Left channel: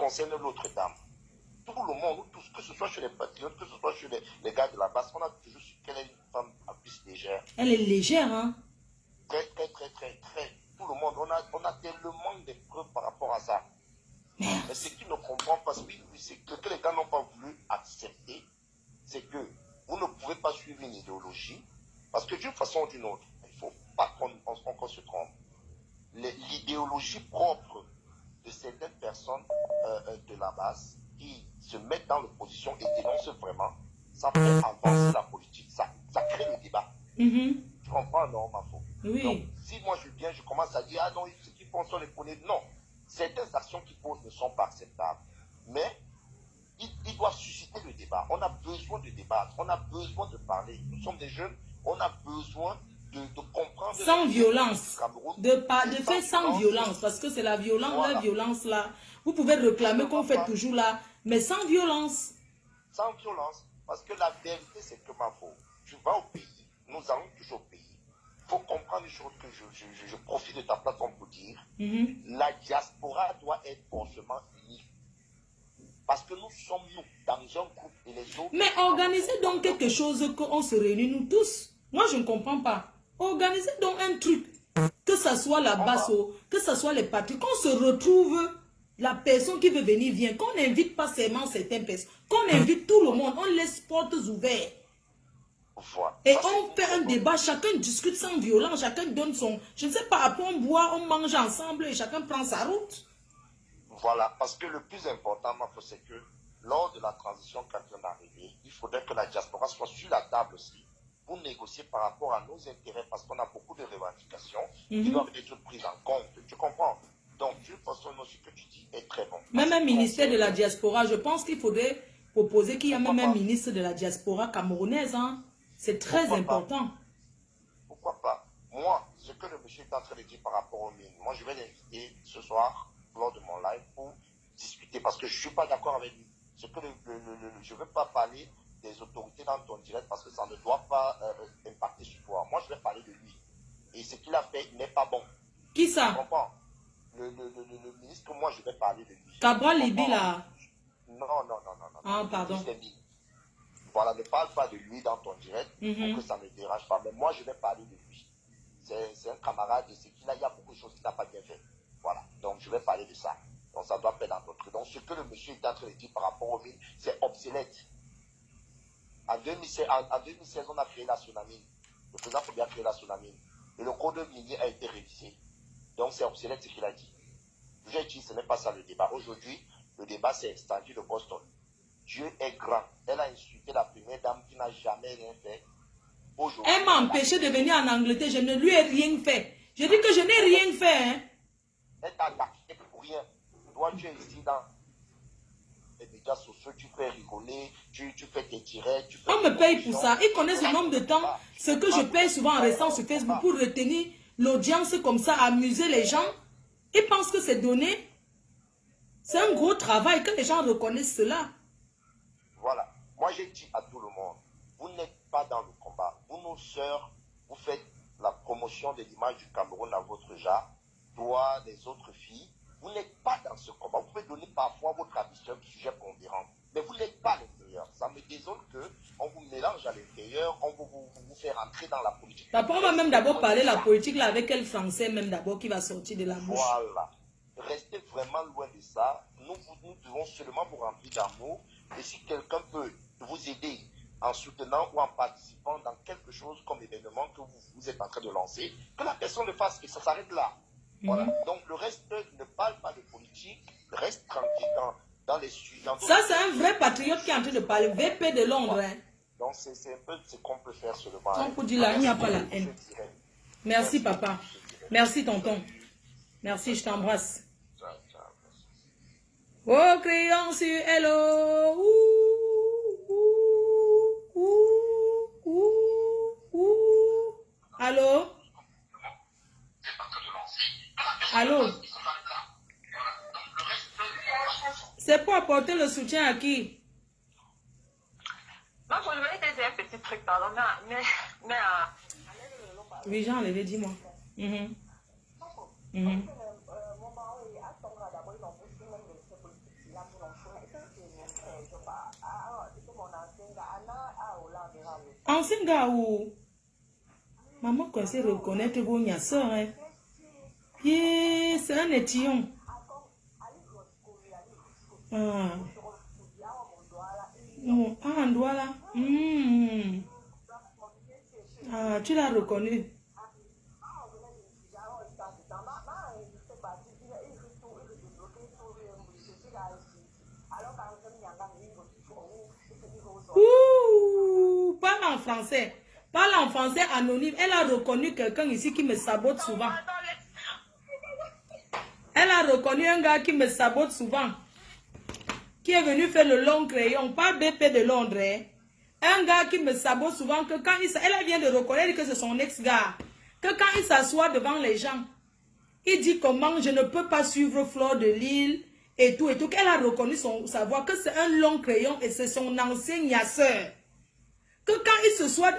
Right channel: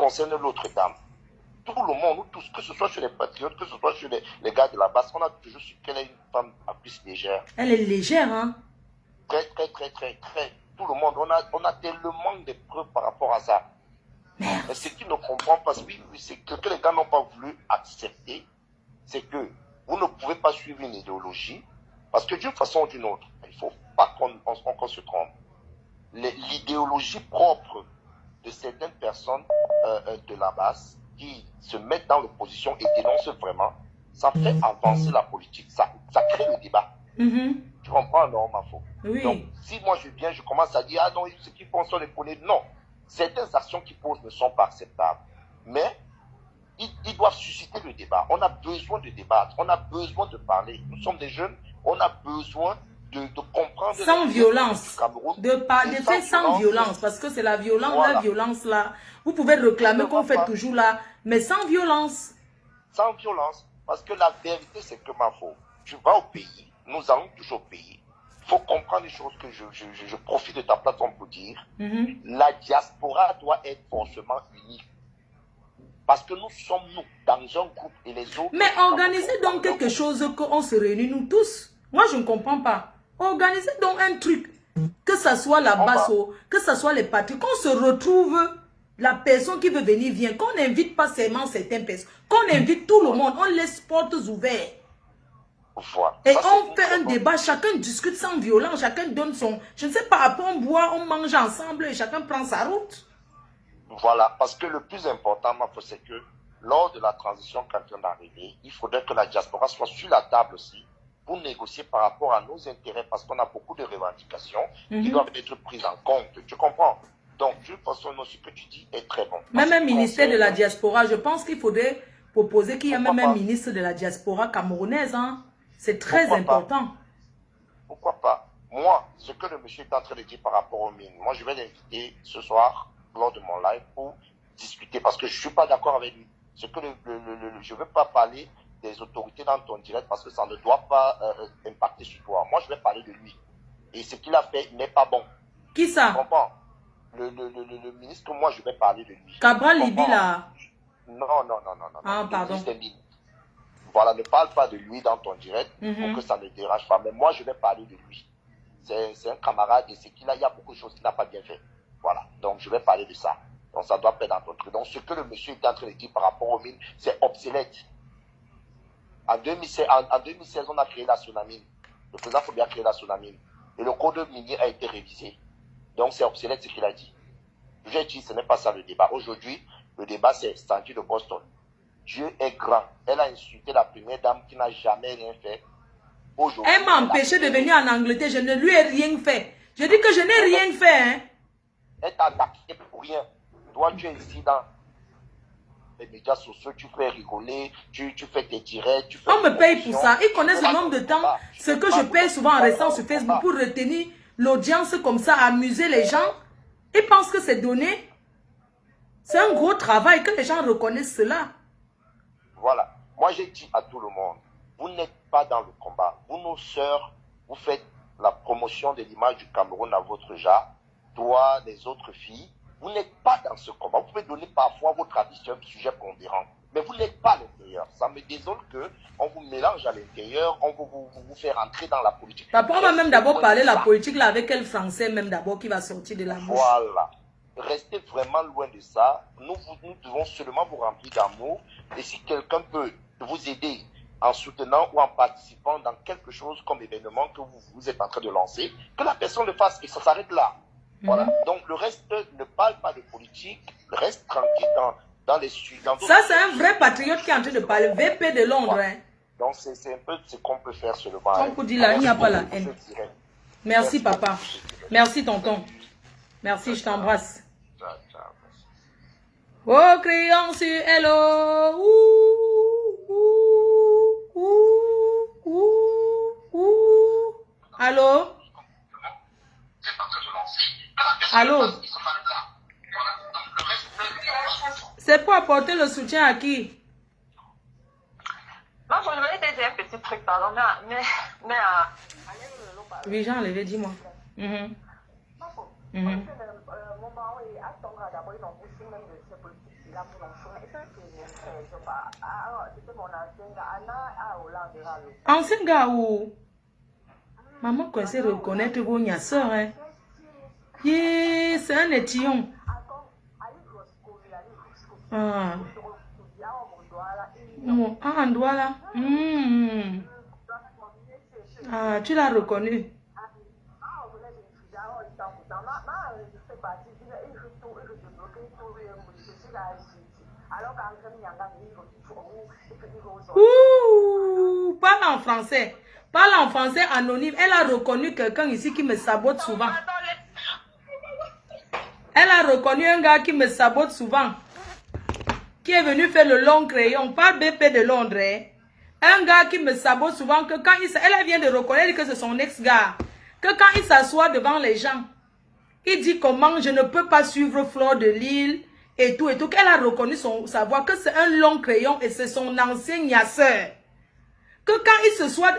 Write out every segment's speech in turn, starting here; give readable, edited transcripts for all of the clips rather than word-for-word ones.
concerne l'autre dame, tout le monde, nous tous, que ce soit chez les patriotes, que ce soit chez les gars de la base, on a toujours su qu'elle est une femme à plus légère. Elle est légère, hein? Très. Tout le monde, on a tellement de preuves par rapport à ça. Mais ce qu'ils ne comprennent pas, c'est que les gars n'ont pas voulu accepter, c'est que vous ne pouvez pas suivre une idéologie, parce que d'une façon ou d'une autre, il ne faut pas qu'on se trompe. L'idéologie propre de certaines personnes de la base qui se mettent dans l'opposition et dénoncent vraiment, ça fait avancer la politique, ça crée le débat. Tu comprends, non, ma faute. Oui. Donc, si moi je viens, je commence à dire, ah non, ce qu'ils font sont les poneys. Non, certaines actions qu'ils posent ne sont pas acceptables. Mais ils doivent susciter le débat. On a besoin de débattre, on a besoin de parler. Nous sommes des jeunes, on a besoin de comprendre. Sans violence. De faire sans violence. Parce que c'est la violence, voilà. La violence là. Vous pouvez réclamer qu'on fait toujours là, mais sans violence. Sans violence. Parce que la vérité, c'est que ma faute. Tu vas au pays, nous allons toujours au pays. Il faut comprendre une chose que je profite de ta plateforme pour dire. La diaspora doit être forcément unie. Parce que nous sommes, nous, dans un groupe et les autres... Mais organisez donc quelque chose qu'on se réunit, nous tous. Moi, je ne comprends pas. Organisez donc un truc. Que ce soit la Basso, que ce soit les patriotes, qu'on se retrouve, la personne qui veut venir vient. Qu'on n'invite pas seulement certaines personnes. Qu'on invite tout le monde. On laisse portes ouvertes. Voilà. Et ça, on fait un débat, chacun discute sans violence, chacun donne son... Je ne sais pas, après on boit, on mange ensemble et chacun prend sa route. Voilà, parce que le plus important, c'est que lors de la transition quand on est arrivé, il faudrait que la diaspora soit sur la table aussi pour négocier par rapport à nos intérêts, parce qu'on a beaucoup de revendications qui doivent être prises en compte. Tu comprends? Donc, d'une façon, ce que tu dis est très bon. Même un ministère de la diaspora, je pense qu'il faudrait proposer qu'il y ait même un ministre de la diaspora camerounaise. Hein? C'est très important. Pourquoi pas? Moi, ce que le monsieur est en train de dire par rapport aux mines, moi je vais l'inviter ce soir lors de mon live pour discuter, parce que je ne suis pas d'accord avec lui. Je ne veux pas parler des autorités dans ton direct parce que ça ne doit pas impacter sur toi. Moi, je vais parler de lui. Et ce qu'il a fait n'est pas bon. Qui ça? Tu comprends? Le ministre, moi, je vais parler de lui. Cabral Libi, là? Non. Ah, pardon. Voilà, ne parle pas de lui dans ton direct pour que ça ne dérange pas. Mais moi, je vais parler de lui. C'est un camarade et c'est qu'il a, il y a beaucoup de choses qu'il n'a pas bien fait. Voilà, donc je vais parler de ça. Donc ça doit pas être dans ton truc. Donc ce que le monsieur est en train de dire par rapport aux mines, c'est obsolète. En 2016, on a créé la tsunami. Le président Fobia a créé la tsunami. Et le code minier a été révisé. Donc c'est obsolète ce qu'il a dit. J'ai dit, ce n'est pas ça le débat. Aujourd'hui, le débat c'est Stanley de Boston. Dieu est grand. Elle a insulté la première dame qui n'a jamais rien fait. Elle m'a empêché de venir en Angleterre. Je ne lui ai rien fait. Je dis que je n'ai rien fait. Hein. Elle t'a attaqué pour rien. Toi, tu es ici dans les médias sociaux, tu fais rigoler, tu fais tes directs. On me paye pour ça. Ils connaissent le nombre de temps. Ce que je paye souvent en restant sur Facebook pour retenir l'audience comme ça, amuser les gens. Ils pensent que c'est donné. C'est un gros travail, que les gens reconnaissent cela. Voilà. Moi, j'ai dit à tout le monde, vous n'êtes pas dans le combat. Vous, nos sœurs, vous faites la promotion de l'image du Cameroun à votre genre. Toi, les autres filles, vous n'êtes pas dans ce combat. Vous pouvez donner parfois votre avis sur un sujet pondérant, mais vous n'êtes pas à l'intérieur. Ça me désole qu'on vous mélange à l'intérieur, on vous fait rentrer dans la politique. Papa, on va même d'abord parler de la politique là avec quel français même d'abord qui va sortir de la bouche. Voilà. Restez vraiment loin de ça. Nous devons seulement vous remplir d'amour. Et si quelqu'un peut vous aider en soutenant ou en participant dans quelque chose comme événement que vous êtes en train de lancer, que la personne le fasse et ça s'arrête là. Voilà. Donc le reste ne parle pas de politique, reste tranquille dans les sujets. Ça c'est un vrai patriote qui est en train de parler, VP de Londres. Voilà. Hein. Donc c'est un peu ce qu'on peut faire seulement. On peut dire là, il n'y a pas la haine. Merci papa. Merci tonton. Merci, je t'embrasse. Oh, crions sur hello. Allô? Allô? C'est pour apporter le soutien à qui? Non, je voulais te dire un petit truc, pardon, mais oui, j'ai enlevé, dis-moi. Ancien gars où maman quand c'est reconnaître vos soeur, hein. Yeah, c'est un étillon. Ah. Oh, ah, Ndouala. Ah, tu l'as reconnu. Ouh, parle en français. Parle en français anonyme. Elle a reconnu quelqu'un ici qui me sabote souvent. Elle a reconnu un gars qui me sabote souvent. Qui est venu faire le long crayon. Pas BP de Londres. Hein. Un gars qui me sabote souvent. Que quand elle vient de reconnaître que c'est son ex-gars. Que quand il s'assoit devant les gens. Il dit comment je ne peux pas suivre Fleur de Lille. Et tout, et tout. Qu'elle a reconnu sa voix. Que c'est un long crayon. Et c'est son ancien niasseur. Que quand il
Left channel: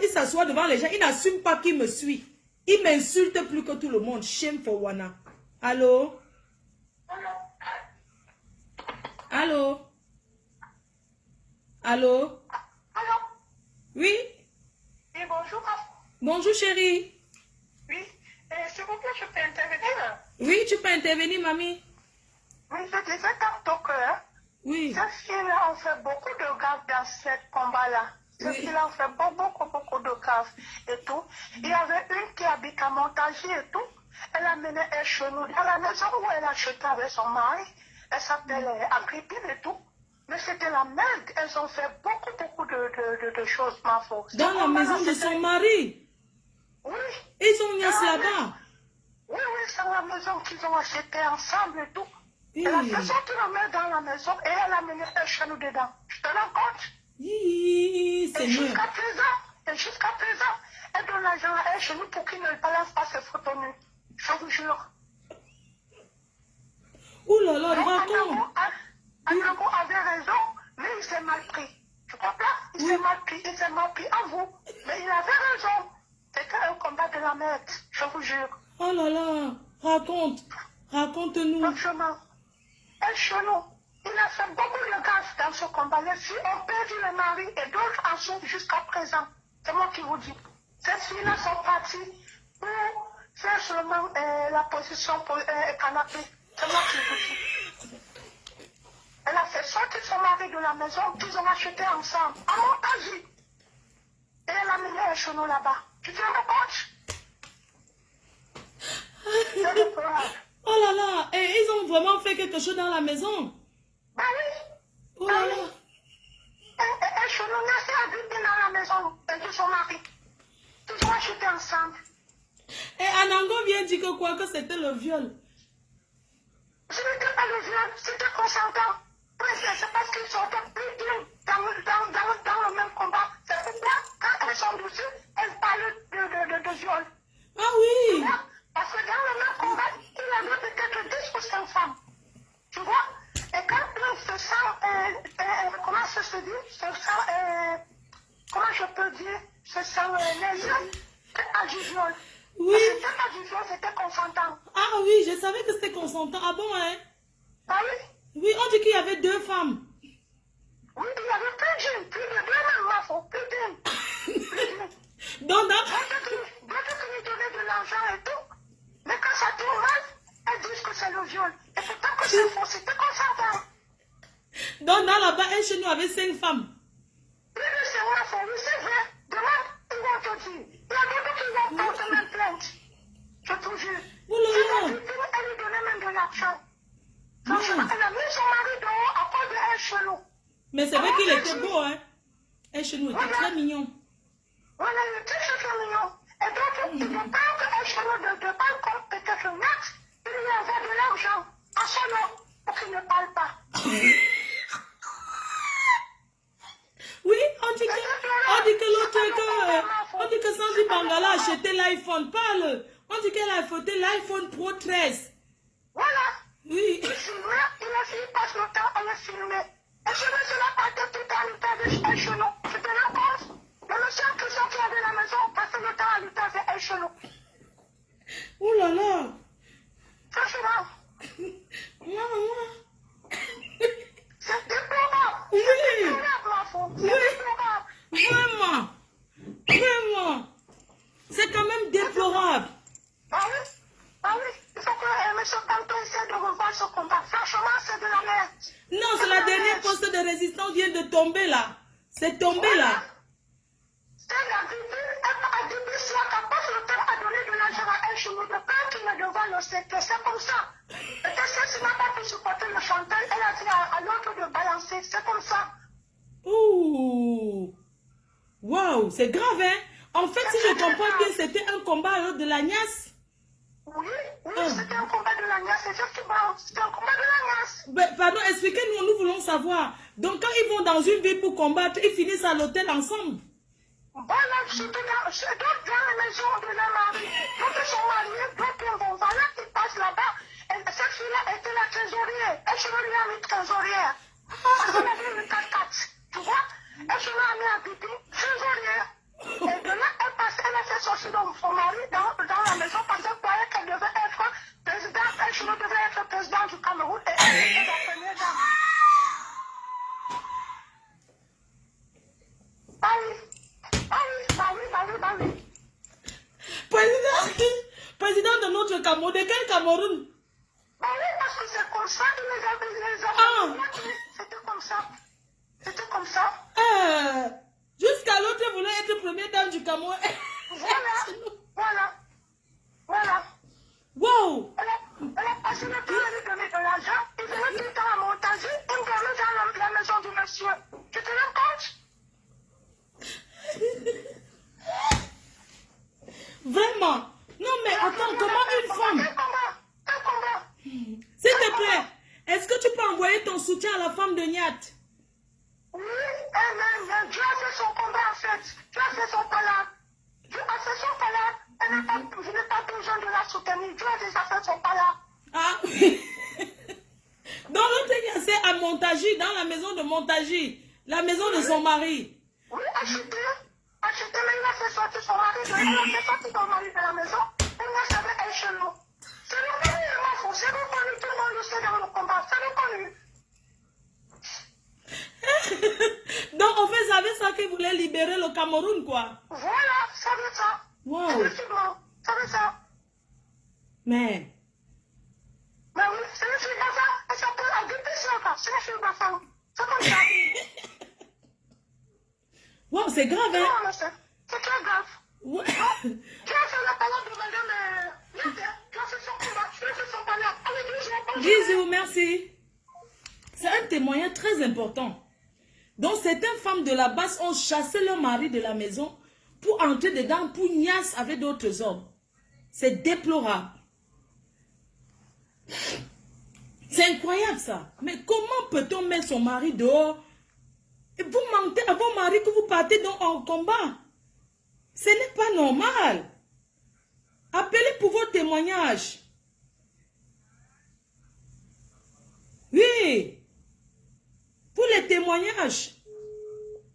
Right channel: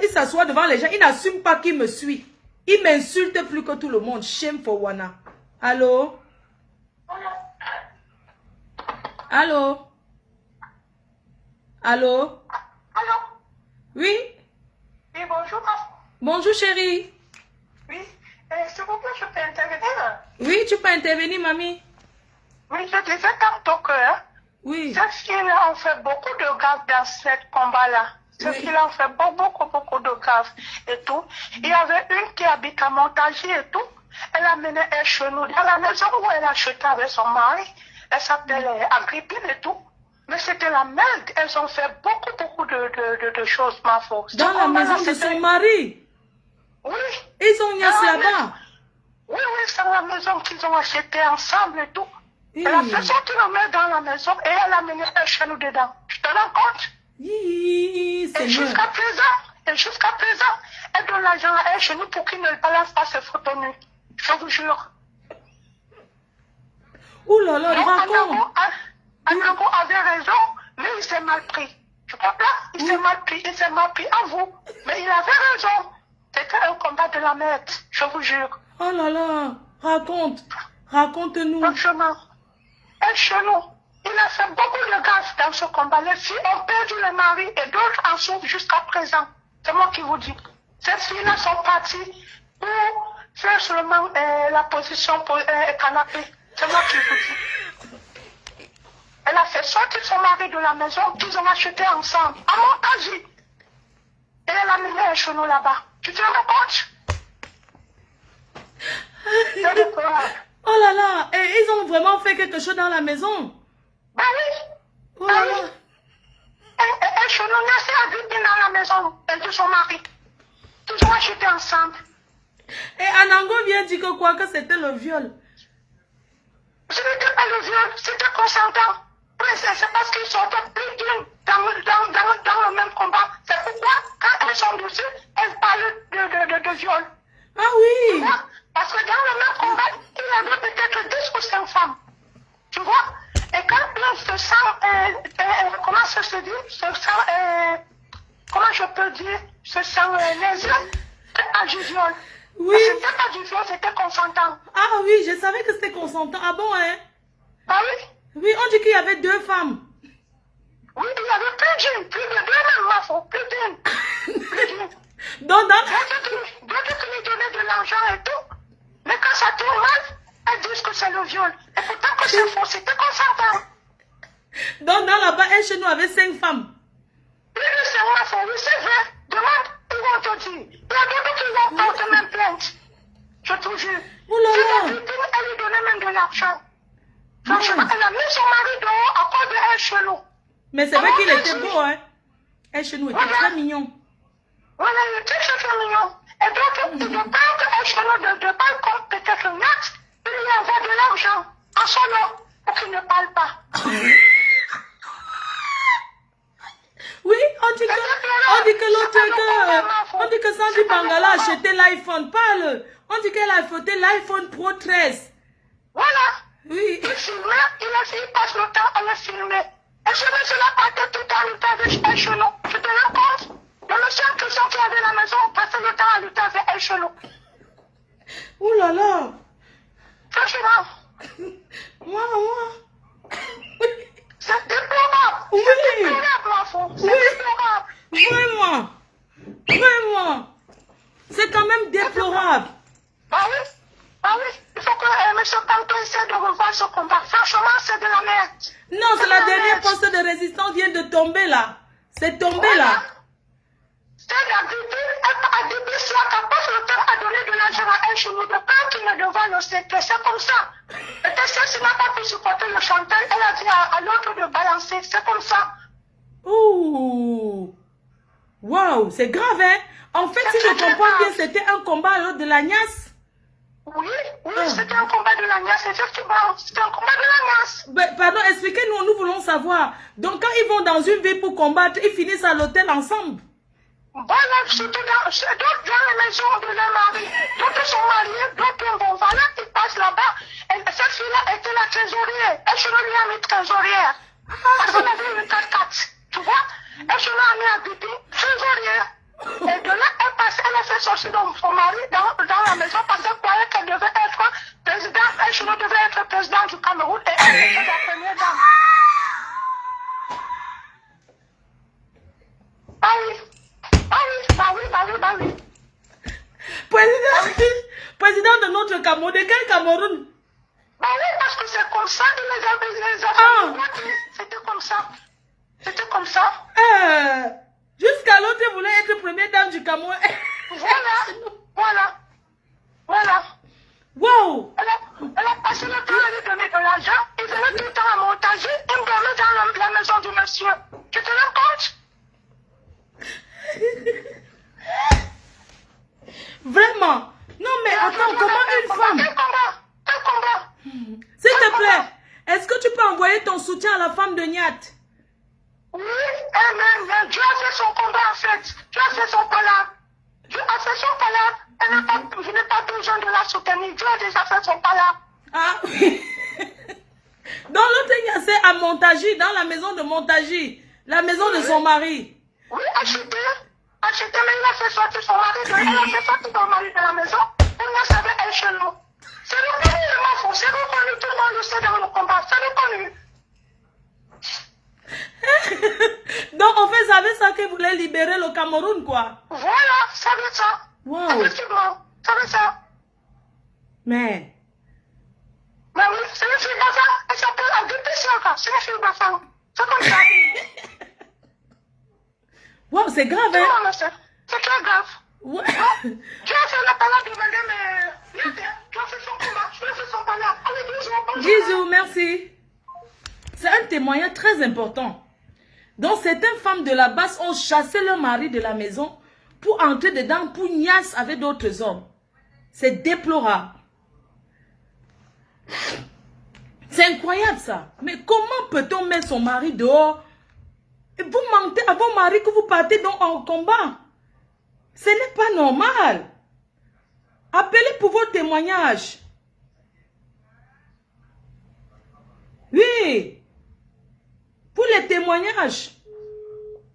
s'assoit devant les gens. Il n'assume pas qu'il me suit. Il m'insulte plus que tout le monde. Shame for Wana. Allô? Allô? Allô? Allô? Oui? Oui, bonjour. Bonjour, chérie. Oui, s'il vous plaît, je peux intervenir? Oui, tu peux intervenir, mamie. Oui, je disais tantôt que oui. Ces filles ont fait beaucoup de gaffes dans ce combat-là. Ces filles ont fait beaucoup de gaffes et tout. Il y avait une qui habite à Montagy et tout. Elle a mené un chez nous dans la maison où elle a acheté avec son mari. Elle s'appelle Agrippine et tout. Mais c'était la merde. Elles ont fait beaucoup de choses, ma faute. Dans la maison de son mari? Oui. Ils ont niasse là-bas? Oui, c'est la maison qu'ils ont achetée ensemble et tout. Elle a fait sortir la mère dans la maison et elle a mené un chez nous dedans. Je te rends compte? Et jusqu'à présent, elle donne l'argent à elle chez nous pour qu'il ne balance pas ses photos nues. Je vous jure. Ouh là là, raconte. Anago avait raison, mais il s'est mal pris. Tu comprends? Il s'est mal pris à vous. Mais il avait raison. C'était un combat de la merde, je vous jure. Oh là là, raconte-nous. Franchement, un chelou. Il a fait beaucoup de gaffes dans ce combat. Les filles ont perdu le mari et d'autres en souffrent jusqu'à présent. C'est moi qui vous dis. Ces filles-là sont parties pour faire seulement la position pour canapé. C'est moi qui vous dis. Elle a fait sortir son mari de la maison qu'ils ont acheté ensemble, à Montagy. Et elle a mené un chenou là-bas. Tu te rends compte? Oh là là, et ils ont vraiment fait quelque chose dans la maison? Bah oui. Oh là là. Un chenou naissait à vivre dans la maison de son mari. Ils ont acheté ensemble. Et Anango vient dire que quoi? Que c'était le viol? Ce n'était pas le viol, c'était consentant. C'est parce qu'ils sont plus d'une dans le même combat. C'est pourquoi, quand elles sont dessus, elles parlent de viol. Ah oui. Tu vois? Parce que dans le même combat, il y avait peut-être 10 ou 5 femmes. Tu vois? Et quand l'on se sent, comment ça se dit? Comment je peux dire? Se sent lésé, c'est pas du viol. Oui. C'était pas du viol, c'était consentant. Ah oui, je savais que c'était consentant. Ah bon, hein? Ah oui? Oui, on dit qu'il y avait 2 femmes. Oui, il y avait plus de 2 même, ma faute, plus d'une. Donc, D'autres qui lui donnaient de l'argent et tout. Mais quand ça tourne mal, elles disent que c'est le viol. Et pourtant que c'est faux, c'était consentant. Donc, dans là-bas, elle chez nous avait 5 femmes. Oui, c'est ma faute, oui, c'est vrai. Demande, ils vont te dire. Il y a d'autres qui vont porter même plainte. Je te jure. Oh là là. Si la victime, elle lui donnait même de l'argent. Franchement, elle a mis son mari dehors à cause de un chelou. Mais c'est vrai qu'il était beau, hein. Un chelou était très mignon. Voilà, il était très mignon. Et donc, il ne parle qu'un chelou de balcon, peut-être un axe, il lui envoie de l'argent à son nom pour qu'il ne parle pas. Oui, on dit que l'autre, on dit que Sandy Bangala a acheté l'iPhone. Parle. On dit qu'elle a acheté l'iPhone Pro 13. Voilà. Oui. Il filmait, il passe le temps à le filmer. Et je me suis la patte tout le temps avec un chelou. Tu te rends compte? Le monsieur qui avait la maison passait le temps à lutter avec un chelou. Ouh là là. Franchement. Moi. net. Non, c'est la dernière poste de résistance vient de tomber là. C'est tombé là. C'est la Bible, c'est la parce le Père a donné de l'argent à un chemin de pain qui ne devant le secret. C'est comme ça. Et celle-ci n'a pas pu supporter le chanteur. Elle a dit à l'autre de balancer. C'est comme ça. Ouh. Waouh, c'est grave, hein? En fait, si je comprends bien, c'était un combat de l'agnace. Oui, c'était un combat de l'agnace, effectivement. C'était un combat de l'agnace. Ben, pardon, expliquez-nous, nous voulons savoir. Donc, quand ils vont dans une ville pour combattre, ils finissent à l'hôtel ensemble. Voilà, surtout dans la maison de la mari. D'autres sont mariés, d'autres vont. Voilà, ils passent là-bas. Cette fille-là était la trésorière. Elle se lui a mis trésorière. Parce qu'elle avait une 4-4. Tu vois? Elle se l'a mis à Bibi, trésorière. Et de là, elle a fait sortir son mari dans la maison parce qu'elle croyait qu'elle devait être présidente. Elle devait être présidente du Cameroun et elle était la première dame. Bah oui. Président de notre Cameroun, de quel Cameroun? Bah oui, parce que c'est comme ça, les affaires. C'était comme ça. Jusqu'à l'autre voulait être première dame du Cameroun. Voilà. Wow. Elle a passé le temps à lui donner de l'argent. Il venait tout le temps à montager. Il me dormait dans la maison du monsieur. Tu te rends compte? Vraiment? Non, mais attends, comment une femme... Quel combat? S'il te plaît, est-ce que tu peux envoyer ton soutien à la femme de Niat? Oui, mais Dieu a fait son combat en fait. Dieu a fait son palabre. Dieu a fait son palabre. Je n'ai pas besoin de la soutenir. Dieu a déjà fait son palabre. Ah oui. Dans l'autre, c'est à Montagy, dans la maison de Montagy, la maison de son mari. Oui, acheté, mais il a fait sortir son mari de la maison. Il n'a savait elle chez nous. C'est reconnu, c'est reconnu, tout le monde le sait dans le combat, c'est reconnu. Donc, en fait, ça veut ça qu'il voulait libérer le Cameroun, quoi. Voilà, ça veut ça. Wow. Effectivement, ça veut ça. Mais oui, c'est une fille d'enfant. Elle s'appelle Adépésiaka. C'est une fille d'enfant. C'est comme ça. wow, c'est grave, hein? C'est très grave. Ouais. Tu as fait la parole de madame. Tu as fait son combat. Tu as fait son combat. Allez, bisous, merci. C'est un témoignage très important. Donc, certaines femmes de la base ont chassé leur mari de la maison pour entrer dedans, pour niasse avec d'autres hommes. C'est déplorable. C'est incroyable ça. Mais comment peut-on mettre son mari dehors et vous mentez à vos maris que vous partez donc en combat? Ce n'est pas normal. Appelez pour vos témoignages. Oui. Pour les témoignages.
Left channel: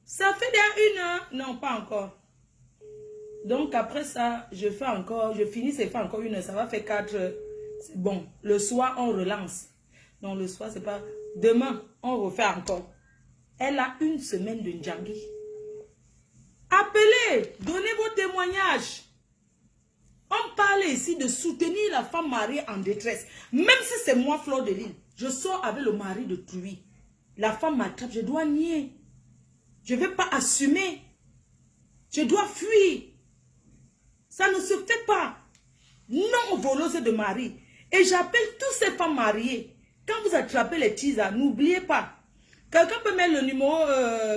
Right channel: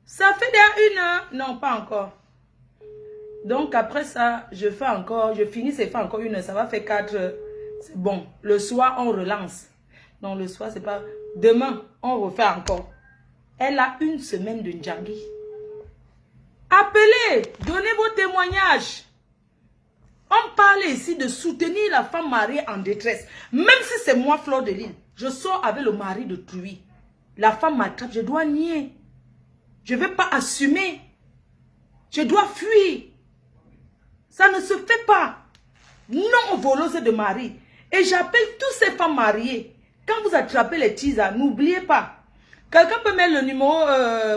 Ça fait déjà 1 heure. Non, pas encore. Donc après ça, je finis, c'est pas encore 1 heure. Ça va faire 4 heures. C'est bon. Le soir, on relance. Non, le soir, c'est pas... Demain, on refait encore. Elle a 1 semaine de Ndjangi. Appelez, donnez vos témoignages. On parle ici de soutenir la femme mariée en détresse. Même si c'est moi, Fleur de Lille, je sors avec le mari de Truy. La femme m'attrape, je dois nier. Je ne vais pas assumer. Je dois fuir. Ça ne se fait pas. Non voleuse de mari. Et j'appelle toutes ces femmes mariées. Quand vous attrapez les teasers, n'oubliez pas. Quelqu'un peut mettre le numéro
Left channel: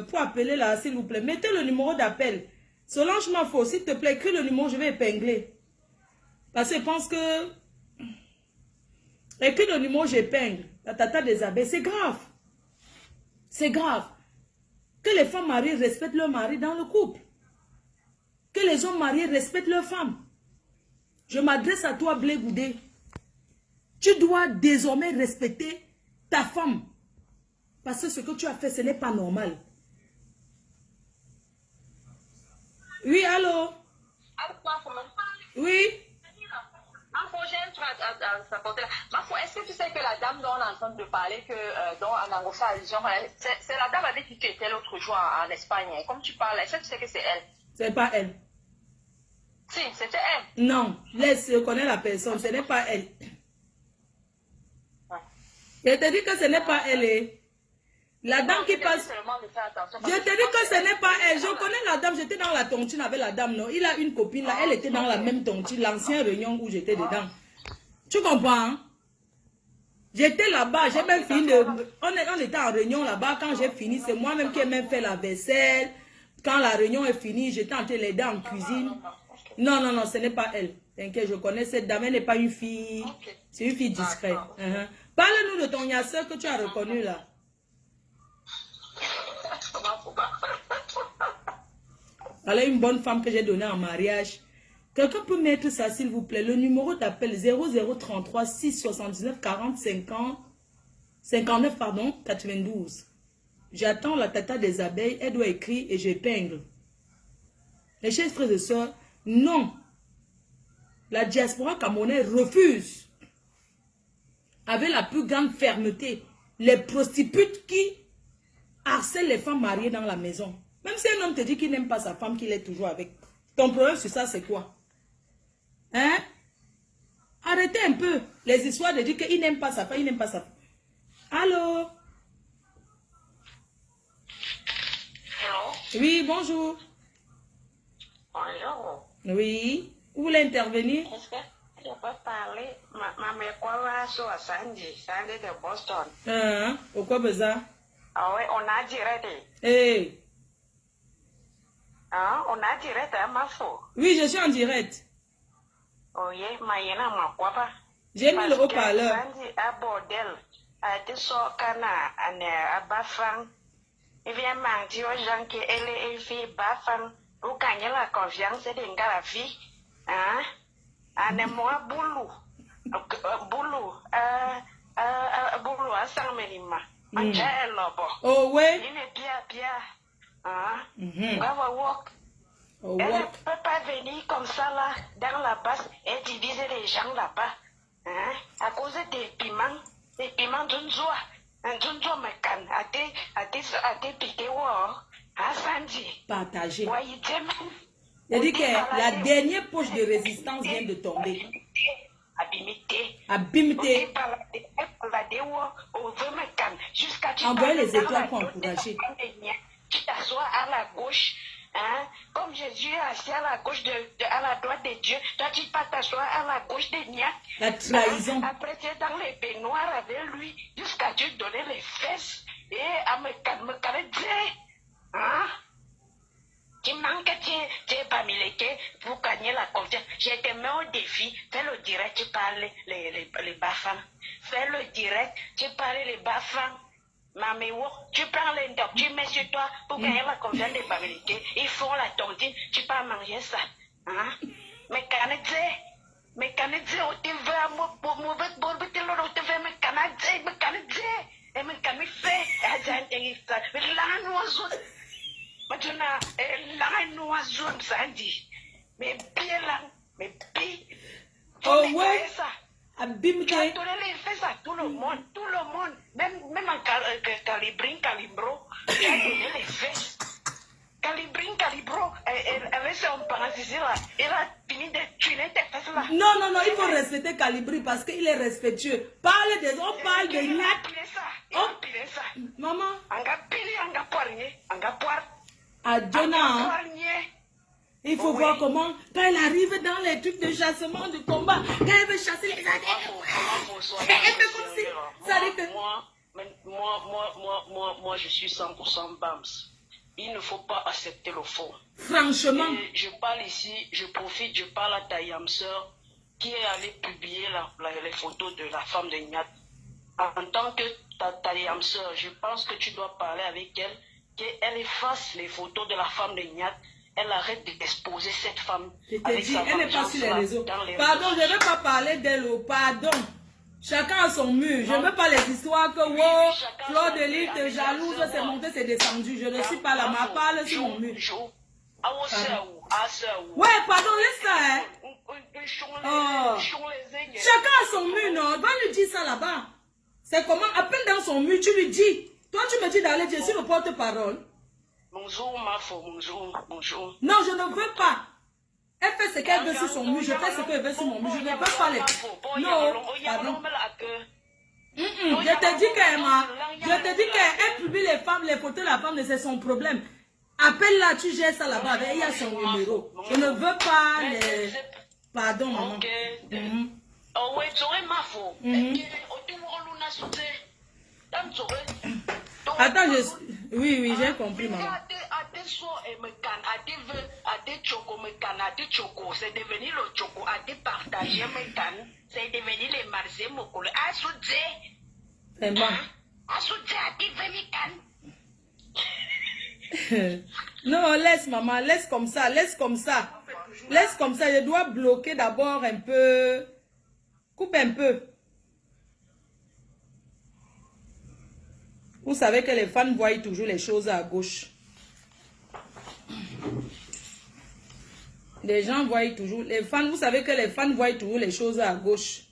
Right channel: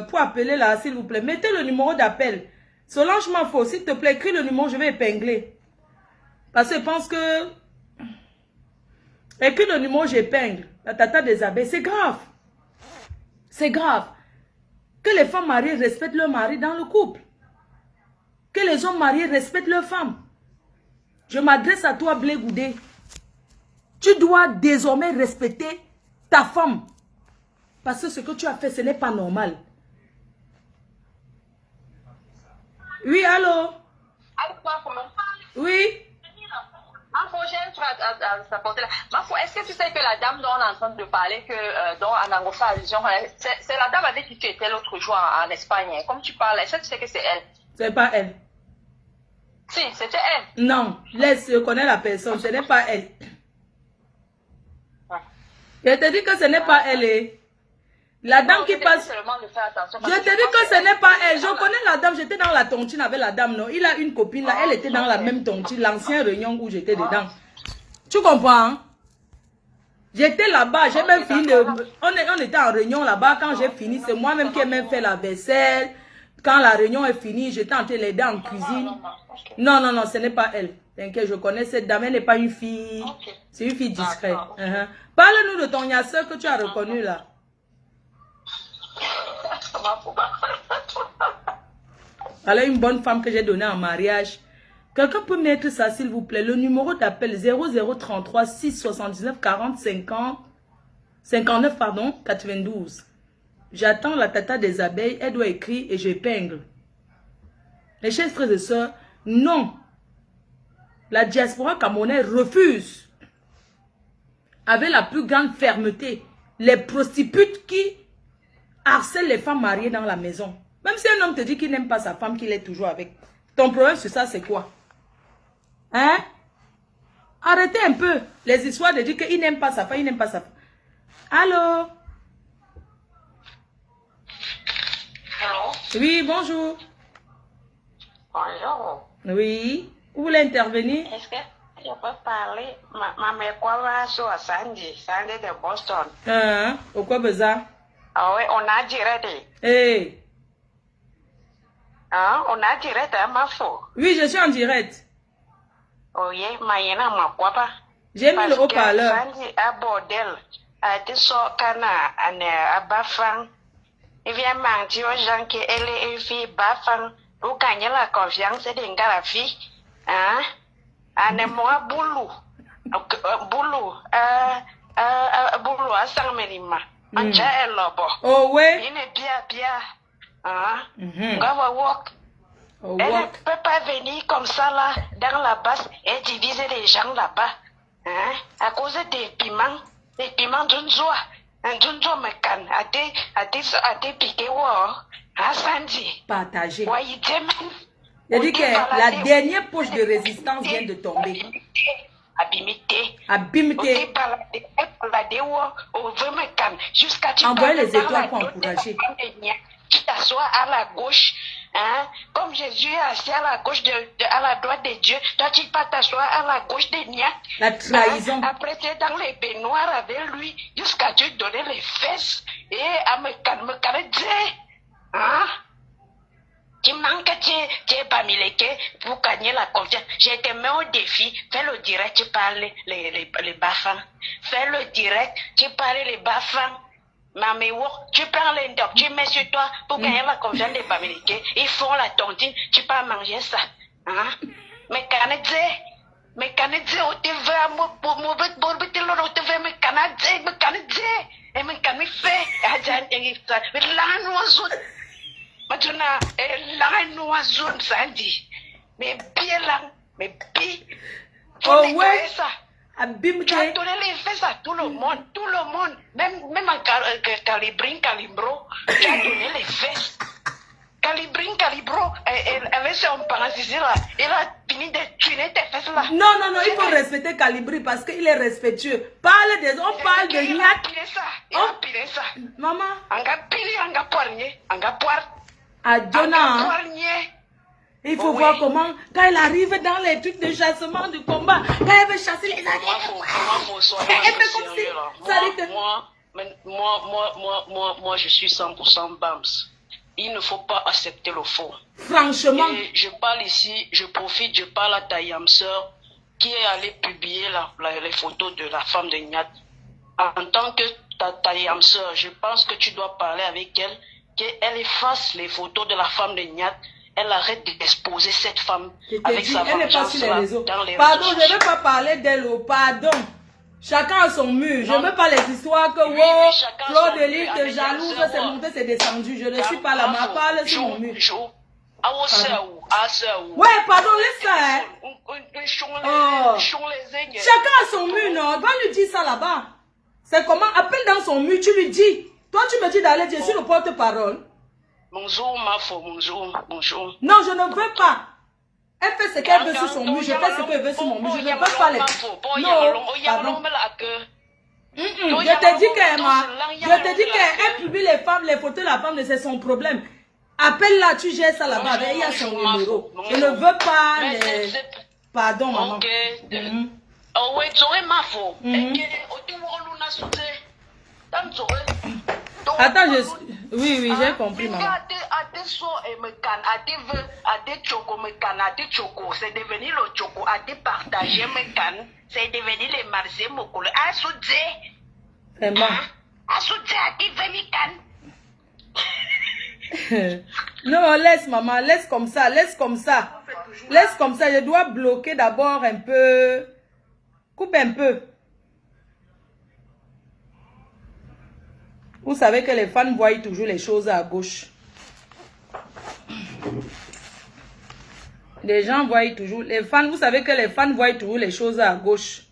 pour appeler là, s'il vous plaît. Mettez le numéro d'appel. Solange Mafo, s'il te plaît, écris le numéro, je vais épingler. Parce que je pense que... Écris le numéro, j'épingle. La tata des abeilles, c'est grave. C'est grave. Que les femmes mariées respectent leur mari dans le couple. Que les hommes mariés respectent leurs femmes. Je m'adresse à toi, Blé Goudé. Tu dois désormais respecter ta femme. Parce que ce que tu as fait, ce n'est pas normal. Oui, allô? Oui? J'ai un truc à t'apporter là. Est-ce que tu sais que la dame dont on est en train de parler, dont Anango fait allusion, c'est la dame avec qui tu étais l'autre jour en Espagne. Comme tu parles, est-ce que tu sais que c'est elle? C'est pas elle. Si, c'était elle. Non, laisse, je connais la personne, ce n'est pas elle. Je te dis que ce n'est pas elle. La dame qui passe. Je te dis que ce n'est pas elle. Je connais la dame. J'étais dans la tontine avec la dame, non? Il a une copine là. Elle était dans la même tontine. L'ancienne réunion où j'étais dedans. Tu comprends? Hein? J'étais là-bas. J'ai même fini. On était en réunion là-bas. Quand j'ai fini, c'est moi-même qui ai même fait la vaisselle. Quand la réunion est finie, j'étais en train de l'aider en cuisine. Non, non, non, ce n'est pas elle. T'inquiète, je connais cette dame. Elle n'est pas une fille. C'est une fille discrète. Parle-nous de ton yasseur que tu as reconnu là. Alors, une bonne femme que j'ai donnée en mariage. Quelqu'un peut mettre ça, s'il vous plaît. Le numéro d'appel 0033 679 40 50 59 pardon 92. J'attends la tata des abeilles. Elle doit écrire et j'épingle. Les chers frères et sœurs, non. La diaspora camerounaise refuse avec la plus grande fermeté les prostituées qui harcèlent les femmes mariées dans la maison. Même si un homme te dit qu'il n'aime pas sa femme, qu'il est toujours avec. Ton problème sur ça, c'est quoi? Hein? Arrêtez un peu les histoires de dire qu'il n'aime pas sa femme, il n'aime pas sa femme. Allô? Allô? Oui, bonjour. Bonjour. Oui. Vous voulez intervenir? Est-ce que je peux parler? Ma mère quoi va sur Sandy de Boston. Au quoi besoin? Ah oui, on a direct. Hey. Hein? On a direct à ma faux. Oui, je suis en direct. Oui, ma yéna ma quoi pas. J'ai mis le haut-parleur. Sandy a bordel. A été sorcana à Bafang. Il vient mentir aux gens qu'elle est une fille Bafang. Pour gagner la confiance de la fille. Hein? Anemoi boulou. Boulou. Boulou à Saint-Mérima. Oh ouais. Il est bien. Hein? Oh, Elle ne walk. peut pas venir comme ça là, dans la base, et diviser les gens là-bas. Hein? À cause des piments d'une joie. D'une joie me canne. A été piqué, à Sandy. Partagé. Ouais, il Je dis que la dernière poche de résistance vient de tomber. Abimité. Envoyez les étoiles pour encourager. Tu t'assois à la gauche, hein? Comme Jésus est assis à la gauche, à la droite de Dieu, toi tu vas t'asseoir à la gauche de Nia. La trahison. Hein? Après tu es dans les baignoires avec lui, jusqu'à tu donner les fesses et à me calmer. Hein? Tu manques, tu es pas milité pour gagner la confiance. Je te mets au défi, fais le direct, tu parles les bafans. Fais le direct, tu parles les bafans. Maméo, tu prends les docs, tu mets sur toi pour gagner la confiance des Bamilés. Ils font la tontine, tu peux manger ça. Hein? Mais Canadien, on te veut à moi, pour moi, on te veut, mais Canadien, et mais fait, la noisou, maintenant, la noisou, ça dit, mais bien là, mais bien, oh ouais. Ça. Tu as donné les fesses à tout le monde, même à Calibro, tu as donné les fesses. Calibro, avec son parasite là, il a fini de tuer tes fesses là. Non, il faut respecter Calibri parce qu'il est respectueux. Parle des on parle de Niak. Il a pilé ça. Maman. On a pilé, on a poigné, on a poire. À Jonah. Il faut voir comment, quand il arrive dans les trucs de chassement, de combat, quand elle veut chasser les Moi, je suis 100% BAMS. Il ne faut pas accepter le faux. Franchement. Et je parle ici, je parle à ta Yamseur qui est allée publier les photos de la femme de Niat. En tant que ta Yamseur, je pense que tu dois parler avec elle, qu'elle efface les photos de la femme de Niat. Elle arrête d'exposer cette femme avec sa vengeance dans les pardon, je ne veux pas parler d'elle, pardon. Chacun a son mur. Je ne veux pas les histoires que Claude Delis te jalouse, c'est monté, c'est descendu. Je ne suis pas là, mais parle sur mon mur. Ouais, pardon, laisse ça. Hein. Oh. Chacun a son mur, non? Va lui dire ça là-bas. C'est comment? Appelle dans son mur, tu lui dis. Toi, tu me dis d'aller dire sur le porte-parole. Bonjour, ma fille, bonjour. Non, je ne veux pas. Elle fait ce qu'elle veut sur son mur, je fais ce qu'elle veut sur mon mur. Je ne veux pas les... Non, pardon. Je te dis qu'elle publie les femmes, les photos de la femme, c'est son problème. Appelle-la, tu gères ça là-bas, il y a son numéro. Je ne veux pas les... Pardon, maman. Attends, oui, j'ai compris, maman. C'est devenu le choco, partager mes cannes, c'est devenu les marchés mokolo. Non, laisse, maman, laisse comme ça, laisse comme ça. Laisse comme ça, je dois bloquer d'abord un peu. Coupe un peu. Vous savez que les fans voient toujours les choses à gauche. Les gens voient toujours, les fans, vous savez que les fans voient toujours les choses à gauche.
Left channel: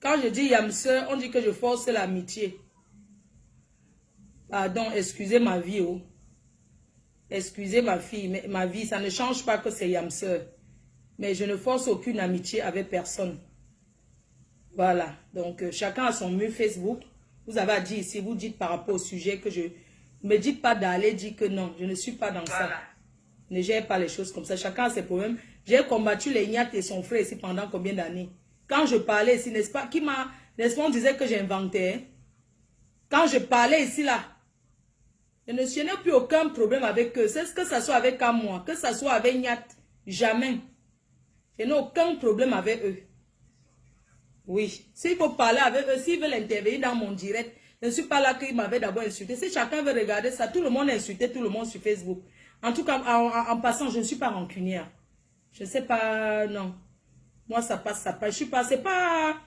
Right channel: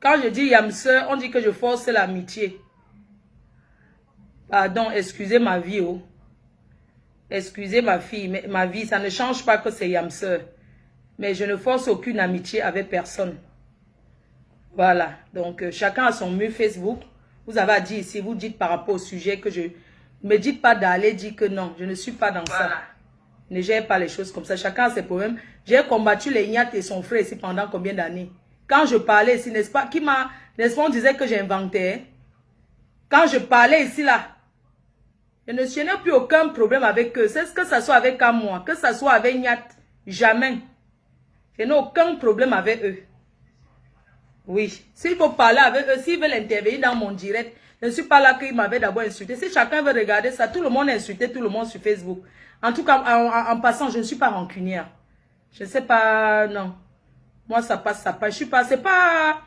Quand je dis yamseur, on dit que je force l'amitié. Pardon, excusez ma vie, oh. Excusez ma fille, ma vie, ça ne change pas que c'est yamseur. Mais je ne force aucune amitié avec personne. Voilà, donc chacun a son mur Facebook. Vous avez à dire ici, vous dites par rapport au sujet que je... Ne me dites pas d'aller dire que non, je ne suis pas dans ça. Ne gère pas les choses comme ça. Chacun a ses problèmes. J'ai combattu les Nyat et son frère ici pendant combien d'années? Quand je parlais ici, n'est-ce pas? N'est-ce pas, on disait que j'inventais. Hein? Quand je parlais ici, là, je n'ai plus aucun problème avec eux. C'est ce que ça soit avec moi, que ça soit avec Nyat. Jamais. Je n'ai aucun problème avec eux. Oui. S'il faut parler avec eux, s'ils veulent intervenir dans mon direct, je ne suis pas là qu'ils m'avaient d'abord insulté. Si chacun veut regarder ça, tout le monde a insulté tout le monde sur Facebook. En tout cas, en passant, je ne suis pas rancunière. Je ne sais pas, non. Moi, ça passe, ça passe. Je suis pas, c'est pas...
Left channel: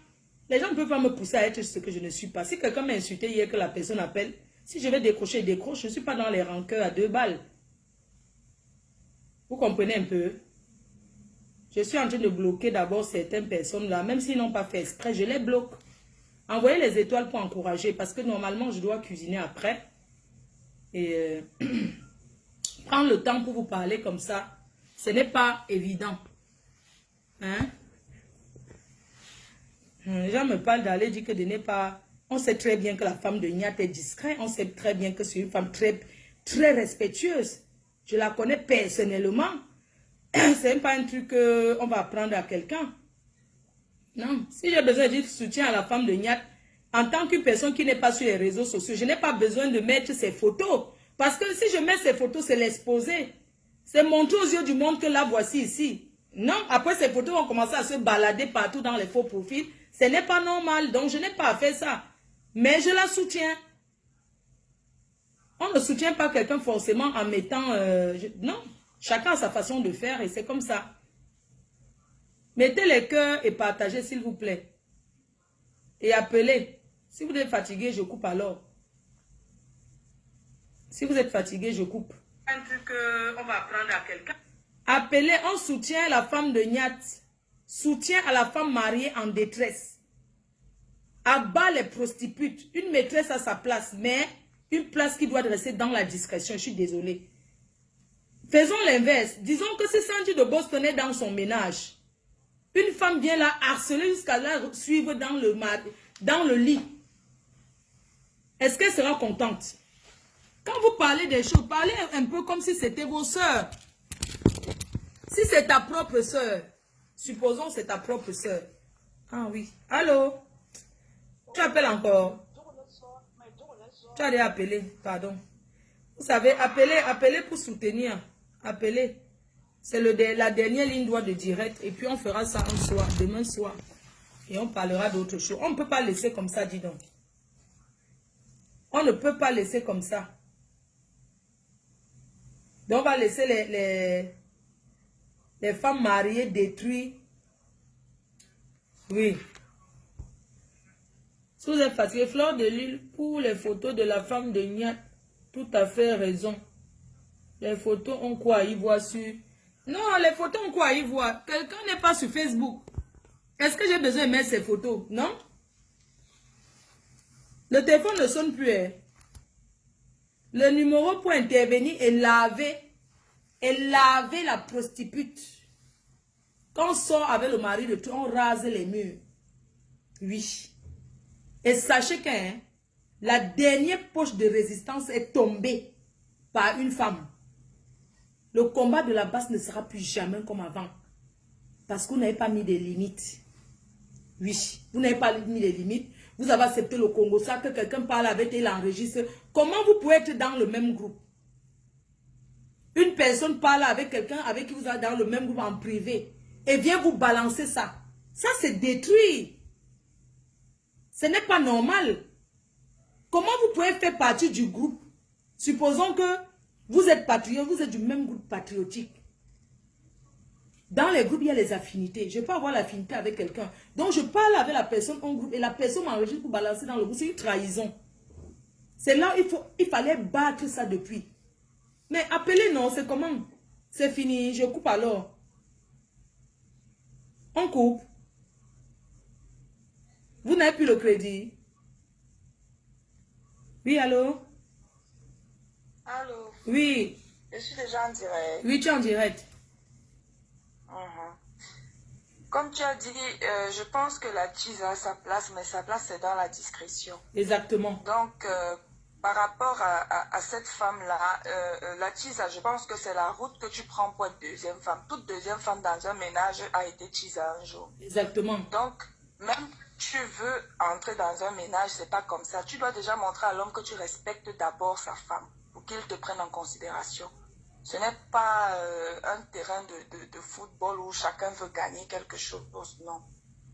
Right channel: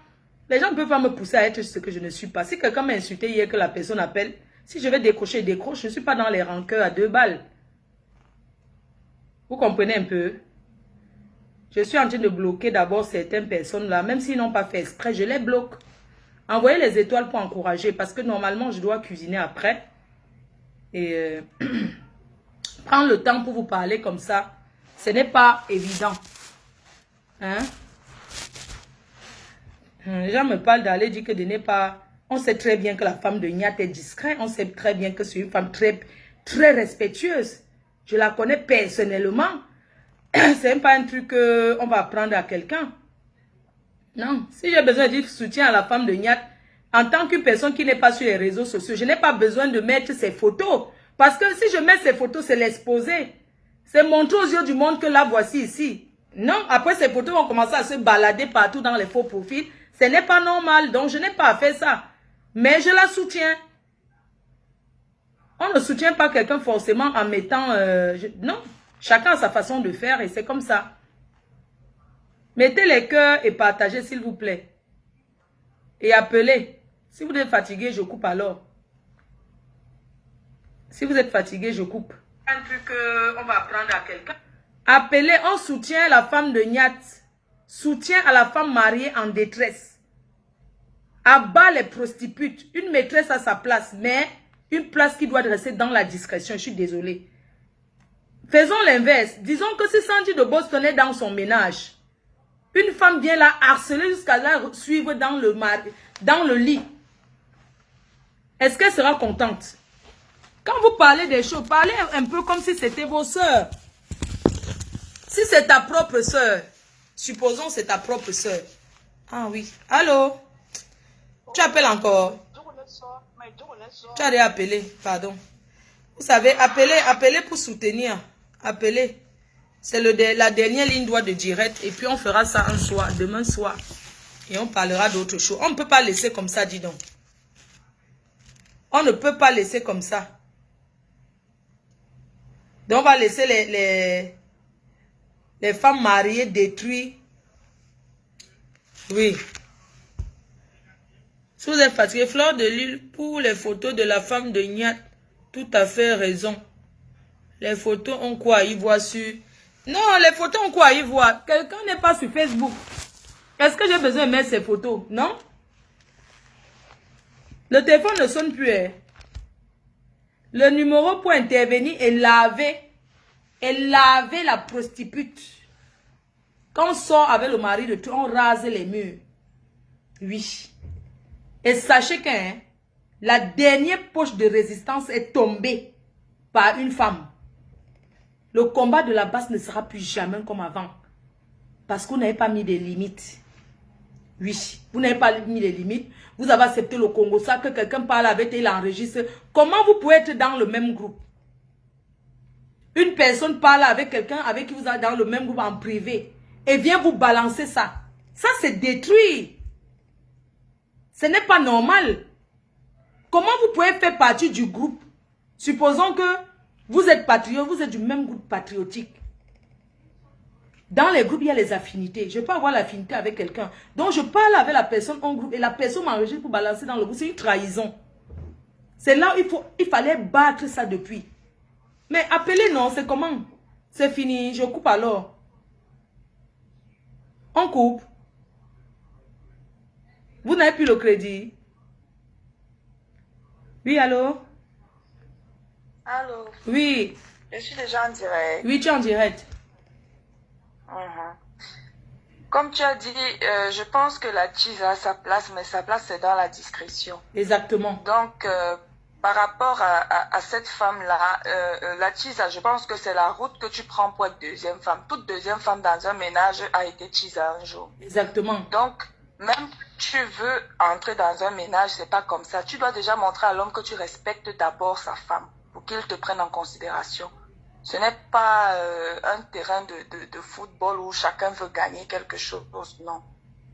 Les gens ne peuvent pas me pousser à être ce que je ne suis pas. Si quelqu'un m'a insulté hier, que la personne appelle, si je vais décrocher, décroche. Je ne suis pas dans les rancœurs à 2 balles. Vous comprenez un peu? Je suis en train de bloquer d'abord certaines personnes là, même s'ils n'ont pas fait exprès, je les bloque. Envoyez les étoiles pour encourager, parce que normalement, je dois cuisiner après. Et prendre le temps pour vous parler comme ça, ce n'est pas évident. Hein? Les gens me parlent d'aller dire que de n'est pas... On sait très bien que la femme de Nyat est discrète. On sait très bien que c'est une femme très, très respectueuse. Je la connais personnellement. C'est même pas un truc qu'on va apprendre à quelqu'un. Non. Si j'ai besoin de dire soutien à la femme de Nyat, en tant qu'une personne qui n'est pas sur les réseaux sociaux, je n'ai pas besoin de mettre ses photos. Parce que si je mets ces photos, c'est l'exposer. C'est montrer aux yeux du monde que là, voici ici. Non, après ces photos vont commencer à se balader partout dans les faux profils. Ce n'est pas normal, donc je n'ai pas fait ça. Mais je la soutiens. On ne soutient pas quelqu'un forcément en mettant... non, chacun a sa façon de faire et c'est comme ça. Mettez les cœurs et partagez s'il vous plaît. Et appelez. Si vous êtes fatigué, je coupe alors. Si vous êtes fatigué, je coupe. Un truc qu'on va apprendre à quelqu'un. Appelez, on soutient la femme de Nyat. Soutien à la femme mariée en détresse. Abat les prostituées. Une maîtresse à sa place, mais une place qui doit rester dans la discrétion. Je suis désolée. Faisons l'inverse. Disons que si Sandy de Boston est dans son ménage, une femme vient la harceler jusqu'à la suivre dans le lit. Est-ce qu'elle sera contente? Quand vous parlez des choses, parlez un peu comme si c'était vos sœurs. Si c'est ta propre sœur, supposons c'est ta propre sœur. Ah oui. Allô? Tu appelles encore? Tu as déjà appelé, pardon. Vous savez, appelez pour soutenir. Appelez. C'est la dernière ligne droite de direct. Et puis on fera ça un soir, demain soir. Et on parlera d'autres choses. On ne peut pas laisser comme ça, dis donc. On ne peut pas laisser comme ça. Donc on va laisser les femmes mariées détruites. Oui. Si vous êtes fatigué, Fleur de Lille, pour les photos de la femme de Nyat, tout à fait raison. Les photos ont quoi à y voir sur... Non, les photos ont quoi à y voir? Quelqu'un n'est pas sur Facebook. Est-ce que j'ai besoin de mettre ces photos? Non? Le téléphone ne sonne plus. Hein? Le numéro pour intervenir est lavé. Et laver la prostituée. Quand on sort avec le mari de tout, on rase les murs. Oui. Et sachez que hein, la dernière poche de résistance est tombée par une femme. Le combat de la base ne sera plus jamais comme avant. Parce que vous n'avez pas mis des limites. Oui, vous n'avez pas mis les limites. Vous avez accepté le Congo, ça que quelqu'un parle avec et il enregistre. Comment vous pouvez être dans le même groupe? Une personne parle avec quelqu'un avec qui vous êtes dans le même groupe en privé et vient vous balancer ça. Ça, c'est détruit. Ce n'est pas normal. Comment vous pouvez faire partie du groupe? Supposons que vous êtes patriote, vous êtes du même groupe patriotique. Dans les groupes, il y a les affinités. Je peux avoir l'affinité avec quelqu'un. Donc, je parle avec la personne en groupe et la personne m'enregistre pour balancer dans le groupe. C'est une trahison. C'est là où il fallait battre ça depuis. Mais appelez, non, c'est comment? C'est fini, je coupe alors. On coupe. Vous n'avez plus le crédit. Oui, allô? Allô? Oui. Je suis déjà en direct. Oui, tu es en direct. Comme tu as dit, je pense que la cheese a sa place, mais sa place c'est dans la discrétion. Exactement. Donc, par rapport à cette femme-là, la cheese, je pense que c'est la route que tu prends pour être deuxième femme. Toute deuxième femme dans un ménage a été cheese un jour. Exactement. Donc, même si tu veux entrer dans un ménage, c'est pas comme ça. Tu dois déjà montrer à l'homme que tu respectes d'abord sa femme pour qu'il te prenne en considération. Ce n'est pas un terrain de football où chacun veut gagner quelque chose, non.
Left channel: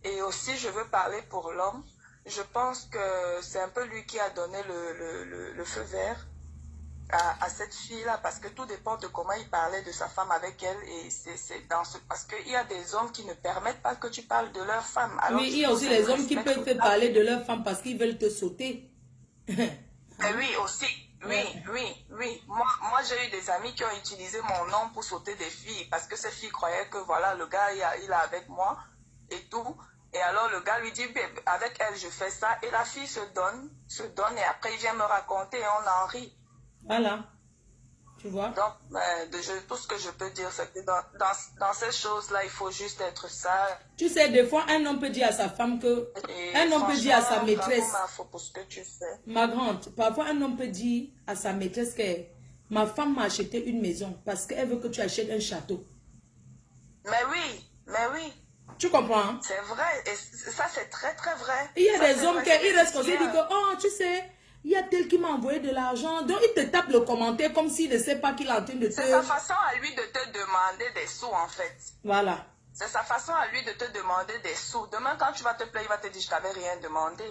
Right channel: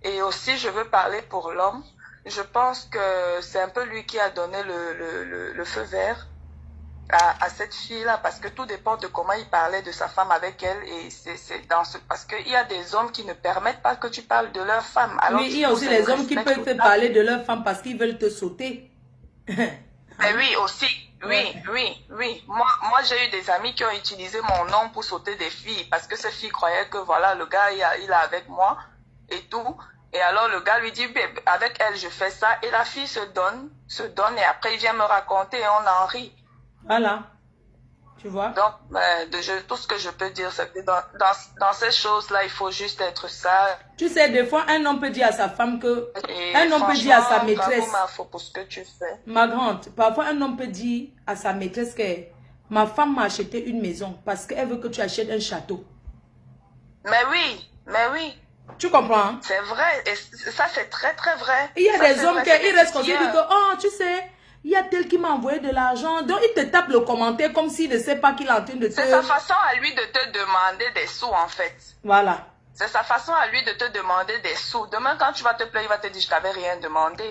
Et aussi, je veux parler pour l'homme. Je pense que c'est un peu lui qui a donné le feu vert à cette fille-là, parce que tout dépend de comment il parlait de sa femme avec elle. Et c'est dans ce... Parce qu'il y a des hommes qui ne permettent pas que tu parles de leur femme. Alors oui, il y a aussi les hommes qui peuvent te parler de leur femme parce qu'ils veulent te sauter. Mais oui, aussi. Oui. Moi j'ai eu des amis qui ont utilisé mon nom pour sauter des filles parce que ces filles croyaient que voilà, le gars, il est avec moi et tout. Et alors le gars lui dit, avec elle, je fais ça. Et la fille se donne et après il vient me raconter et on en rit. Voilà. Tu vois? Donc, tout ce que je peux dire, c'est que dans ces choses-là, il faut juste être sage. Tu sais, des fois, un homme peut dire à sa femme que... un homme peut dire à sa maîtresse... Bravo, pour ce que tu fais. Ma grande, parfois un homme peut dire à sa maîtresse que ma femme m'a acheté une maison parce qu'elle veut que tu achètes un château. Mais oui. Tu comprends? Hein? C'est vrai. Et ça, c'est très, très vrai. Il y a des hommes qui restent comme ça, ils disent que, oh, tu sais... Il y a tel qui m'a envoyé de l'argent. Donc, il te tape le commentaire comme s'il ne sait pas qu'il est en train de te... C'est sa façon à lui de te demander des sous, en fait. Voilà. C'est sa façon à lui de te demander des sous. Demain, quand tu vas te plaindre, il va te dire, je t'avais rien demandé.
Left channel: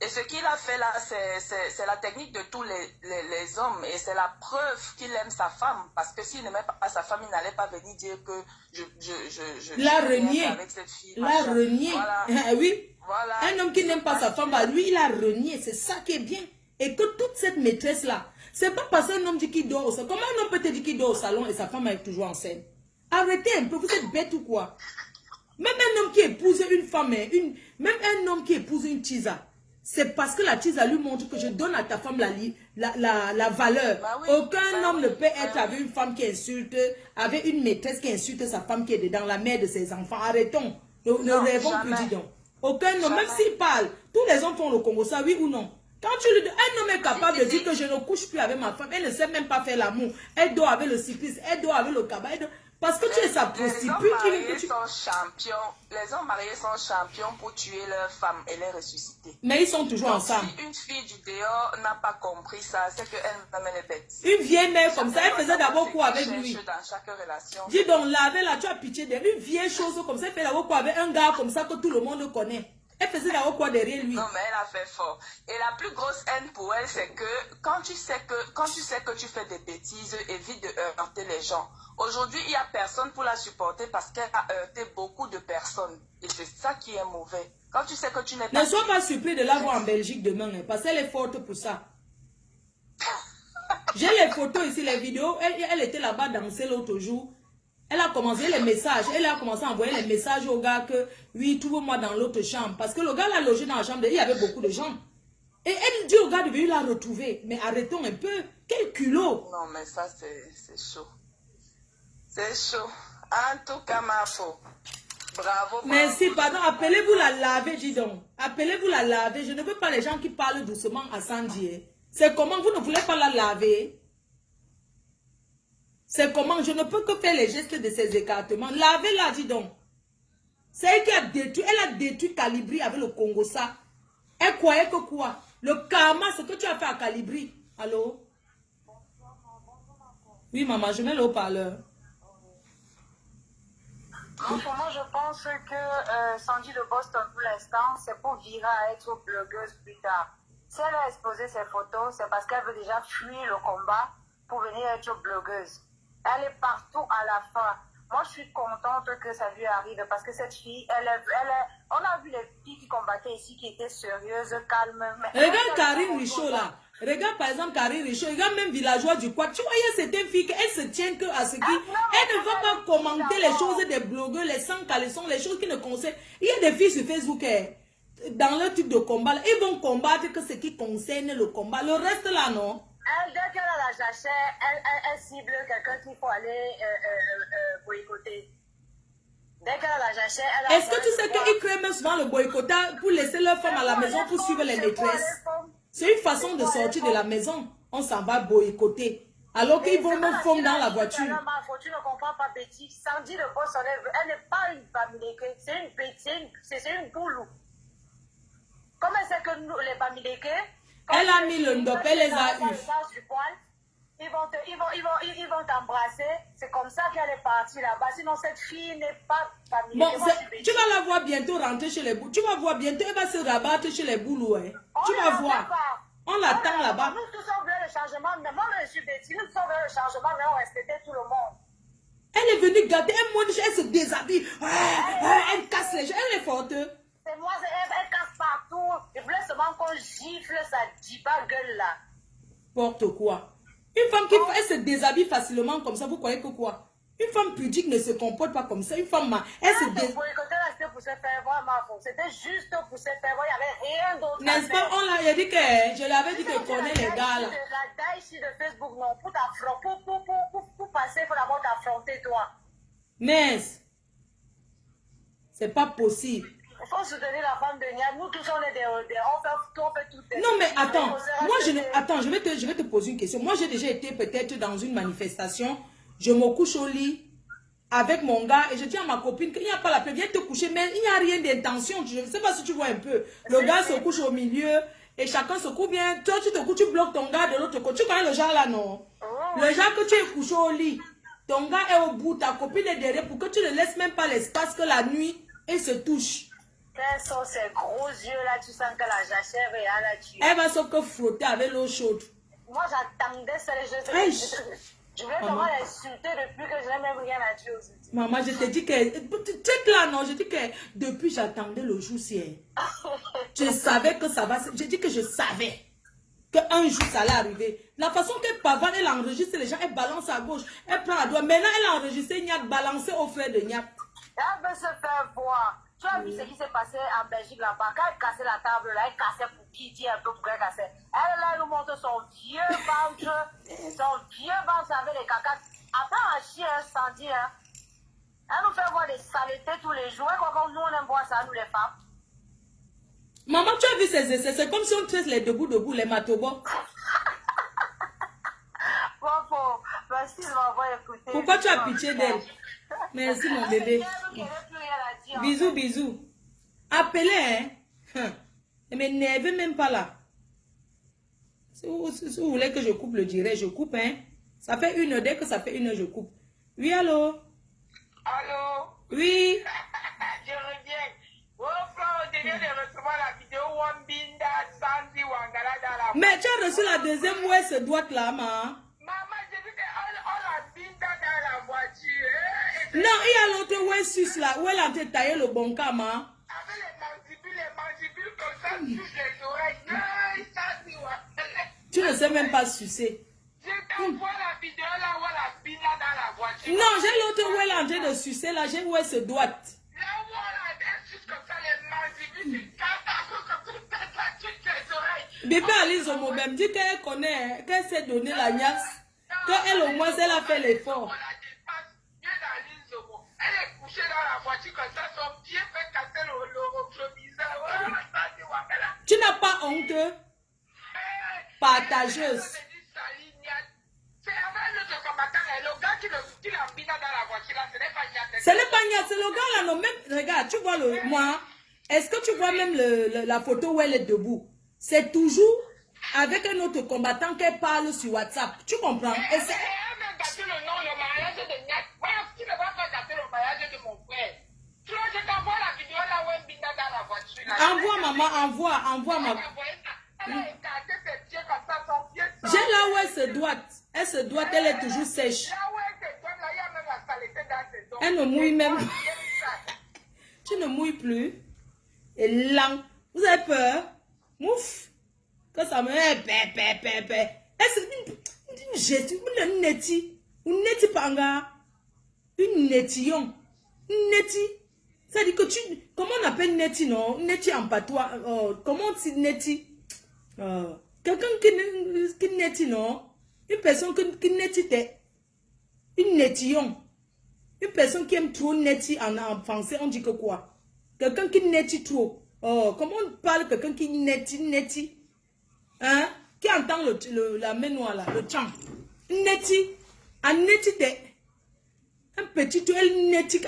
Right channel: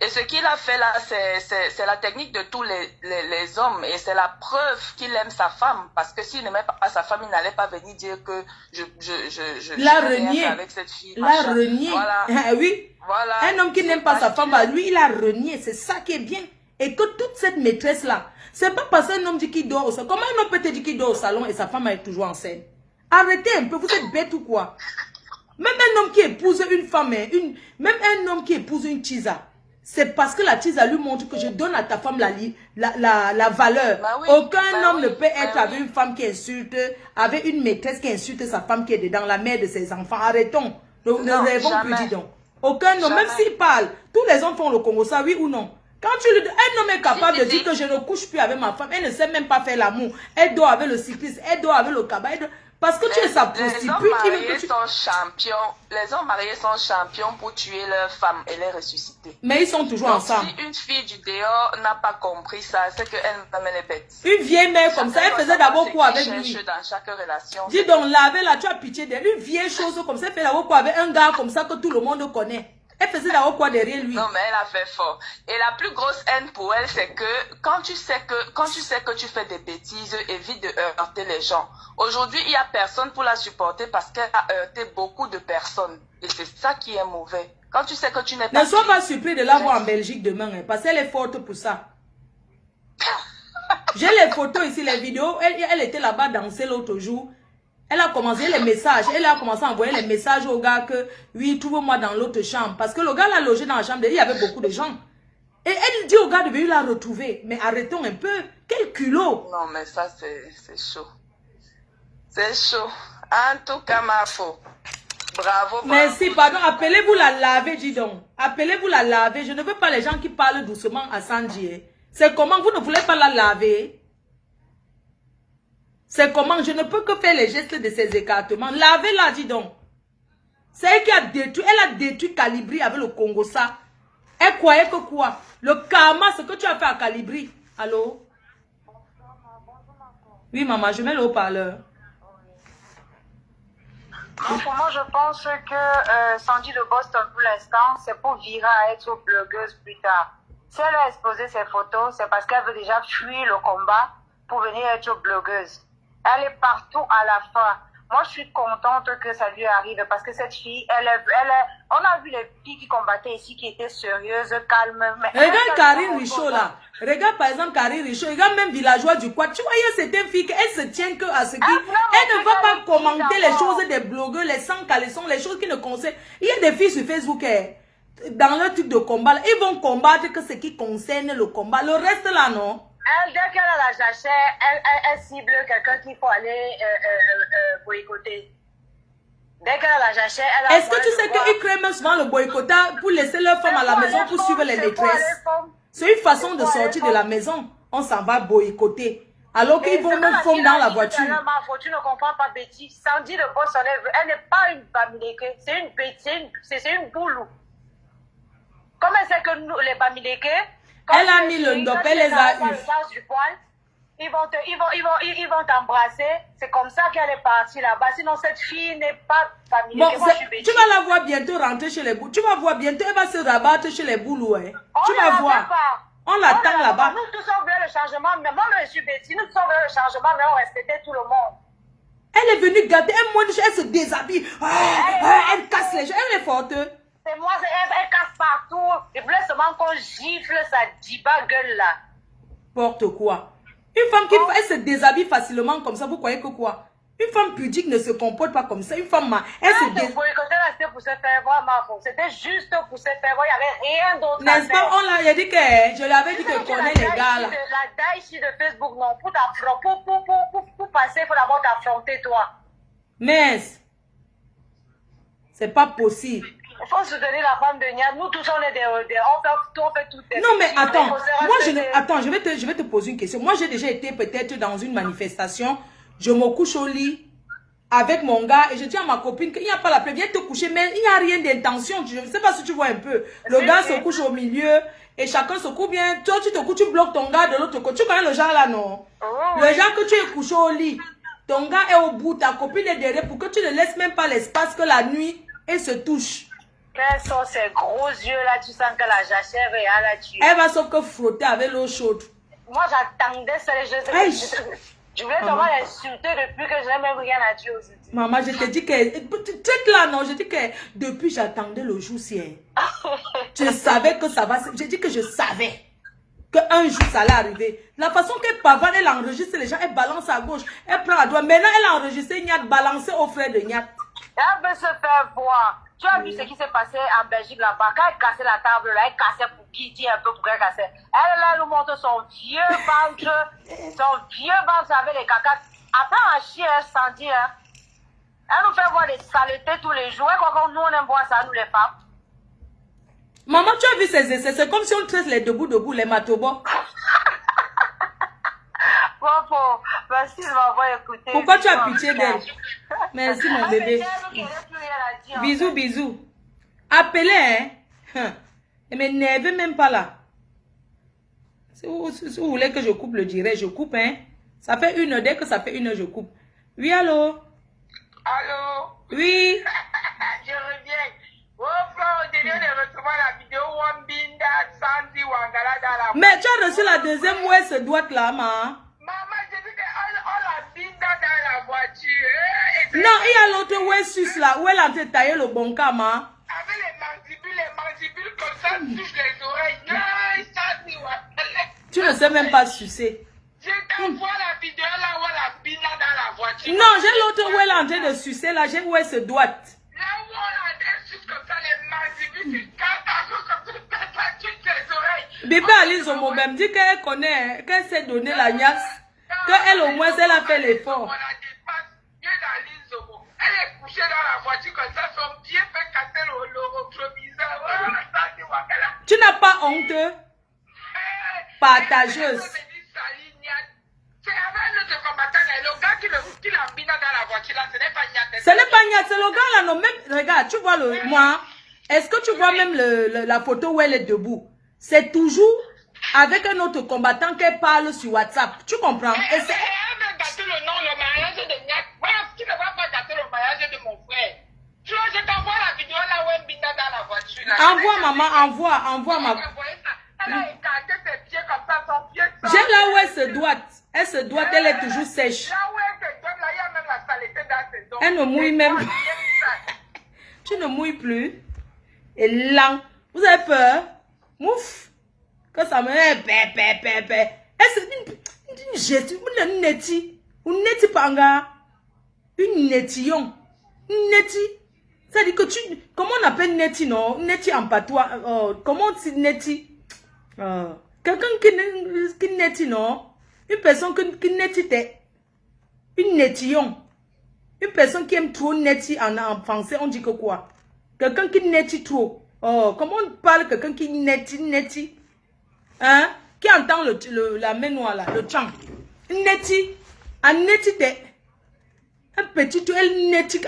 Et ce qu'il a fait là, c'est la technique de tous les hommes. Et c'est la preuve qu'il aime sa femme. Parce que s'il n'aimait pas sa femme, il n'allait pas venir dire que je l'a renié. Avec cette fille. L'a renié. Voilà. Oui. Voilà. Un homme qui n'aime pas sa femme, bah, lui, il a renié. C'est ça qui est bien. Et que toute cette maîtresse-là, c'est pas parce qu'un homme dit qu'il dort au salon. Comment un homme peut te dire qu'il dort au salon et sa femme est toujours en scène? Arrêtez un peu, vous êtes bête ou quoi? Même un homme qui épouse une femme, même un homme qui épouse une tisa, c'est parce que la tisa lui montre que je donne à ta femme la valeur. Bah oui, Aucun homme ne peut être avec une femme qui insulte, avec une maîtresse qui insulte sa femme qui est dedans, la mère de ses enfants. Arrêtons. Ne rêvons plus, dis donc. Aucun homme, même s'il parle, tous les hommes font le Congo, ça, oui ou non? Quand tu lui dis, un homme est capable de dire que je ne couche plus avec ma femme, elle ne sait même pas faire l'amour. Elle dort avec le cycliste, elle dort avec le cabas. Parce que tu es sa prostituée. Les hommes mariés sont champions pour tuer leur femme et les ressusciter. Mais ils sont toujours ensemble. Si une fille du dehors n'a pas compris ça, c'est qu'elle est bête. Une vieille mère comme ça, elle faisait d'abord quoi avec lui? Dans chaque relation. Dis donc, là, tu as pitié d'elle. Une vieille chose comme ça, elle fait d'abord quoi avec un gars comme ça que tout le monde connaît. Elle faisait d'abord quoi derrière lui? Non, mais elle a fait fort. Et la plus grosse haine pour elle, c'est que quand tu sais que tu fais des bêtises, évite de heurter les gens. Aujourd'hui, il n'y a personne pour la supporter parce qu'elle a heurté beaucoup de personnes. Et c'est ça qui est mauvais. Quand tu sais que tu n'es pas... Ne sois pas surpris de la voir en Belgique demain, hein, parce qu'elle est forte pour ça. J'ai les photos ici, les vidéos. Elle était là-bas danser l'autre jour. Elle a commencé les messages. Elle a commencé à envoyer les messages au gars que, oui, trouve-moi dans l'autre chambre. Parce que le gars l'a logé dans la chambre. Il y avait beaucoup de gens. Et elle dit au gars de venir la retrouver. Mais arrêtons un peu. Quel culot. Non, mais ça, c'est chaud. C'est chaud. En tout cas, ma faute. Bravo. Merci, pardon. Appelez-vous la laver, dis donc. Appelez-vous la laver. Je ne veux pas les gens qui parlent doucement à Sandy. C'est comment vous ne voulez pas la laver? C'est comment? Je ne peux que faire les gestes de ces écartements. Lavez-la, dis donc. C'est elle qui a détruit. Elle a détruit Calibri avec le Congo, ça. Elle croyait que quoi? Le karma, ce que tu as fait à Calibri. Allô? Oui, maman, je mets le haut-parleur. Pour moi, je pense que Sandy de Boston, pour l'instant, c'est pour virer à être blogueuse plus tard. Si elle a exposé ses photos, c'est parce qu'elle veut déjà fuir le combat pour venir être blogueuse. Elle est partout à la fin. Moi, je suis contente que ça lui arrive parce que cette fille, on a vu les filles qui combattaient ici qui étaient sérieuses, calmes. Regarde Karine Richaud là. Regarde par exemple Karine Richaud. Regarde même Villageois du Quad. Tu vois, il y a certaines filles qui se tiennent que à ce qui. Elle ne va pas commenter les choses des blogueurs, les sans caleçons, les choses qui ne concernent. Il y a des filles sur Facebook dans leur type de combat. Là, ils vont combattre que ce qui concerne le combat. Le reste là, non. Elle, dès qu'elle a la jachère, elle cible quelqu'un qu'il faut aller boycotter. Dès qu'elle a la jachère, elle a... Est-ce que tu sais qu'ils créent même souvent le boycottage pour laisser leurs femmes à la maison pour suivre les maîtresses? C'est une façon de sortir de la maison. On s'en va boycotter. Alors qu'ils vont même fondre dans la voiture. Tu ne comprends pas, Betty. Sandy de Boston, elle n'est pas une Bamileke. C'est une boulou. Comment c'est que nous, les Bamileke... Elle a mis le ndop, elle les a eu. Ils vont t'embrasser. C'est comme ça qu'elle est partie là-bas. Sinon, cette fille n'est pas familière. Bon, tu vas la voir bientôt rentrer chez les boules. Tu vas voir bientôt, elle va se rabattre chez les boules. Hein. Tu vas voir. On l'attend là-bas. Nous tous on voulait le changement. Mais moi, je suis Betty. Nous tous on voulait le changement, mais on respectait tout le monde. Elle est venue garder un mois, elle se déshabille. Elle casse les gens. Elle est forte. C'est moi, elle casse partout. Il voulait seulement qu'on gifle sa diba gueule là. Porte quoi? Une femme qui elle se déshabille facilement comme ça, vous croyez que quoi? Une femme pudique ne se comporte pas comme ça. Une femme, elle se déshabille. C'était pour se faire voir, Marfo. C'était juste pour se faire voir. Il n'y avait rien d'autre. N'est-ce pas? On l'a dit que je l'avais dit que je connais les gars là. La taille ici de Facebook, non. Pour passer, il faut d'abord t'affronter toi. Mais c'est pas possible. Il faut soutenir la femme de Niad. Nous tous, on est on fait tout. Non, mais attends. Moi, attends, je vais te poser une question. Moi, j'ai déjà été peut-être dans une manifestation. Je me couche au lit avec mon gars et je dis à ma copine qu'il n'y a pas la paix. Viens te coucher, mais il n'y a rien d'intention. Je ne sais pas si tu vois un peu. Le gars se couche au milieu et chacun se couche bien. Toi, tu te couches, tu bloques ton gars de l'autre côté. Tu connais le genre là, non? Le genre que tu es couché au lit. Ton gars est au bout, ta copine est derrière pour que tu ne laisses même pas l'espace que la nuit, elle se touche. Quels sont ces gros yeux là, tu sens que la jachère est à la tuer. Elle va sauf que frotter avec l'eau chaude. Moi j'attendais ça, je voulais vraiment l'insulter depuis que je n'ai même rien à dire aujourd'hui. Maman, je te dis que, peut-être là non, je dis que depuis j'attendais le jour-ci. Je savais que ça va, je dis que je savais qu'un jour ça allait arriver. La façon qu'elle pavane, elle enregistre les gens, elle balance à gauche, elle prend à droite. Maintenant elle a enregistré Niak, balancé au frère de Niak. Elle veut se faire voir. Tu as vu ce qui s'est passé en Belgique là-bas? Quand elle cassait la table là, elle cassait pour qui dit un peu pour qu'elle cassait. Elle nous montre son vieux ventre, avec les cacates. Après un chien, Sandy, hein. Elle nous fait voir des saletés tous les jours. Et quand nous on aime voir ça, nous les femmes. Maman, tu as vu ces essais? C'est comme si on traite les debout, les matobos. Merci de m'avoir écouté. Pourquoi tu as pitié d'elle? Merci mon bébé. Bisous, bisous. Appelez, hein. Ne m'énervez même pas là. Si vous voulez que je coupe le direct, je coupe, hein. Ça fait 1 heure, dès que ça fait 1 heure, je coupe. Oui, allô? Allô? Oui. Je reviens. Oh, je viens de recevoir la vidéo Wambinda Sandy Wangala dans la... Mais tu as reçu la deuxième où elle se doit là, ma. Maman, j'ai vu qu'on l'a binda dans la voiture. Non, il y a l'autre où elle suce là, où elle a taillé le bon cas, ma. Avec les mandibules comme ça, touche les oreilles. Sandy Wangala. Tu ne sais même pas sucer. Je t'envoie la vidéo là où elle a binda dans la voiture. Non, j'ai l'autre où elle est en train de sucer là, j'ai où elle se doit. Là où elle suce comme ça, les mandibules, toutes les oreilles. Bébé Alice Omo même dit qu'elle connaît, qu'elle s'est donné la niasse, qu'elle au moins elle a fait l'effort. couché dans la voiture comme ça, son pied fait casser le rétroviseur. Voilà, Sandy Wangala. Tu n'as pas honte? Partageuse. C'est avec notre combattant, le gars qui l'a mis dans la voiture là, ce n'est pas Niat. Ce n'est pas Niat, c'est le gars là, non, même, regarde, tu vois moi, est-ce que tu vois même la photo où elle est debout? C'est toujours avec un autre combattant qu'elle parle sur WhatsApp, tu comprends? Elle veut gâter le nom, le mariage de Niat. Tu ne vas pas gâter le mariage de mon frère. Tu vois, je t'envoie la vidéo là où elle est dans la voiture là. Envoie maman, envoie maman. Elle a écarté ses pieds comme ça, son pied. J'ai là où elle se doite. Elle se doite, elle est toujours sèche. Là où elle se doite, là, il y a même la saleté dans ses dents. Elle ne mouille même pas. Tu ne mouilles plus. Et là, vous avez peur? Mouf. Quand ça me dit, elle se dit une geste, une neti. Une neti panga. Une netillon. Une neti. Ça dit que tu. Comment on appelle neti, non? Neti en patois. Comment on dit neti? Quelqu'un qui neti, non? Une personne qui neti, une netillon. Une personne qui aime trop neti en français, on dit que quoi? Quelqu'un qui neti trop. Oh, comment on parle quelqu'un qui neti? Hein? Qui entend la main noire là, le chant. Neti. Un neti un petit, elle neti.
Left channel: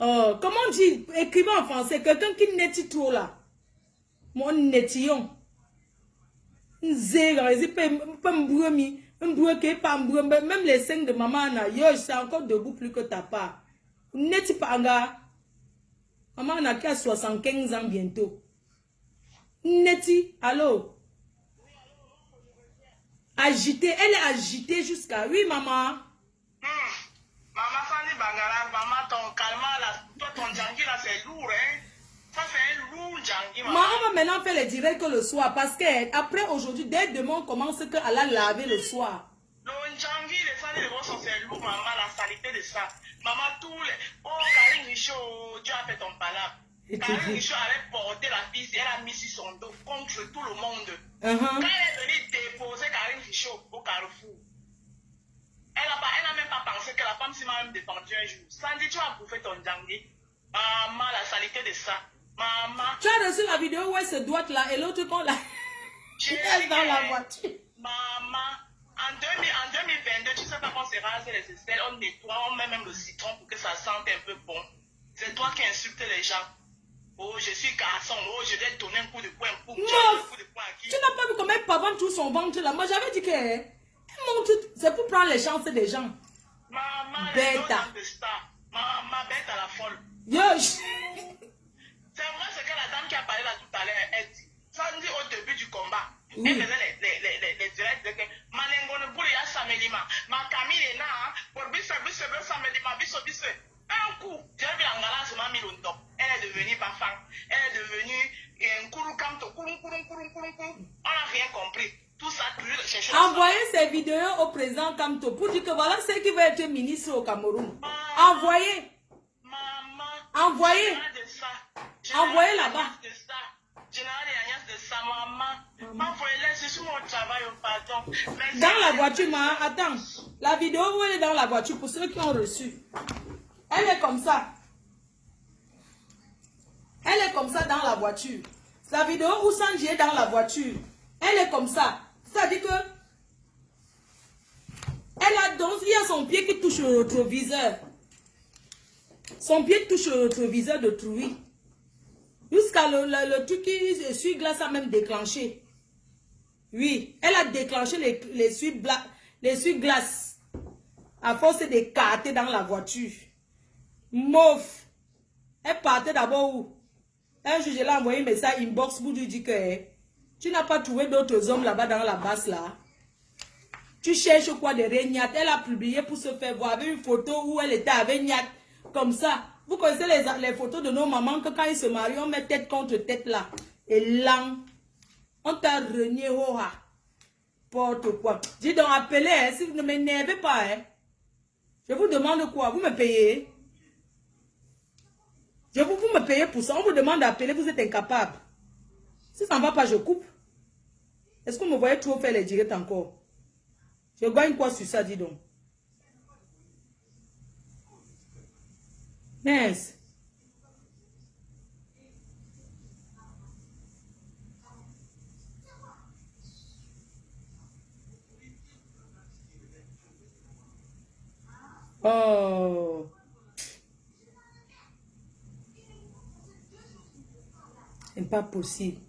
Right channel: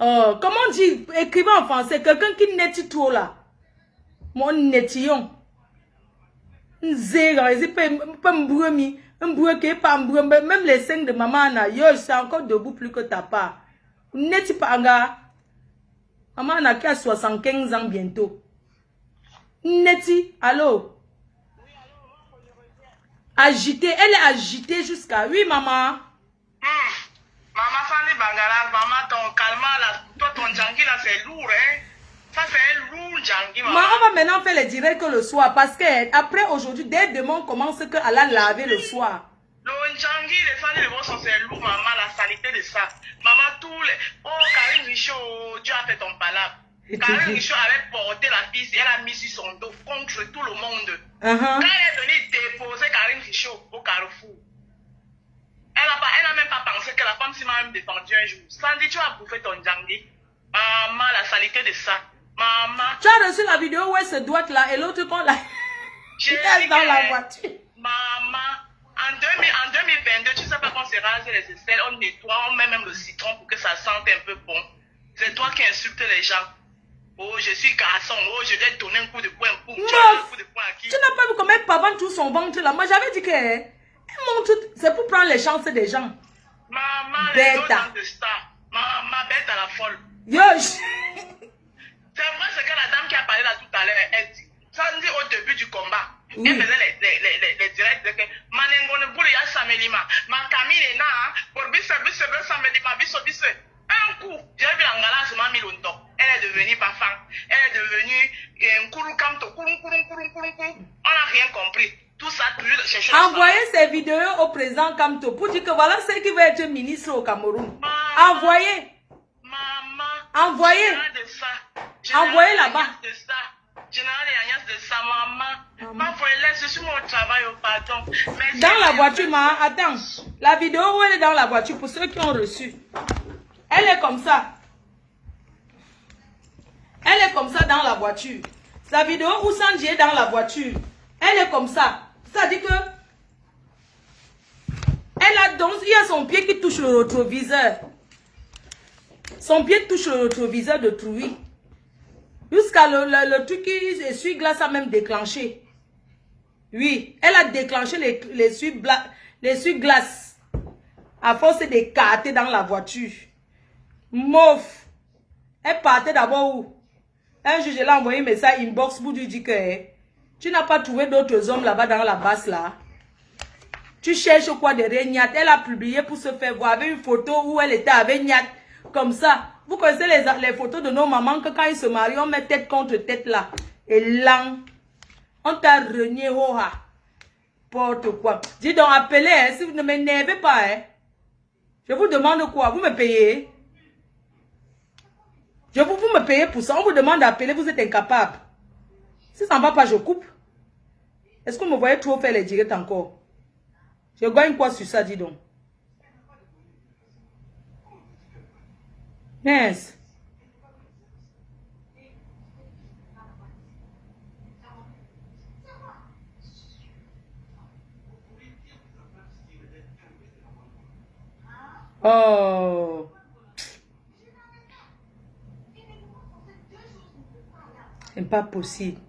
Oh, comment on dit? Écrivez en français. Quelqu'un qui neti trop là. Mon netillon. Même les seins de maman, c'est encore debout plus que ta part. Neti panga. Maman n'a qu'à 75 ans bientôt. Neti, allô? Agitée, elle est agitée jusqu'à... Oui, maman. Maman Fanny Bangala, maman, ton calmant là, toi, ton jangi là, c'est lourd, hein? Ça, c'est un lourd jangi, maman. On va maintenant faire les directs le soir parce que après aujourd'hui, dès demain, on commence qu'elle a laver le soir. Le jangi, les Fanny, les bons c'est lourd, maman, la saleté de ça. Maman, tous les... Oh, Karine Michaud, Dieu a fait ton palabre. Karine Michaud avait porté la fille, elle a mis sur son dos contre tout le monde. Quand elle est venue déposer Karine Michaud au Carrefour, elle n'a même pas pensé que la femme s'y m'a même défendu un jour. Sandy, tu vas bouffer ton jangi. Maman, la saleté de ça. Maman. Tu as reçu la vidéo où elle se doit là et l'autre qu'on l'a... Elle est dans la voiture. Maman, en 2022, tu sais pas qu'on se rase les aisselles, on nettoie, on met même le citron pour que ça sente un peu bon. C'est toi qui insultes les gens. Oh, je suis garçon. Oh, je vais donner un coup de poing pour. Tu n'as pas vu comment elle pavane tout son ventre là. Moi, j'avais dit que c'est pour prendre les chances des gens. Maman, bête. Maman, bête à la folle. Yosh. C'est vrai ce que la dame qui a parlé là tout à l'heure, elle dit. Ça dit au début du combat. Oui. Elle faisait les directs de que Manengone boule ya samelima. Ma Camille est là. Pour bisse samelima, bisse. Un coup, j'ai vu l'angala sur ma milundo. Elle est devenue parfum. Elle est devenue Kurukamto. On n'a rien compris. Tout ça, toujours chercher. Envoyez ces vidéos au président Kamto pour dire que voilà ce qui va être ministre au Cameroun. Envoyez. Maman. Envoyez. Envoyez là-bas. Général de sa maman. Je suis mon travail au pardon. Dans la voiture, maman, attends. La vidéo où elle est dans la voiture, pour ceux qui ont reçu. Elle est comme ça. Elle est comme ça dans la voiture. La vidéo où Sandy est dans la voiture. Elle est comme ça. Ça dit que elle a donc, il y a son pied qui touche le rétroviseur. Son pied touche le rétroviseur de Trouy. Jusqu'à le truc qui essuie-glace a même déclenché. Oui, elle a déclenché l'essuie-glace à force d'écarter dans la voiture. Mouf. Elle partait d'abord où? Un jour, je l'ai envoyé un message inbox pour lui dire que tu n'as pas trouvé d'autres hommes là-bas dans la basse là. Tu cherches quoi de Niat? Elle a publié pour se faire voir avec une photo où elle était avec Niat. Comme ça. Vous connaissez les photos de nos mamans que quand ils se marient, on met tête contre tête là. Et là, on t'a renié hoha. Porte quoi. Dis donc, appelez, hein, si vous ne m'énervez pas. Hein. Je vous demande quoi? Vous me payez? Vous me payez pour ça. On vous demande d'appeler, vous êtes incapable. Si ça ne va pas, je coupe. Est-ce que vous me voyez trop faire les directs encore? Je gagne quoi sur ça, dis donc? Yes. Oh. C'est pas possible.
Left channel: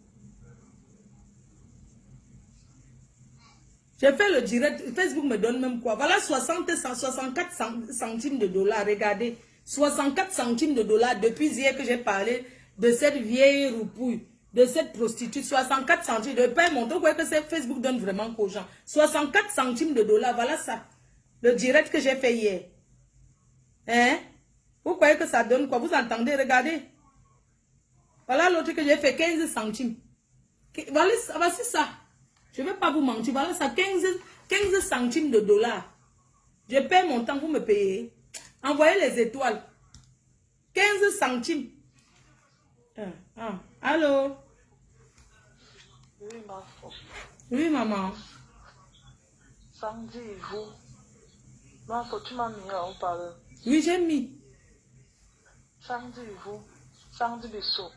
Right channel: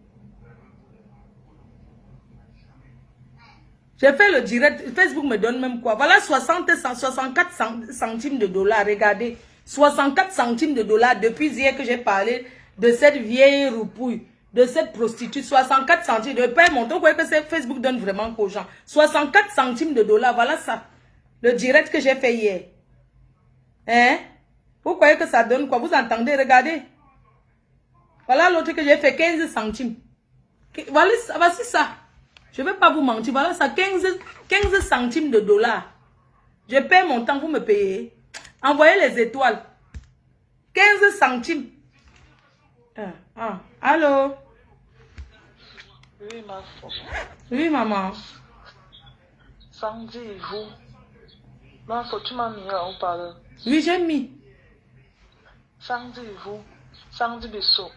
J'ai fait le direct. Facebook me donne même quoi? Voilà 64 centimes de dollars. Regardez. 64 centimes de dollars depuis hier que j'ai parlé de cette vieille roupouille, de cette prostituée. 64 centimes de paix. Mon quoi que Facebook donne vraiment aux gens. 64 centimes de dollars. Voilà ça. Le direct que j'ai fait hier. Hein? Vous croyez que ça donne quoi? Vous entendez? Regardez. Voilà l'autre que j'ai fait 15 centimes. Voilà, voici ça. Je ne vais pas vous mentir. Voilà ça, 15 centimes de dollars. Je paie mon temps, vous me payez. Envoyez les étoiles. 15 centimes. Allô? Oui, ma femme. Oui, maman. Samedi, vous. Ma femme, tu m'as mis à parler. Oui, j'ai mis. Samedi, vous. Samedi, beso.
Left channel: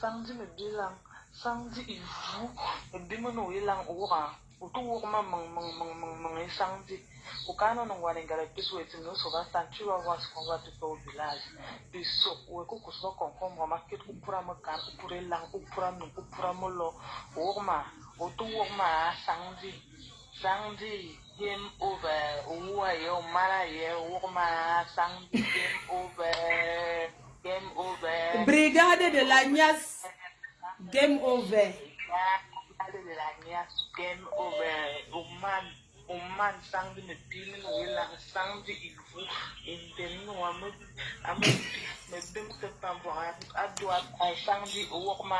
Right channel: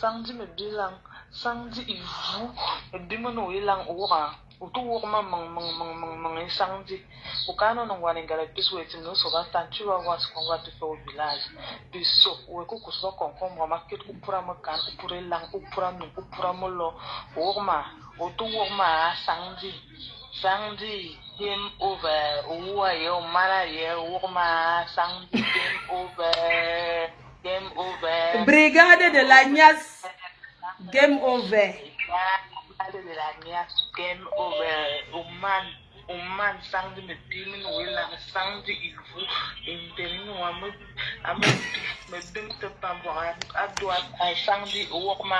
Samedi, me bilan. Samedi, vous. Me bimano ilang ora. Utu wokma mang samedi. Ukano no wane ngala pisu eti no so ba tantu wa was kon wa te au village. Beso, we ko kuso kon kon mo market ku pura mo kan ku pura lang ku pura no ku pura mo lo. Wokma, utu wokma samedi. Samedi, game over. Uwa yo mara ye wokma samedi game over. Game over. Brigade de la Nias. Game over. Brigade de la Nias. Game over. Oman samedi me bimin wila samedi ivu. Interino me bim te pambora. Adwa samedi wokma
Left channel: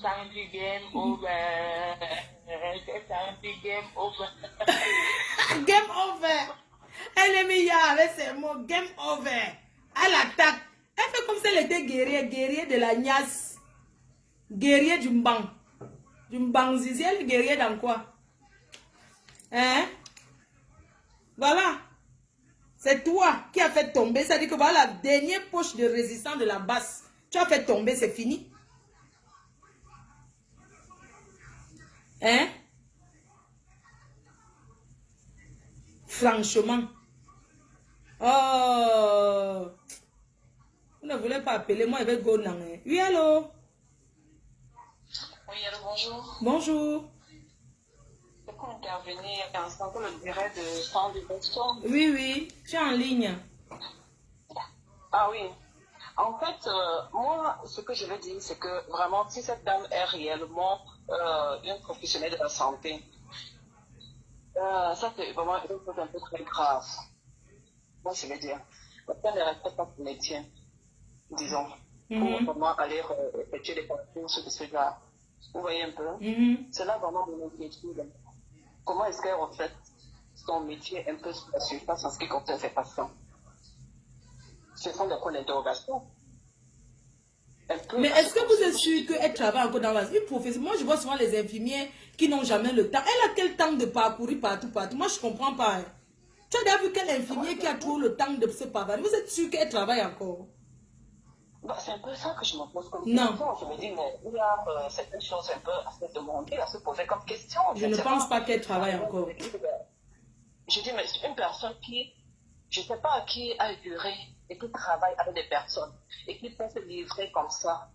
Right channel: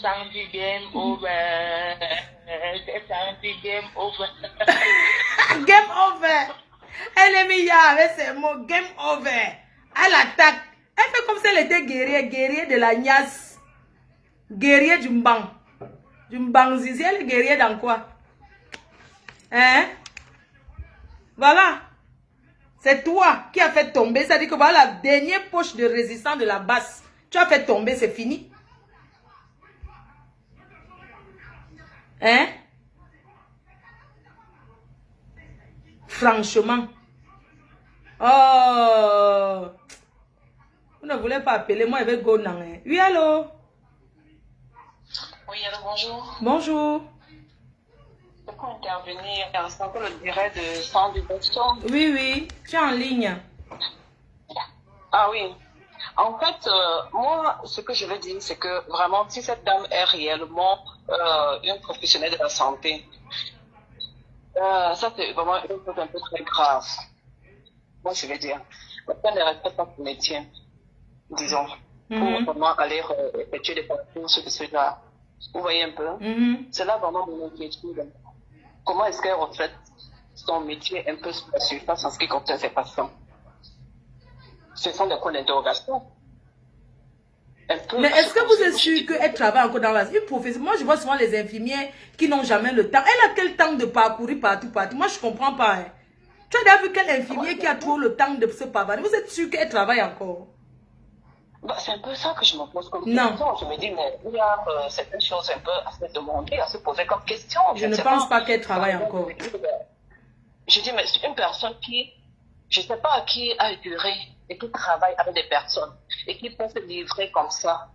samedi game over. Samedi game over. Game over. Elle est mise avec ses mots. Game over. Elle attaque. Elle fait comme si elle était guerrier de la Nias. Guerrier du Mbang. Du Mbang Zizi, elle est guerrier dans quoi? Hein? Voilà. C'est toi qui as fait tomber. Ça dit que voilà la dernière poche de résistance de la basse. Tu as fait tomber, c'est fini. Hein? Franchement. Oh. Vous ne voulez pas appeler moi avec Gonan. Oui, allô? Oui, allô, bonjour. Bonjour. Je peux intervenir en ce que le direct de sang du Boston. Oui, oui. Tu es en ligne. Ah oui. En fait, moi, ce que je veux dire, c'est que vraiment, si cette dame est réellement une professionnelle de la santé, ça c'est vraiment une chose un peu très grave. Moi, je veux dire, quelqu'un ne respecte pas son métier, disons, pour vraiment aller effectuer des parcours sur ce genre. Vous voyez un peu? C'est là vraiment mon inquiétude. Comment est-ce qu'elle reflète son métier un peu sur la surface en ce qui concerne ses patients? Ce sont des points d'interrogation. Mais est-ce que vous êtes sûr qu'elle travaille encore dans une profession? Moi, je vois souvent les infirmières qui n'ont jamais le temps. Elle a quel temps de parcourir partout? Moi, je ne comprends pas. Hein. Tu as déjà vu quel infirmier qui a trop le temps de se pavaner? Vous êtes sûr qu'elle travaille encore? Bah, c'est un peu ça que je me pose comme question. Je me dis, mais il y a certaines choses un peu à se demander, à se poser comme question. Je ne pense pas qu'elle travaille encore. Je dis, mais c'est une personne qui, je ne sais pas à qui a duré et qui travaille avec des personnes et qui peut se livrer comme ça.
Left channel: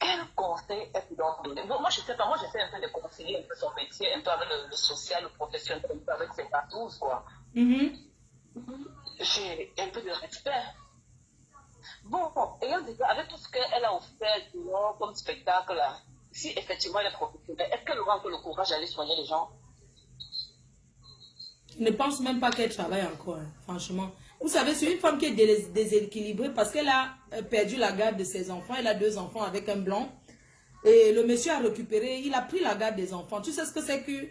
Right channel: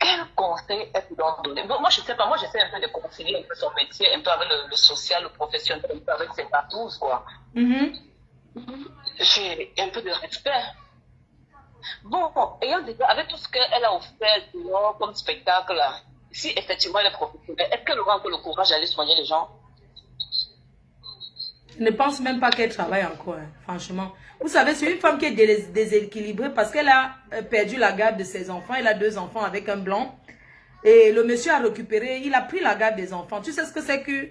Quel conseil est-ce qu'on donne? Moi, je ne sais pas, moi, j'essaie un peu de concilier un peu son métier, un peu avec le social, le professionnel, un peu avec ses patous, quoi. J'ai un peu de respect. Bon, ayant déjà, avec tout ce qu'elle a offert comme spectacle, là, si effectivement elle est professionnelle, est-ce qu'elle aura encore le courage d'aller soigner les gens? Je ne pense même pas qu'elle travaille encore, hein, franchement. Vous savez, c'est une femme qui est déséquilibrée parce qu'elle a perdu la garde de ses enfants. Elle a 2 enfants avec un blanc. Et le monsieur a récupéré, il a pris la garde des enfants. Tu sais ce que c'est que,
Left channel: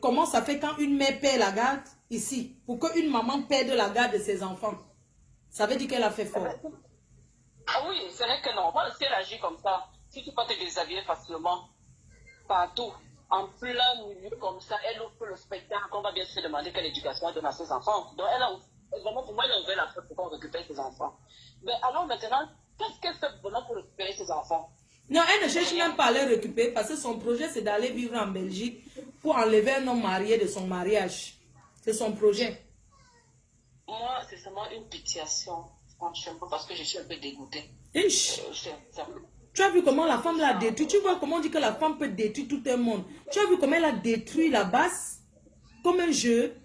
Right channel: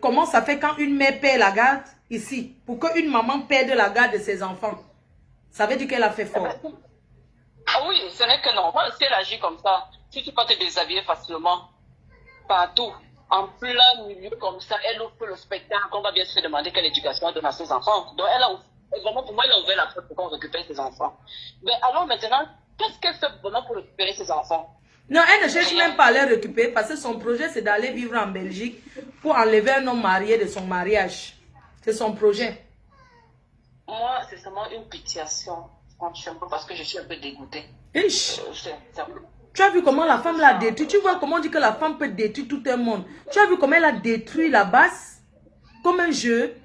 comment ça fait quand une mère perd la garde ici, pour qu'une maman perde la garde de ses enfants? Ça veut dire qu'elle a fait fort. Ah oui, ce n'est que normal. Si elle agit comme ça, si tu peux te déshabiller facilement, partout, en plein milieu comme ça, elle ouvre le spectacle, on va bien se demander quelle éducation elle donne à ses enfants. Donc elle a Et vraiment, pour moi, il a ouvert la porte pour qu'on récupère ses enfants. Mais alors maintenant, qu'est-ce qu'elle fait vraiment pour récupérer ses enfants? Non, elle ne cherche même pas à les récupérer parce que son projet, c'est d'aller vivre en Belgique pour enlever un homme marié de son mariage. C'est son projet. Moi, c'est seulement une pitiation, franchement, parce que je suis un peu dégoûtée. Tu as vu comment la femme l'a détruit? Tu vois comment on dit que la femme peut détruire tout un monde? Tu as vu comment elle a détruit la base? Comme un jeu.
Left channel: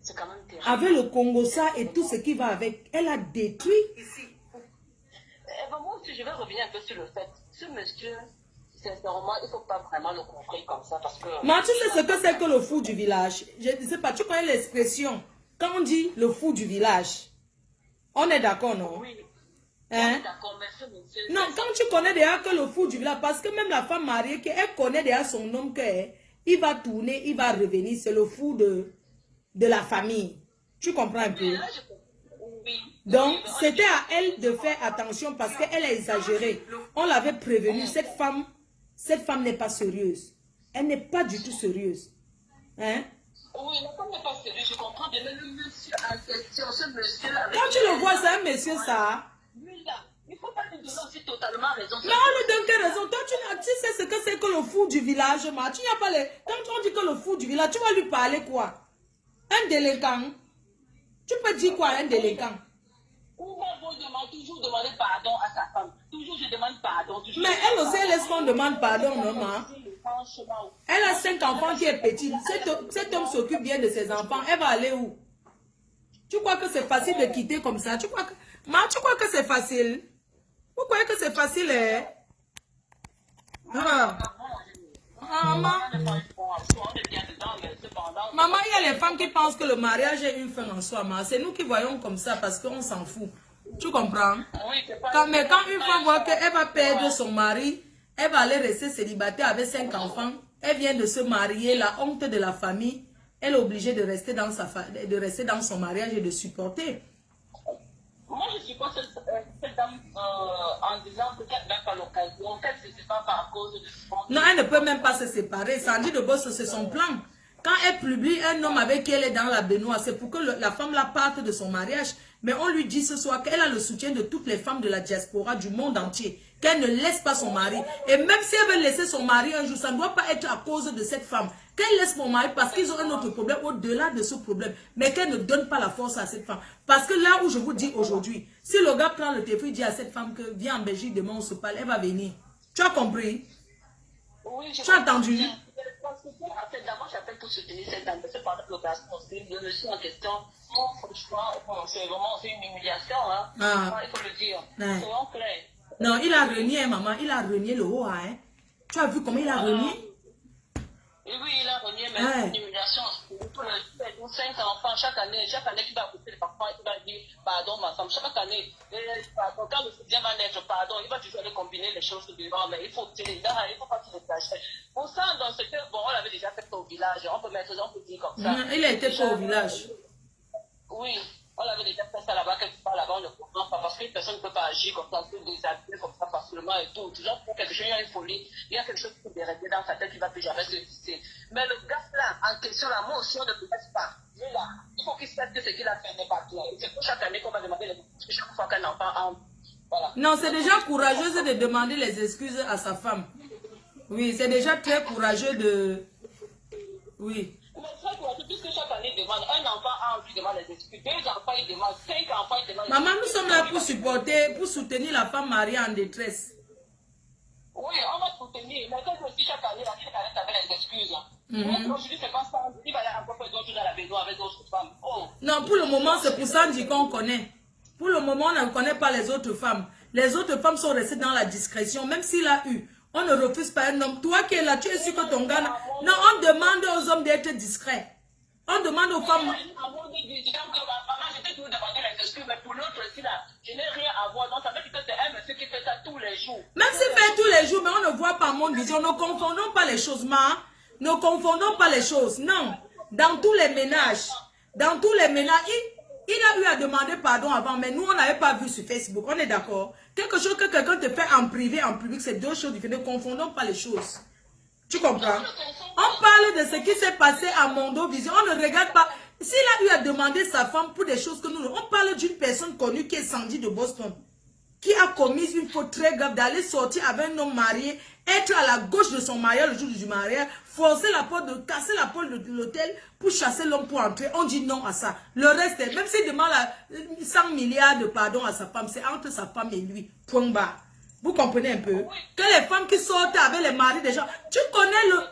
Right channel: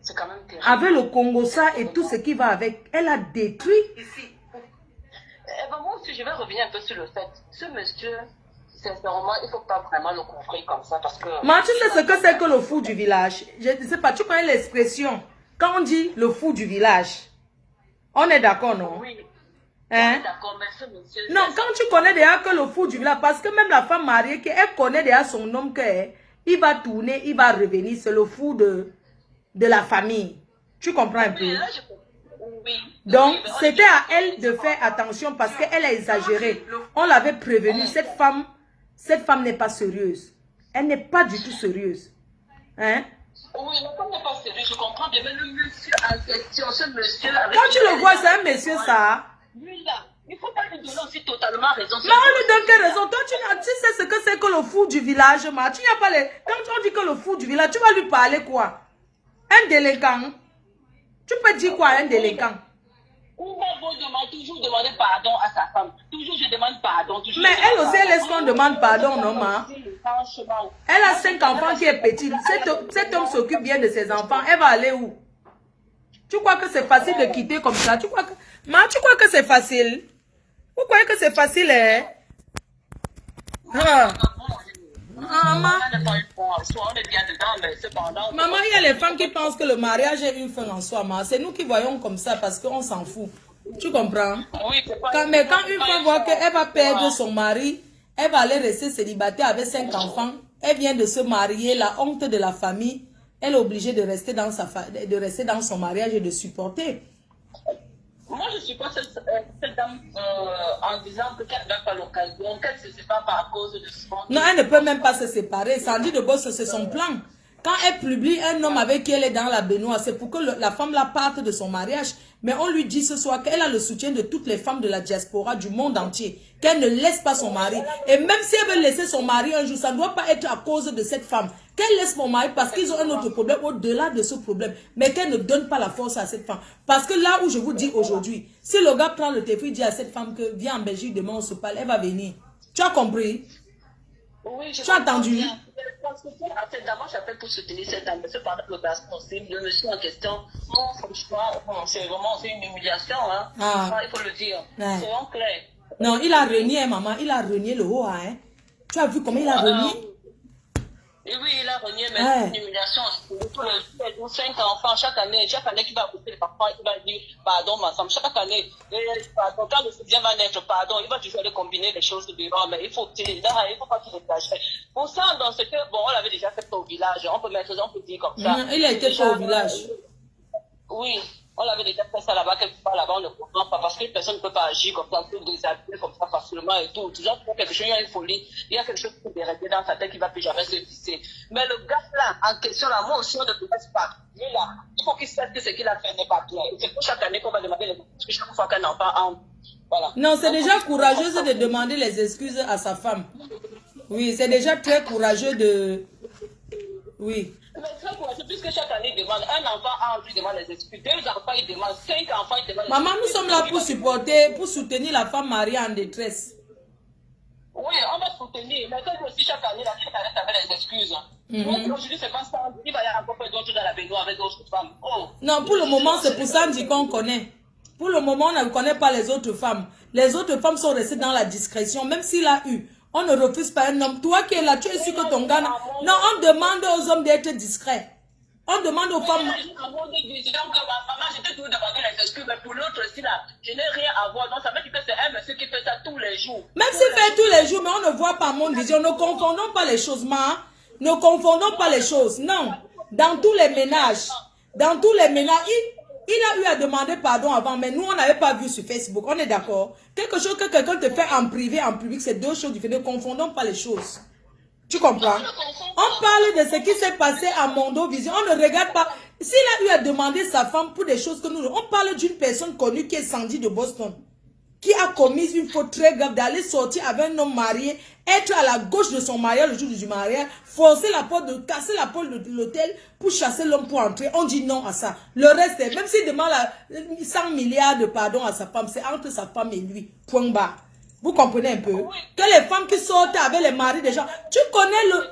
C'est quand même terrible. Avec le Congo-ça et tout ce qui va avec. Elle a détruit ici. Moi aussi, je vais revenir un peu sur le fait. Ce monsieur, sincèrement, il ne faut pas vraiment le couvrir comme ça parce que... Mais tu sais ce que c'est que le fou du village? Je ne sais pas, tu connais l'expression. Quand on dit le fou du village, on est d'accord, non? Oui. Hein? On est d'accord, mais ce monsieur... Non, quand tu connais déjà que le fou du village, parce que même la femme mariée, elle connaît déjà son homme, il va tourner, il va revenir, c'est le fou de la famille. Tu comprends un peu? Oui. Donc, c'était à elle de faire attention parce qu'elle a exagéré. On l'avait prévenu, cette femme n'est pas sérieuse. Elle n'est pas du tout sérieuse. Hein? Oui, la femme n'est pas sérieuse, je comprends bien, mais le monsieur en question, ce monsieur... Quand tu le vois, c'est un monsieur, ça. Lui là, il ne faut pas lui donner aussi totalement raison. Mais on lui donne quelle raison? Toi, tu sais ce que c'est que le fou du village, ma. Tu n'as pas les... Quand on dit que le fou du village, tu vas lui parler quoi? Un délinquant. Tu peux dire quoi, un délinquant? On va toujours demander pardon à sa femme. Toujours je demande pardon. Mais elle aussi, elle est-ce qu'on demande pardon, non, ma? Elle a 5 enfants qui est petite. Cet homme s'occupe bien de ses enfants. Elle va aller où? Tu crois que c'est facile de quitter comme ça? Tu crois que c'est facile? Vous croyez que c'est facile, hein? Maman, il y a les femmes qui pensent que le mariage est une fin en soi. C'est nous qui voyons comme ça parce qu'on s'en fout. Tu comprends? Mais quand une femme voit qu'elle va perdre son mari, elle va aller rester célibataire avec 5 enfants. Elle vient de se marier, la honte de la famille. Elle est obligée de rester dans son mariage et de supporter. Moi, je supporte cette dame en disant que qu'elle n'a pas l'occasion, qu'elle ne se sépare pas à cause de son... Non, elle ne peut même pas se séparer. Sandy de Boss, c'est son plan. Quand elle publie un homme avec qui elle est dans la baignoire, c'est pour que la femme la parte de son mariage. Mais on lui dit ce soir qu'elle a le soutien de toutes les femmes de la diaspora du monde entier. Qu'elle ne laisse pas son mari. Et même si elle veut laisser son mari un jour, ça ne doit pas être à cause de cette femme. Qu'elle laisse mon mari parce qu'ils ont un autre problème au-delà de ce problème. Mais qu'elle ne donne pas la force à cette femme. Parce que là où je vous dis aujourd'hui, si le gars prend le téléphone et dit à cette femme que viens en Belgique, demain on se parle, elle va venir. Tu as compris? Oui, tu as entendu? D'abord, j'appelle pour soutenir cette dame. Cependant, le gars possible, le monsieur en question, non, franchement, c'est vraiment une humiliation. Hein. Il faut le dire. Ouais. Soyons clairs. Non, il a renié, maman. Il a renié le haut. Hein. Tu as vu comment il a renié? Oui, il a renié, mais c'est une humiliation. Tous les 5 enfants, chaque année tu vas couper les parents, il va dire pardon, ma femme. Chaque année, pardon, quand le soutien va naître, pardon, il va toujours aller combiner les choses dedans, mais il faut pas qu'il exagère. Pour ça, dans ce cas, bon, on l'avait déjà fait au village, on peut dire comme ça. Il a été fait au village. Oui. On l'avait déjà fait ça là-bas, quelque part là-bas, on ne comprend pas parce que personne ne peut pas agir comme ça, on peut déshabiller comme ça facilement et tout. Déjà, pour quelque chose, il y a une folie, il y a quelque chose qui est resté dans sa tête qui ne va plus jamais se visser. Mais le gars là, en question, la motion ne peut pas. Lui là, il faut qu'il sache que ce qu'il a fait n'est pas clair. C'est pour chaque année qu'on va demander les excuses chaque fois qu'un enfant entre. Voilà. Non, c'est déjà courageux de demander les excuses à sa femme. Oui, c'est déjà très courageux de... Oui. Mais très courageux, puisque chaque année, il demande un enfant entre, il demande les excuses, 2 enfants, il demande 5 enfants, il demande les excuses. Maman, nous sommes là pour supporter, pour soutenir la femme mariée en détresse. Oui, on va soutenir, mais quand aussi chaque année, la fille arrête avec les excuses. Aujourd'hui, c'est pas ça, il va y avoir encore d'autres dans la baignoire avec d'autres femmes. Oh. Non, pour le moment, c'est pour Sandy qu'on connaît. Pour le moment, on ne connaît pas les autres femmes. Les autres femmes sont restées dans la discrétion, même s'il a eu. On ne refuse pas un homme. Toi qui es là, tu es sûr que ton gars... Non, on demande aux hommes d'être discrets. On demande aux femmes... Je t'ai toujours demandé les excuses, mais pour l'autre aussi, là, je n'ai rien à voir. Donc, ça veut dire que c'est un monsieur qui fait ça tous les jours. Même s'il fait tous les jours, mais on ne voit pas mon vision. Ne confondons pas les choses, ma. Ne confondons pas les choses. Non. Dans tous les ménages, il a eu à demander pardon avant, mais nous, on n'avait pas vu sur Facebook. On est d'accord? Quelque chose que quelqu'un te fait en privé, en public, c'est 2 choses différentes. Ne confondons pas les choses. Tu comprends? On parle de ce qui s'est passé à Mondo Vision. On ne regarde pas. S'il a eu à demander sa femme pour des choses que nous... On parle d'une personne connue qui est Sandy de Boston, qui a commis une faute très grave d'aller sortir avec un homme marié, être à la gauche de son mariage le jour du mariage, forcer la porte, casser la porte de l'hôtel pour chasser l'homme pour entrer. On dit non à ça. Le reste, même s'il demande 100 milliards de pardon à sa femme, c'est entre sa femme et lui. Point barre. Vous comprenez un peu? Que les femmes qui sortent avec les maris des gens... Tu connais le...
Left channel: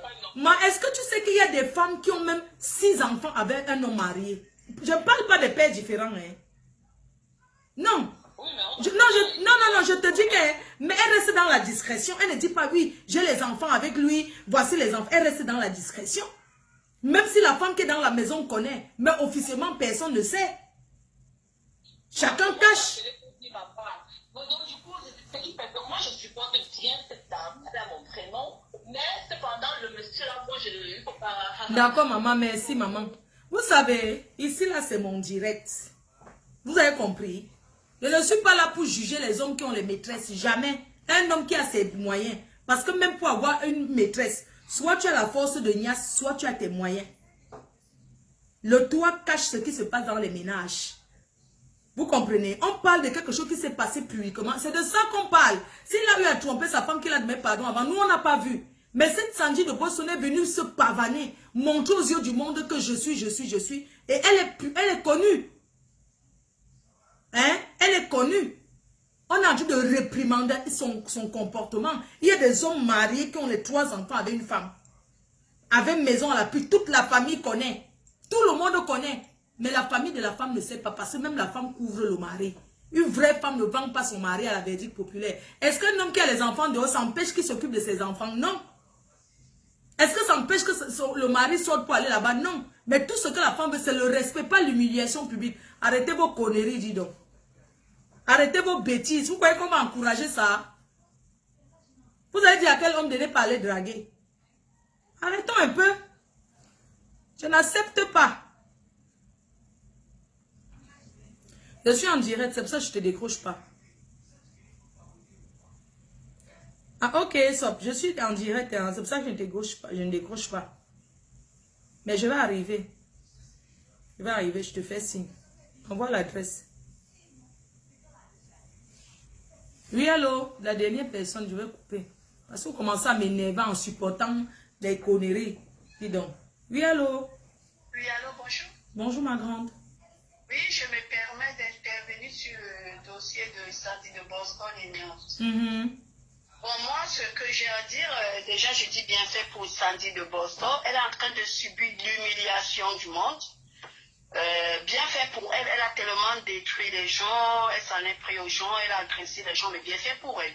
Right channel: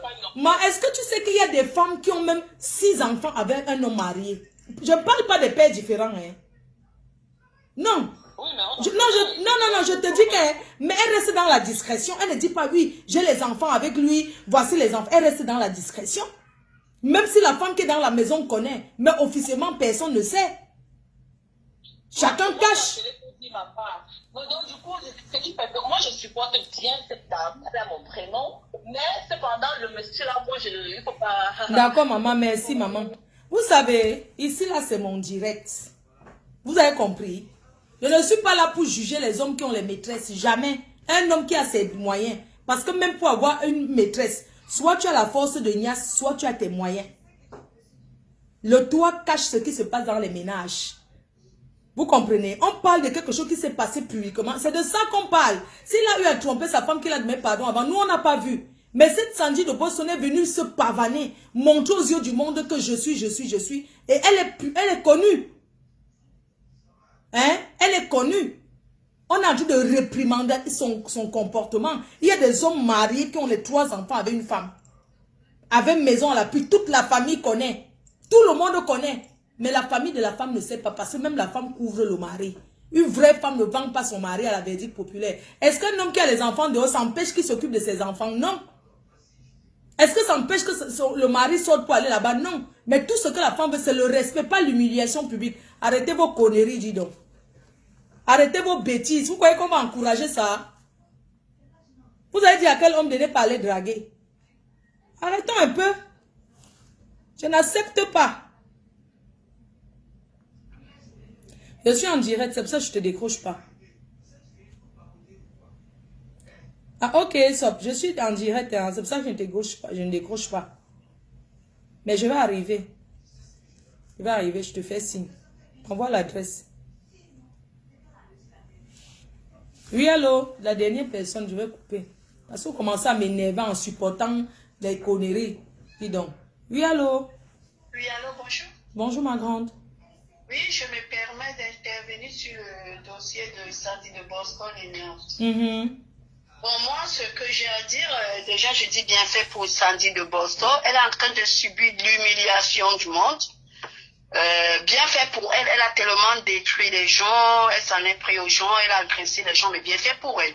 Est-ce que tu sais qu'il y a des femmes qui ont même 6 enfants avec un homme marié? Je ne parle pas de pères différents. Hein. Non. Non, je te dis que... Mais elle reste dans la discrétion. Elle ne dit pas, oui, j'ai les enfants avec lui, voici les enfants. Elle reste dans la discrétion. Même si la femme qui est dans la maison connaît. Mais officiellement, personne ne sait. Chacun cache. Donc, du coup, ce qui fait que moi, je supporte bien cette dame, elle a mon prénom, mais cependant, le monsieur là, moi, il ne faut pas... D'accord, maman, merci, maman. Vous savez, ici, là, c'est mon direct. Vous avez compris? Je ne suis pas là pour juger les hommes qui ont les maîtresses. Jamais. Un homme qui a ses moyens. Parce que même pour avoir une maîtresse, soit tu as la force de Nias, soit tu as tes moyens. Le toit cache ce qui se passe dans les ménages. Vous comprenez? On parle de quelque chose qui s'est passé publiquement. C'est de ça qu'on parle. S'il a eu à tromper sa femme qu'il a demandé pardon avant, nous, on n'a pas vu. Mais cette Sandy de Boston est venue se pavaner, montrer aux yeux du monde que je suis. Et elle est connue. Hein? Elle est connue. On a dû de réprimander son comportement. Il y a des hommes mariés qui ont les 3 enfants avec une femme. Avec maison à l'appui. Toute la famille connaît. Tout le monde connaît. Mais la famille de la femme ne sait pas parce que même la femme couvre le mari. Une vraie femme ne vend pas son mari à la verdict populaire. Est-ce qu'un homme qui a les enfants dehors s'empêche qu'il s'occupe de ses enfants? Non. Est-ce que ça empêche que le mari sorte pour aller là-bas? Non. Mais tout ce que la femme veut, c'est le respect, pas l'humiliation publique. Arrêtez vos conneries, dis donc. Arrêtez vos bêtises. Vous croyez qu'on va encourager ça? Vous avez dit à quel homme de ne pas aller draguer? Arrêtons un peu. Je n'accepte pas. Je suis en direct, c'est pour ça que je ne te décroche pas. Ah ok, stop. Je suis en direct, hein, c'est pour ça que je ne décroche pas. Mais je vais arriver. Je te fais signe. Envoie l'adresse. Oui, allô, la dernière personne, je vais couper. Parce que vous commencez à m'énerver en supportant des conneries. Dis donc. Oui, allô. Oui, allô, bonjour. Bonjour, ma grande. Oui, je me permets d'intervenir sur le dossier de Sandy de Boston et Nantes. Bon, moi, ce que j'ai à dire, déjà, je dis bien fait pour Sandy de Boston. Elle est en train de subir l'humiliation du monde. Bien fait pour elle. Elle a tellement détruit les gens. Elle s'en est pris aux gens. Elle a agressé les gens, mais bien fait pour elle.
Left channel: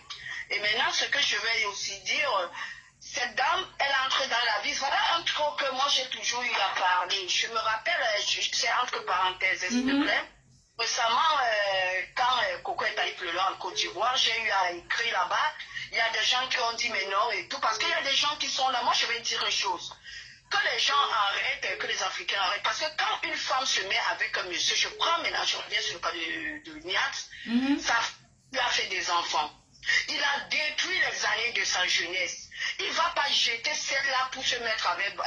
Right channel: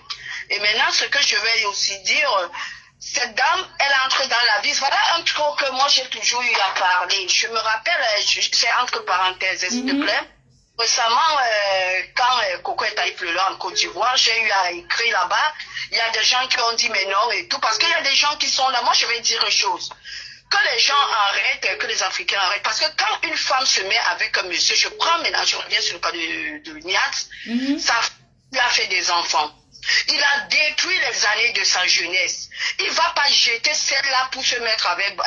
Et maintenant, ce que je vais aussi dire... Cette dame, elle entre dans la vie. Voilà un truc que moi j'ai toujours eu à parler. Je me rappelle, c'est entre parenthèses, s'il te plaît. Récemment, quand Coco est allé pleurer en Côte d'Ivoire, j'ai eu à écrire là-bas. Il y a des gens qui ont dit mais non et tout. Parce qu'il y a des gens qui sont là. Moi, je vais dire une chose. Que les gens arrêtent, que les Africains arrêtent. Parce que quand une femme se met avec un monsieur, je prends maintenant, je reviens sur le cas de Niat, ça il a fait des enfants. Il a détruit les années de sa jeunesse. Il ne va pas jeter celle-là pour se mettre avec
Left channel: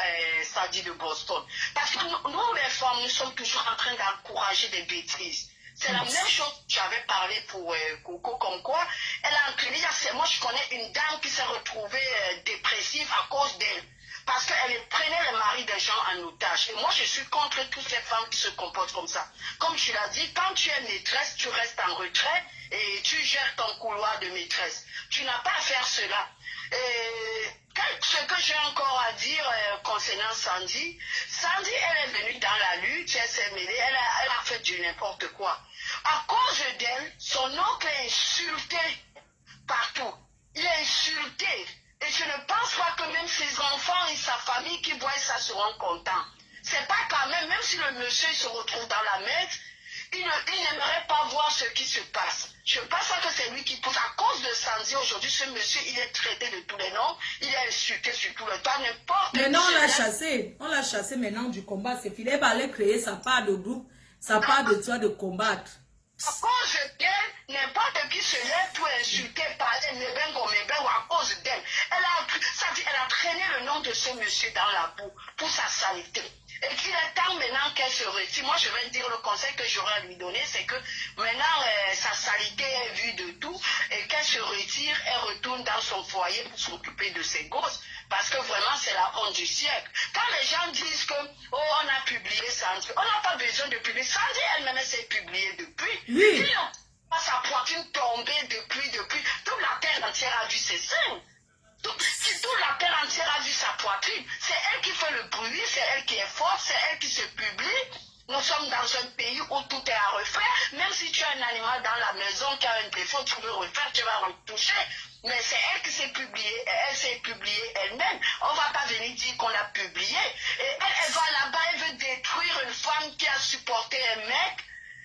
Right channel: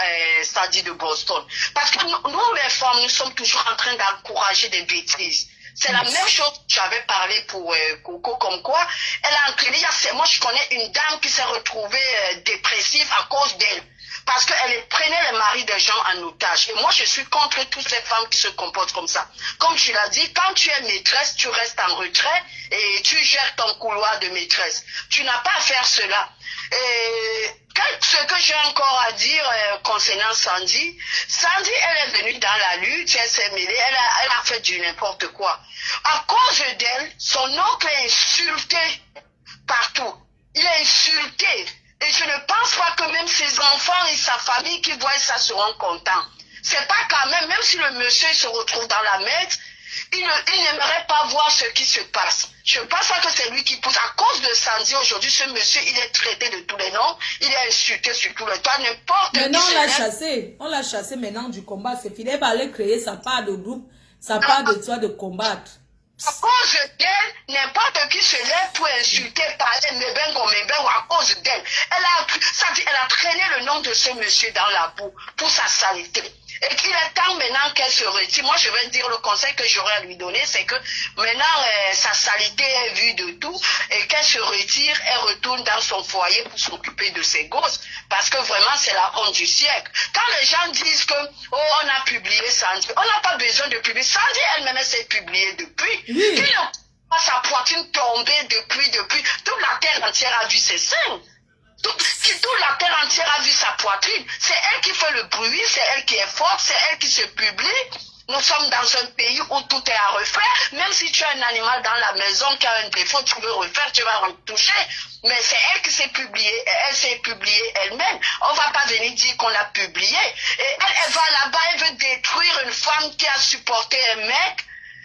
Sandy de Boston. Parce que nous, les femmes, nous sommes toujours en train d'encourager des bêtises. C'est la même chose que j'avais parlé pour Coco, comme quoi elle a entraîné. Moi, je connais une dame qui s'est retrouvée dépressive à cause d'elle. Parce qu'elle prenait les maris des gens en otage. Et moi, je suis contre toutes ces femmes qui se comportent comme ça. Comme tu l'as dit, quand tu es maîtresse, tu restes en retrait et tu gères ton couloir de maîtresse. Tu n'as pas à faire cela. Et ce que j'ai encore à dire concernant Sandy, Sandy, elle est venue dans la lutte, elle s'est mêlée, elle a fait du n'importe quoi. À cause d'elle, son oncle est insulté partout. Il est insulté. Et je ne pense pas que même ses enfants et sa famille qui voient ça seront contents. C'est pas quand même si le monsieur se retrouve dans la merde, il n'aimerait pas voir ce qui se passe. Je pense pas que c'est lui qui pousse. À cause de Sandy, aujourd'hui, ce monsieur, il est traité de tous les noms. Il est insulté sur tout le toit, n'importe qui. Maintenant, on l'a chassé. On l'a chassé maintenant du combat. C'est fini. Elle va aller créer sa part de groupe, sa part de toi de combattre. À cause d'elle, n'importe qui se lève pour insulter, parler, Mebengo, à cause d'elle. Elle a traîné le nom de ce monsieur dans la boue pour sa saleté. Et qu'il est temps maintenant qu'elle se retire. Moi, je vais dire le conseil que j'aurais à lui donner, c'est que maintenant, sa saleté est vue de tout et qu'elle se retire, elle retourne dans son foyer pour s'occuper de ses gosses. Parce que vraiment, c'est la honte du siècle. Quand les gens disent que, oh, on a publié Sandy, on n'a pas besoin de publier. Sandy elle-même, s'est publiée depuis. Oui. Sa poitrine tombée depuis. Toute la terre entière a vu ses seins. Toute la terre entière a vu sa poitrine. C'est elle qui fait le bruit, c'est elle qui est forte, c'est elle qui se publie. Nous sommes dans un pays où tout est à refaire. Même si tu as un animal dans la maison qui a un défaut, tu veux refaire, tu vas retoucher. Mais c'est elle qui s'est publiée. Elle s'est publiée elle-même. On ne va pas venir dire qu'on l'a publiée. Et elle va là-bas, elle veut détruire une femme qui a supporté un mec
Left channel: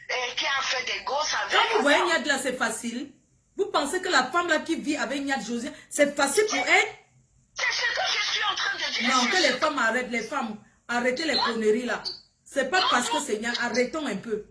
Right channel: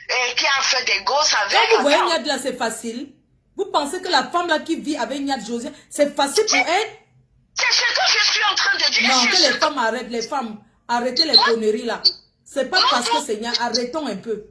et qui a fait des gosses avec. Quand vous voyez Niad là, c'est facile. Vous pensez que la femme là qui vit avec Niad José, c'est facile pour elle? C'est ce que je suis en train de dire. Non, que les femmes arrêtent, les femmes, arrêtez les conneries là. C'est pas parce que c'est Niad, arrêtons un peu.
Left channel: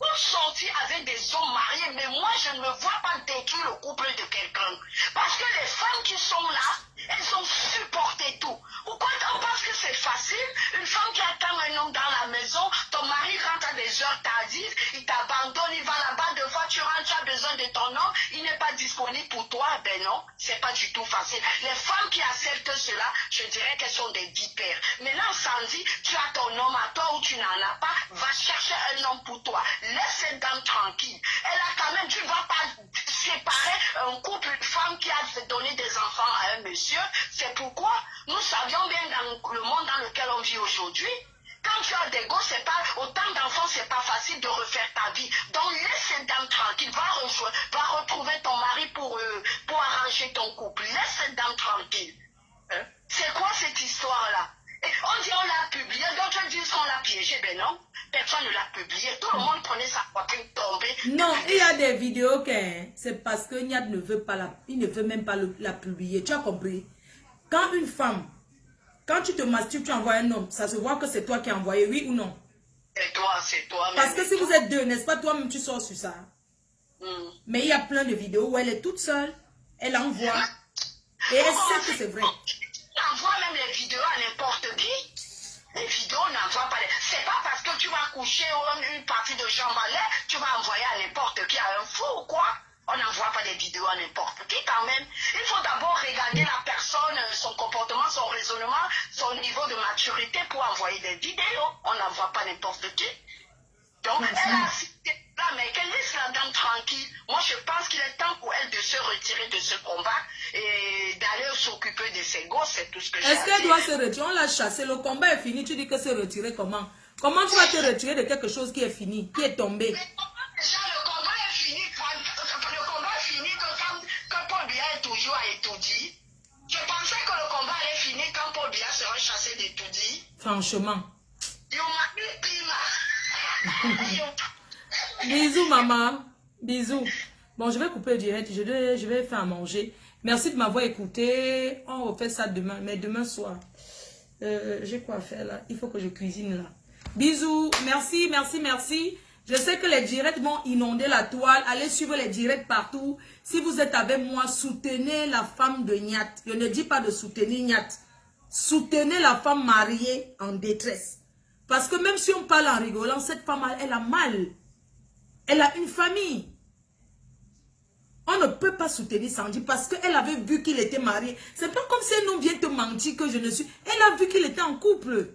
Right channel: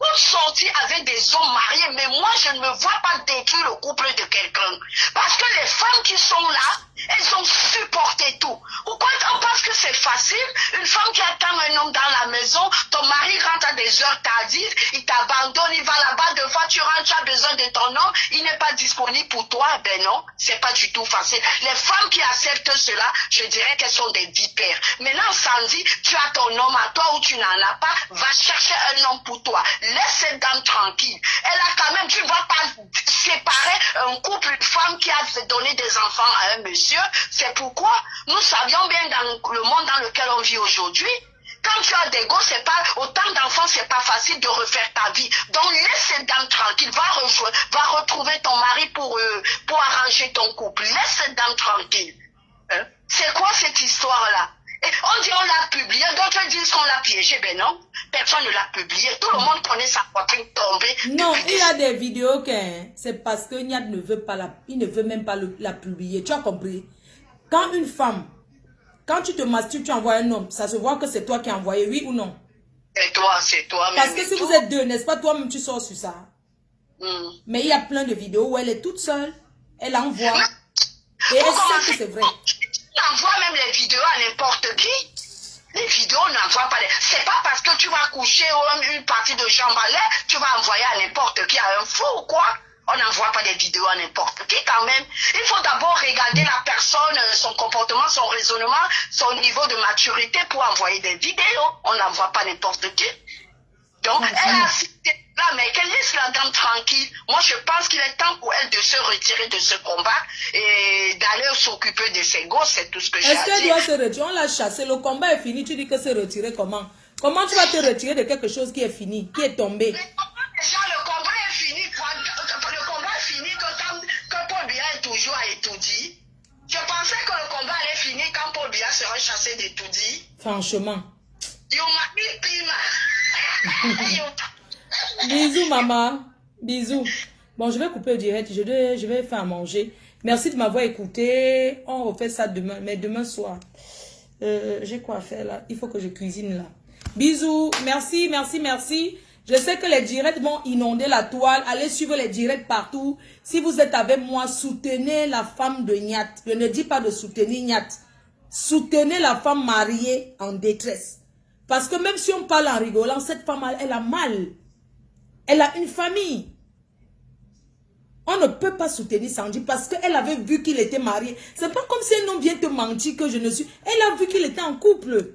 Vous sortir avec des hommes mariés, mais moi je ne me vois pas détruire le couple de quelqu'un. Parce que les femmes qui sont là, elles ont supporté tout. Pourquoi on pense que c'est facile? Une femme qui attend un homme dans la maison, ton mari rentre à des heures tardives, il t'abandonne, il va là-bas, deux fois tu rentres, tu as besoin de ton homme, il n'est pas disponible pour toi. Ben non, c'est pas du tout facile. Les femmes qui acceptent cela, je dirais qu'elles sont des vipères. Maintenant, Sandy, tu as ton homme à toi ou tu n'en as pas, va chercher un homme pour toi. Laisse cette dame tranquille. Elle a quand même, tu ne vas pas séparer un couple, une femme qui a donné des enfants à un monsieur. C'est pourquoi nous savions bien dans le monde dans lequel on vit aujourd'hui, quand tu as des gosses, c'est pas autant d'enfants, c'est pas facile de refaire ta vie. Donc laisse cette dame tranquille, va retrouver ton mari pour arranger ton couple. Laisse cette dame tranquille. Hein? C'est quoi cette histoire-là? Et on dit on l'a publié, d'autres disent qu'on l'a piégé. Ben non, personne ne l'a publié. Tout le monde connaît sa poitrine tombée. Non, il y a des vidéos que c'est parce que Niad ne veut pas il ne veut même pas la publier. Tu as compris? Quand une femme, quand tu te masturbes, tu envoies un homme, ça se voit que c'est toi qui as envoyé, oui ou non? C'est toi. Parce que si vous êtes deux, n'est-ce pas, toi-même tu sors sur ça. Mais il y a plein de vidéos où elle est toute seule, elle envoie, et elle sait que c'est vrai. On envoie même les vidéos à n'importe qui. Les vidéos n'envoient pas. C'est pas parce que tu vas coucher une partie de jambe à l'air, tu vas envoyer à n'importe qui, à un fou ou quoi. On n'envoie pas des vidéos à n'importe qui quand même. Il faut d'abord regarder la personne, son comportement, son raisonnement, son niveau de maturité pour envoyer des vidéos. On n'envoie pas n'importe qui. Donc, elle a cité là, mais qu'elle laisse la dame tranquille. Moi, je pense qu'il est temps pour elle de se retirer de ce combat et d'aller s'occuper de ses gosses. C'est tout ce que j'ai à dire. Est-ce qu'elle doit se retirer? On l'a chassé. Le combat est fini. Tu dis que se retirer comment? Comment tu vas te retirer de quelque chose qui est fini, qui est tombé? Le combat est fini. Le combat est fini quand Paul Biya est toujours à Etoudi. Je pensais que le combat allait finir quand Paul Biya serait chassé d'Etoudi. Franchement. You m'a mis pima. Bisous, maman. Bisous. Bon, je vais couper le direct. Je vais faire à manger. Merci de m'avoir écouté. On refait ça demain. Mais demain soir. J'ai quoi faire là? Il faut que je cuisine là. Bisous. Merci, merci, merci. Je sais que les directs vont inonder la toile. Allez suivre les directs partout. Si vous êtes avec moi, soutenez la femme de Niat. Je ne dis pas de soutenir Niat. Soutenez la femme mariée en détresse. Parce que même si on parle en rigolant, cette femme, elle a mal. Elle a une famille. On ne peut pas soutenir Sandy parce qu'elle avait vu qu'il était marié. C'est pas comme si un homme vient te mentir que je ne suis... Elle a vu qu'il était en couple.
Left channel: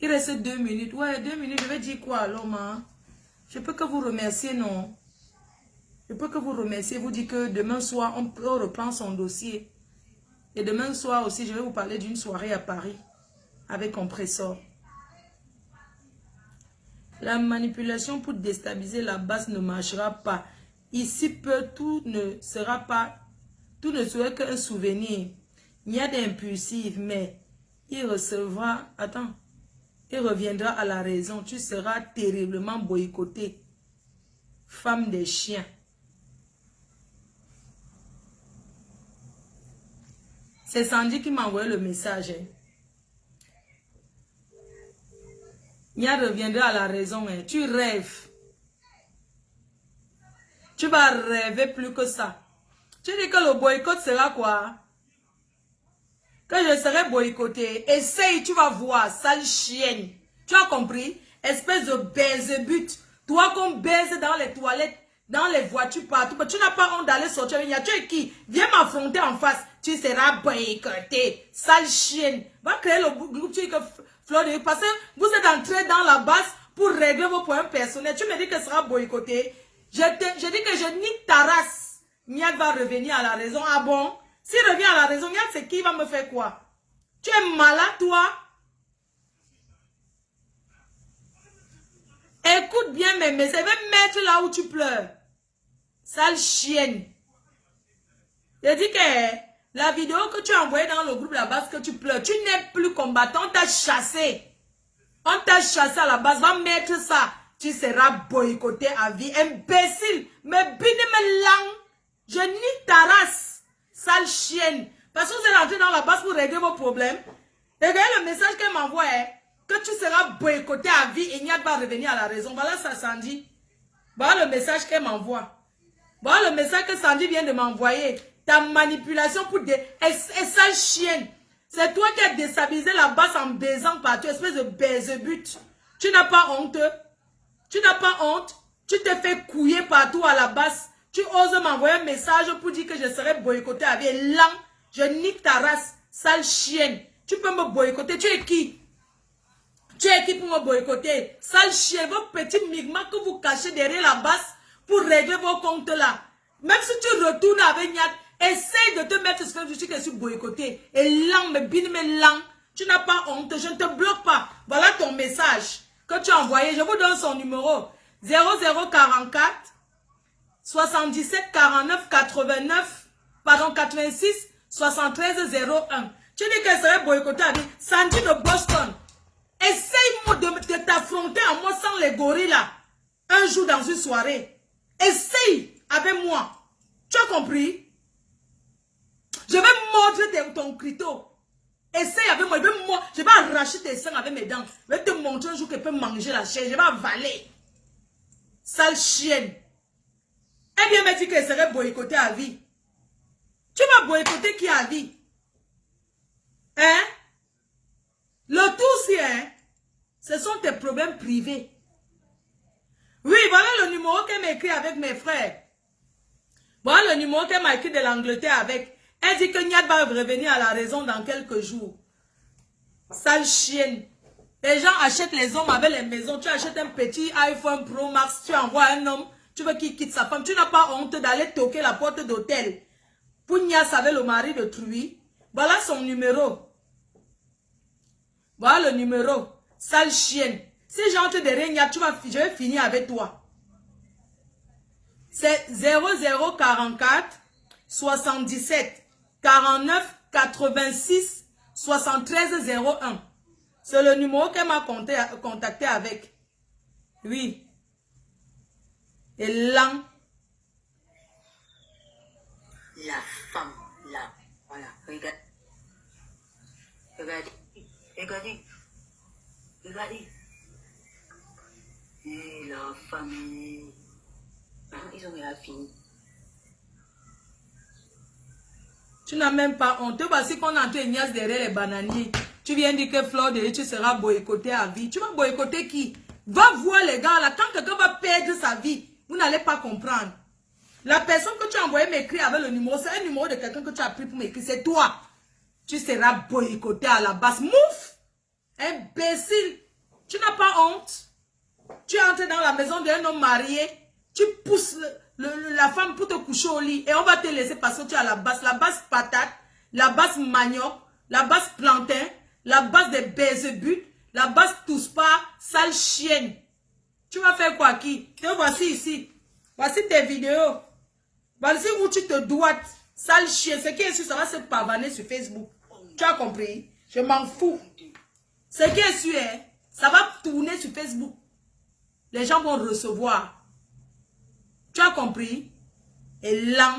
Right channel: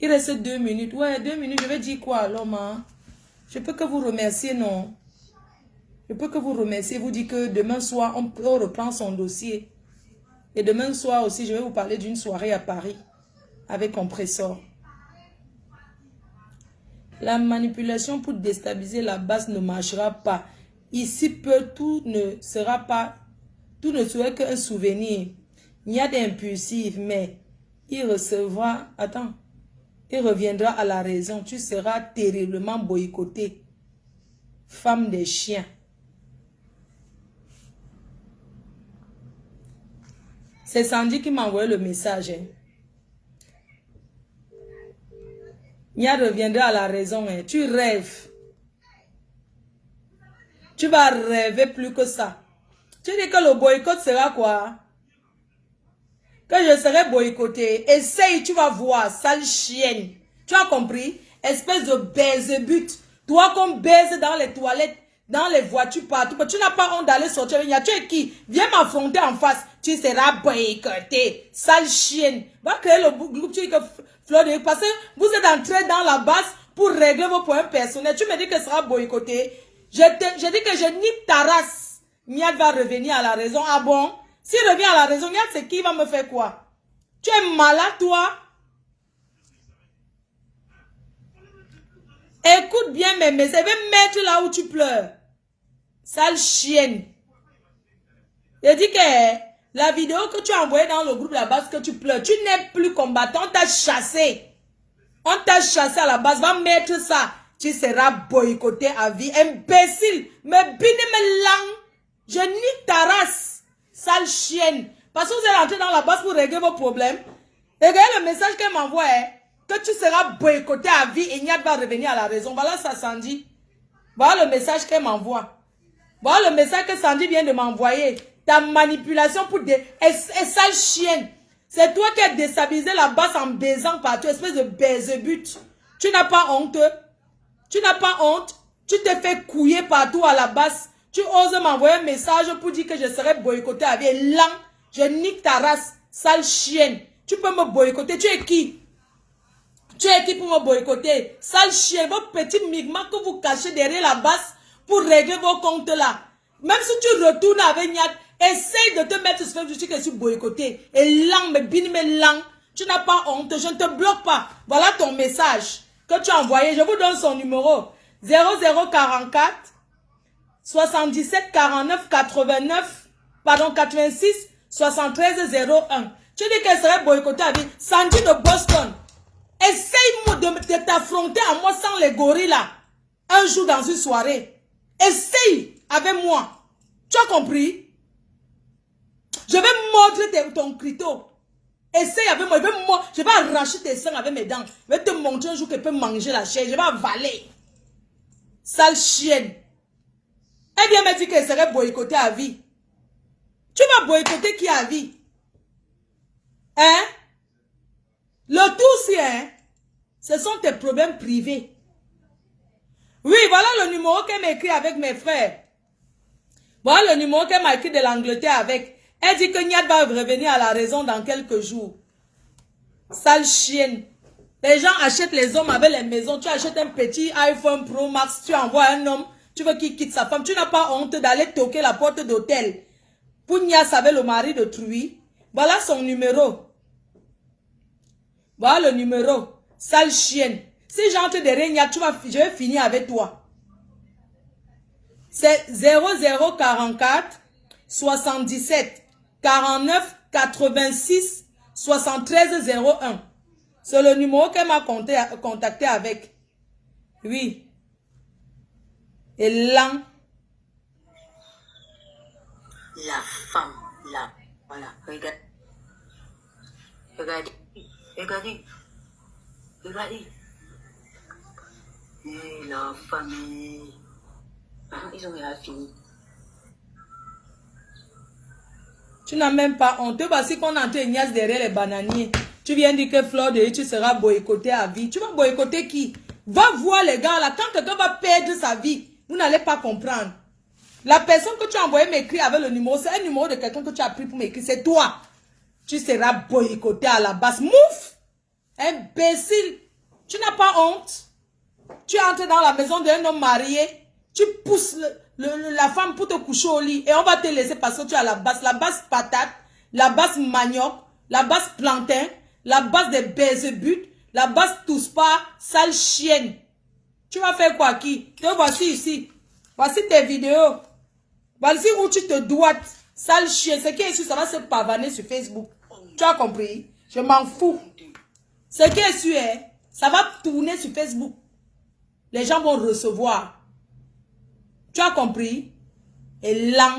Il reste 2 minutes. Ouais, 2 minutes. Je vais dire quoi alors, ma? Je peux que vous remercier, non? Je peux que vous remercier. Vous dire que demain soir, on reprend son dossier. Et demain soir aussi, je vais vous parler d'une soirée à Paris. Avec compresseur. La manipulation pour déstabiliser la base ne marchera pas. Ici, tout ne serait qu'un souvenir. Il y a des impulsifs, mais il recevra, il reviendra à la raison. Tu seras terriblement boycotté. Femme des chiens. C'est Sandy qui m'a envoyé le message. Hein. Nia reviendra à la raison. Hein. Tu rêves. Tu vas rêver plus que ça. Tu dis que le boycott sera quoi? Que je serai boycotté. Essaye, tu vas voir, sale chienne. Tu as compris? Espèce de baise-but. Toi qu'on baise dans les toilettes, dans les voitures, partout. Tu n'as pas honte d'aller sortir. Tu es qui? Viens m'affronter en face. Tu seras boycotté. Sale chienne. Va créer le groupe. Tu dis que Fleur, parce que vous êtes entré dans la base pour régler vos points personnels. Tu me dis que ça sera boycotté. Je dis que je nique ta race. Niad va revenir à la raison. Ah bon? S'il revient à la raison, Niad, c'est qui va me faire quoi? Tu es malade, toi? Écoute bien mes messages. Je vais mettre là où tu pleures. Sale chienne. Je dis que la vidéo que tu as envoyée dans le groupe de la base que tu pleures, tu n'es plus combattant. On t'a chassé. On t'a chassé à la base. Va mettre ça. Tu seras boycotté à vie. Imbécile. Mais bine me lang. Je nique ta race. Sale chienne. Parce que vous êtes rentré dans la base pour régler vos problèmes. Regardez le message qu'elle m'envoie. Que tu seras boycotté à vie et Niad va revenir à la raison. Voilà ça, Sandy. Voilà le message qu'elle m'envoie. Voilà le message que Sandy vient de m'envoyer. Ta manipulation pour des... Et sale chienne. C'est toi qui as déstabilisé la base en baisant partout. Espèce de baise-but. Tu n'as pas honte. Tu n'as pas honte. Tu te fais couiller partout à la base. Tu oses m'envoyer un message pour dire que je serai boycotté à vie. Et là, je nique ta race. Sale chienne. Tu peux me boycotter. Tu es qui? Tu es qui pour me boycotter? Sale chienne. Vos petits migmas que vous cachez derrière la base pour régler vos comptes là. Même si tu retournes avec Niad, essaye de te mettre sur Facebook que je suis boycotté. Et là, mais bin, mais là, tu n'as pas honte. Je ne te bloque pas. Voilà ton message que tu as envoyé. Je vous donne son numéro. 0044 77 49 89 pardon 86 73 01. Tu dis qu'elle serait boycottée avec Sandy de Boston. Essaye de t'affronter à moi sans les gorilles là. Un jour dans une soirée. Essaye avec moi. Tu as compris? Je vais mordre ton clito. Essaye avec moi. Je vais arracher tes seins avec mes dents. Je vais te montrer un jour qu'elle peut manger la chair. Je vais avaler. Sale chienne. Elle vient me dire qu'elle serait boycottée à vie. Tu vas boycotter qui à vie? Hein? Le tout, c'est hein? Ce sont tes problèmes privés. Oui, voilà le numéro qu'elle m'a écrit avec mes frères. Voilà le numéro qu'elle m'a écrit de l'Angleterre avec. Elle dit que Niad va revenir à la raison dans quelques jours. Sale chienne. Les gens achètent les hommes avec les maisons. Tu achètes un petit iPhone Pro Max. Tu envoies un homme. Tu veux qu'il quitte sa femme. Tu n'as pas honte d'aller toquer la porte d'hôtel. Pour Nias avec le mari de Truy. Voilà son numéro. Voilà le numéro. Sale chienne. Si j'entre derrière Nias, je vais finir avec toi. C'est 0044 77 49 86 73 01. C'est le numéro qu'elle m'a contacté avec. Oui. Et là. La femme, là. Voilà. Regarde. Regardez. Regardez. Regardez. Et la famille. Ils ont rien fini. Tu n'as même pas honte. Voici qu'on a entré Nias derrière les bananiers. Tu viens dire que Fleur de tu seras boycotté à vie. Tu vas boycotter qui? Va voir les gars là. Quand quelqu'un va perdre sa vie, vous n'allez pas comprendre. La personne que tu as envoyé m'écrire avec le numéro, c'est un numéro de quelqu'un que tu as pris pour m'écrire. C'est toi. Tu seras boycotté à la base. Mouf! Imbécile. Tu n'as pas honte. Tu entres dans la maison d'un homme marié. Tu pousses la femme pour te coucher au lit. Et on va te laisser parce que tu as la base. La base patate. La base manioc. La base plantain. La base des baise-but. La base tous pas. Sale chienne. Tu vas faire quoi qui? Te voici ici. Voici tes vidéos. Voici où tu te doites. Sale chienne. Ce qui est sûr, ça va se pavaner sur Facebook. Tu as compris? Je m'en fous. Ce qui est sûr, ça va tourner sur Facebook. Les gens vont recevoir. Tu as compris? Et là.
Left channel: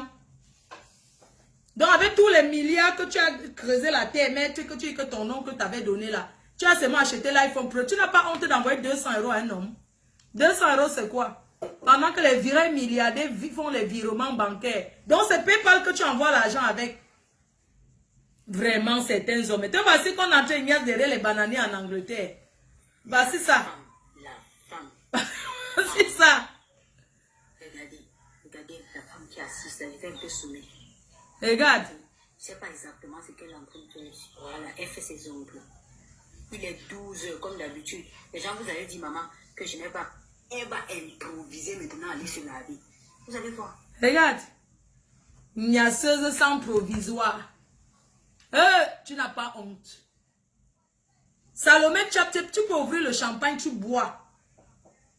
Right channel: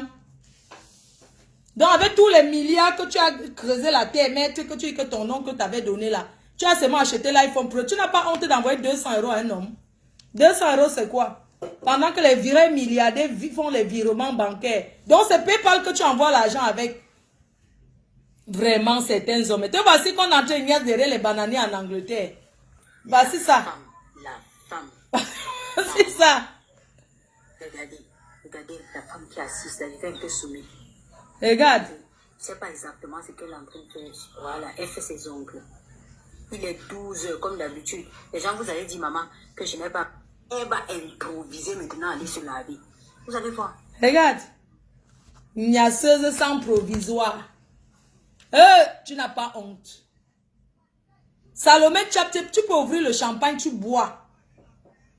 Donc avec tous les milliards que tu as creusé la terre, maître, que tu dis que ton nom que tu avais donné là, tu as seulement acheté l'iPhone Pro. Tu n'as pas honte d'envoyer 200 € à un homme. 200 € c'est quoi? Pendant que les vrais milliardaires font les virements bancaires. Donc c'est PayPal que tu envoies l'argent avec. Vraiment certains hommes. Et voici qu'on a traîné derrière les bananiers en Angleterre. Voici ça. La femme. C'est ça. Regardez la femme qui est assise, elle est un peu soumise. Regarde. Je ne sais pas exactement ce qu'elle est en train de faire. Voilà, elle fait ses ongles. Il est 12 heures, comme d'habitude. Les gens vous allez dire, maman, que je n'ai pas. Elle va improviser maintenant, aller se laver. Vous allez voir. Regarde. Niaiseuse sans provisoire. Tu n'as pas honte. Salomé, tu peux ouvrir le champagne, tu bois.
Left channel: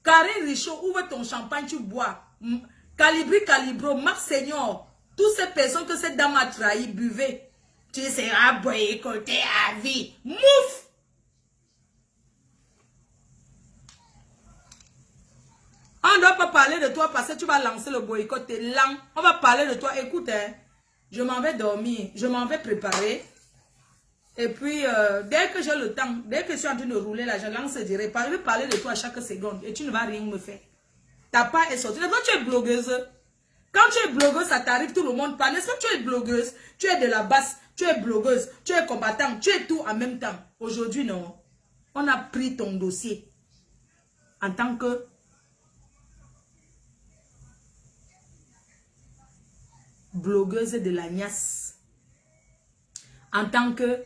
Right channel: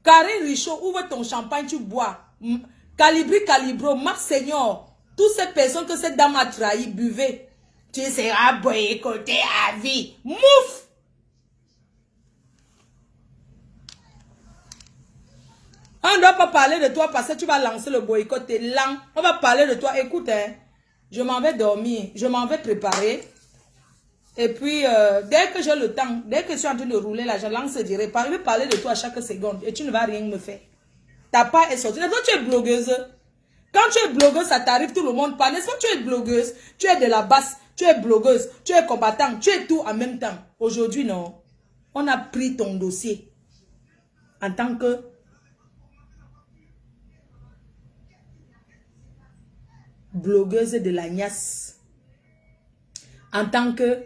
Karine Richaud, ouvre ton champagne, tu bois. Calibri, Calibro, Marc Seigneur. Toutes ces personnes que cette dame a trahi, buvez. Tu seras boycotté à vie. Mouf! On ne doit pas parler de toi parce que tu vas lancer le boycott. T'es lent. On va parler de toi. Écoute, hein, je m'en vais dormir. Je m'en vais préparer. Et puis, dès que j'ai le temps, dès que je suis en train de rouler là, je lance direct. Je vais parler de toi à chaque seconde. Et tu ne vas rien me faire. Ta part est sortie. Toi, tu es blogueuse. Quand tu es blogueuse, ça t'arrive, tout le monde parle. N'est-ce pas que tu es blogueuse? Tu es de la basse. Tu es blogueuse. Tu es combattant. Tu es tout en même temps. Aujourd'hui, non. On a pris ton dossier. En tant que blogueuse de la Niasse, en tant que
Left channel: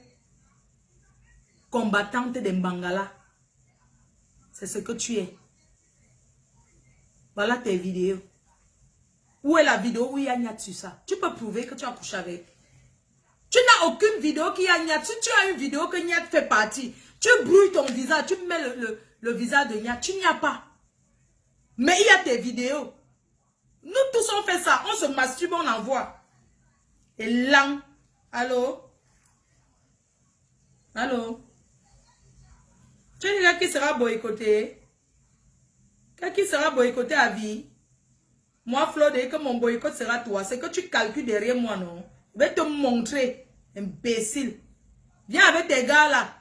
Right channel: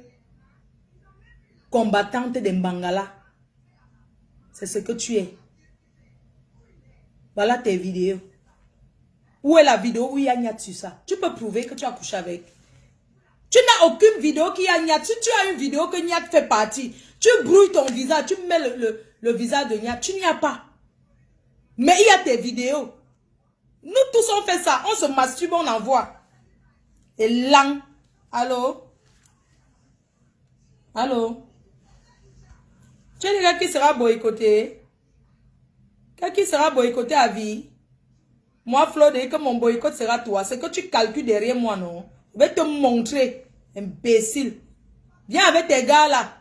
combattante de Mbangala. C'est ce que tu es. Voilà tes vidéos. Où est la vidéo où il y a Niat sur ça? Tu peux prouver que tu as couché avec. Tu n'as aucune vidéo qui a Niat. Si tu as une vidéo que Niat fait partie, tu brouilles ton visage, tu mets le visage de Niat. Tu n'y as pas. Mais il y a tes vidéos. Nous tous on fait ça. On se masturbe, on envoie. Et là, allô? Allô? Tu es le gars qui sera boycotté? Qui sera boycotté à vie? Moi, Flo, dès que mon boycott sera toi, c'est que tu calcules derrière moi, non? Je vais te montrer, imbécile. Viens avec tes gars là.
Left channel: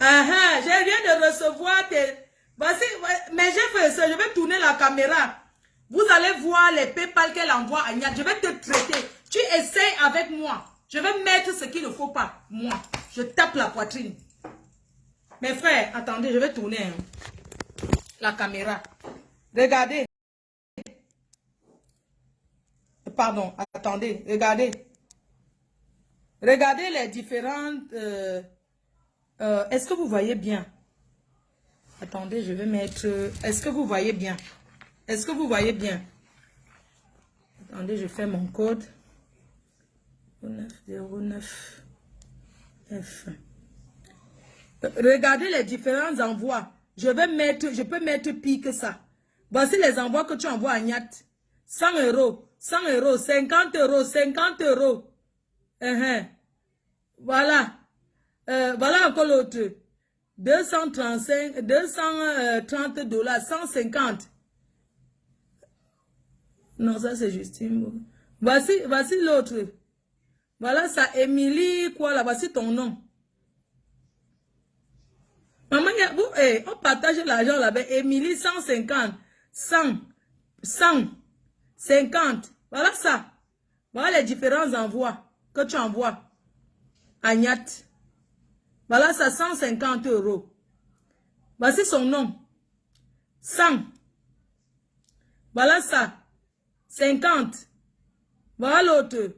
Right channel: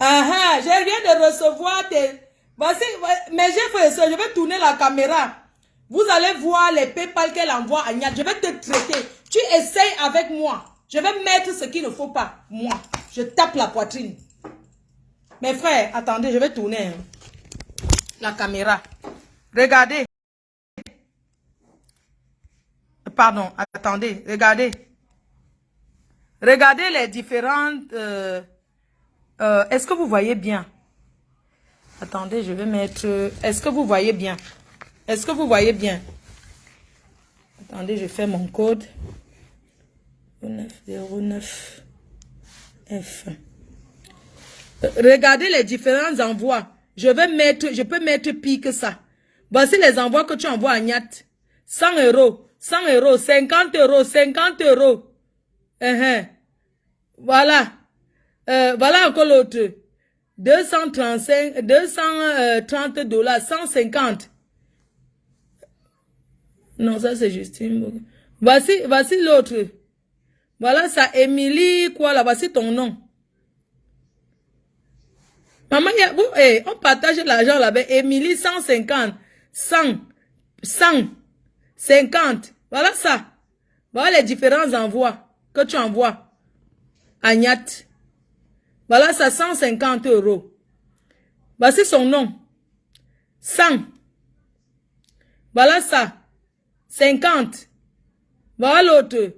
Je viens de recevoir tes... Voici, mais j'ai fait ça, je vais tourner la caméra. Vous allez voir les PayPal qu'elle envoie à Niat. Je vais te traiter. Tu essayes avec moi. Je vais mettre ce qu'il ne faut pas. Moi, je tape la poitrine. Mes frères, attendez, je vais tourner la caméra. Regardez. Pardon, attendez, regardez. Regardez les différentes... est-ce que vous voyez bien? Attendez, je vais mettre... Est-ce que vous voyez bien? Est-ce que vous voyez bien? Attendez, je fais mon code. 909 F. Regardez les différents envois. Je peux mettre pire que ça. Voici les envois que tu envoies à Niat. 100 €, 100 €, 50 €, 50 €. Voilà. Voilà encore l'autre. 230 $, 150. Non, ça c'est Justine. Voici l'autre. Voilà ça, Émilie, quoi là, voici ton nom. Maman, on partage l'argent là-bas. Émilie, 150, 100, 50. Voilà ça. Voilà les différents envois que tu envoies à Niat. Voilà ça, 150 €. Voici son nom. 100. Voilà ça. 50. Voilà l'autre.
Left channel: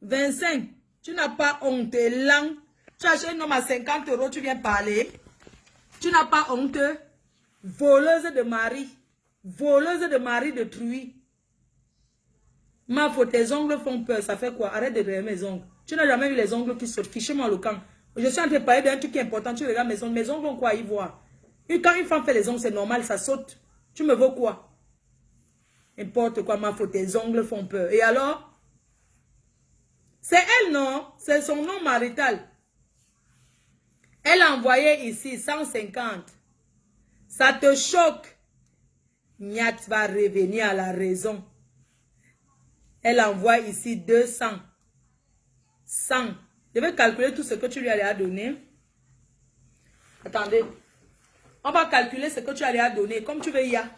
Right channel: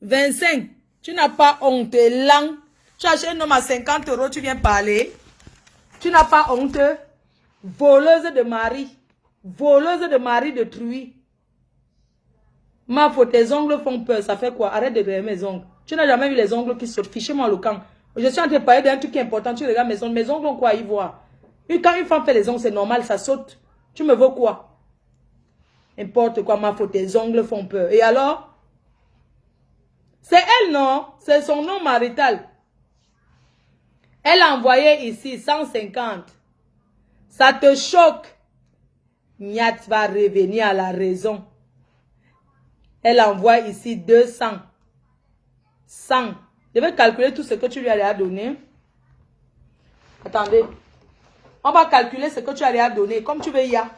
25. Tu n'as pas honte. Lang. Tu achètes un homme à 50 €, tu viens parler. Tu n'as pas honte. Voleuse de mari. Voleuse de mari d'autrui. Ma faute, tes ongles font peur. Ça fait quoi? Arrête de regarder mes ongles. Tu n'as jamais vu les ongles qui sortent. Fichez-moi le camp. Je suis en train de parler d'un truc qui est important. Tu regardes mes ongles. Mes ongles ont quoi à y voir? Quand une femme fait les ongles, c'est normal, ça saute. Tu me veux quoi? N'importe quoi, ma faute, tes ongles font peur. Et alors? C'est elle, non? C'est son nom marital. Elle a envoyé ici 150. Ça te choque? Niat va revenir à la raison. Elle envoie ici 200. 100. Je vais calculer tout ce que tu lui as donné. Attendez. On va calculer ce que tu as donné. Comme tu veux, il y a.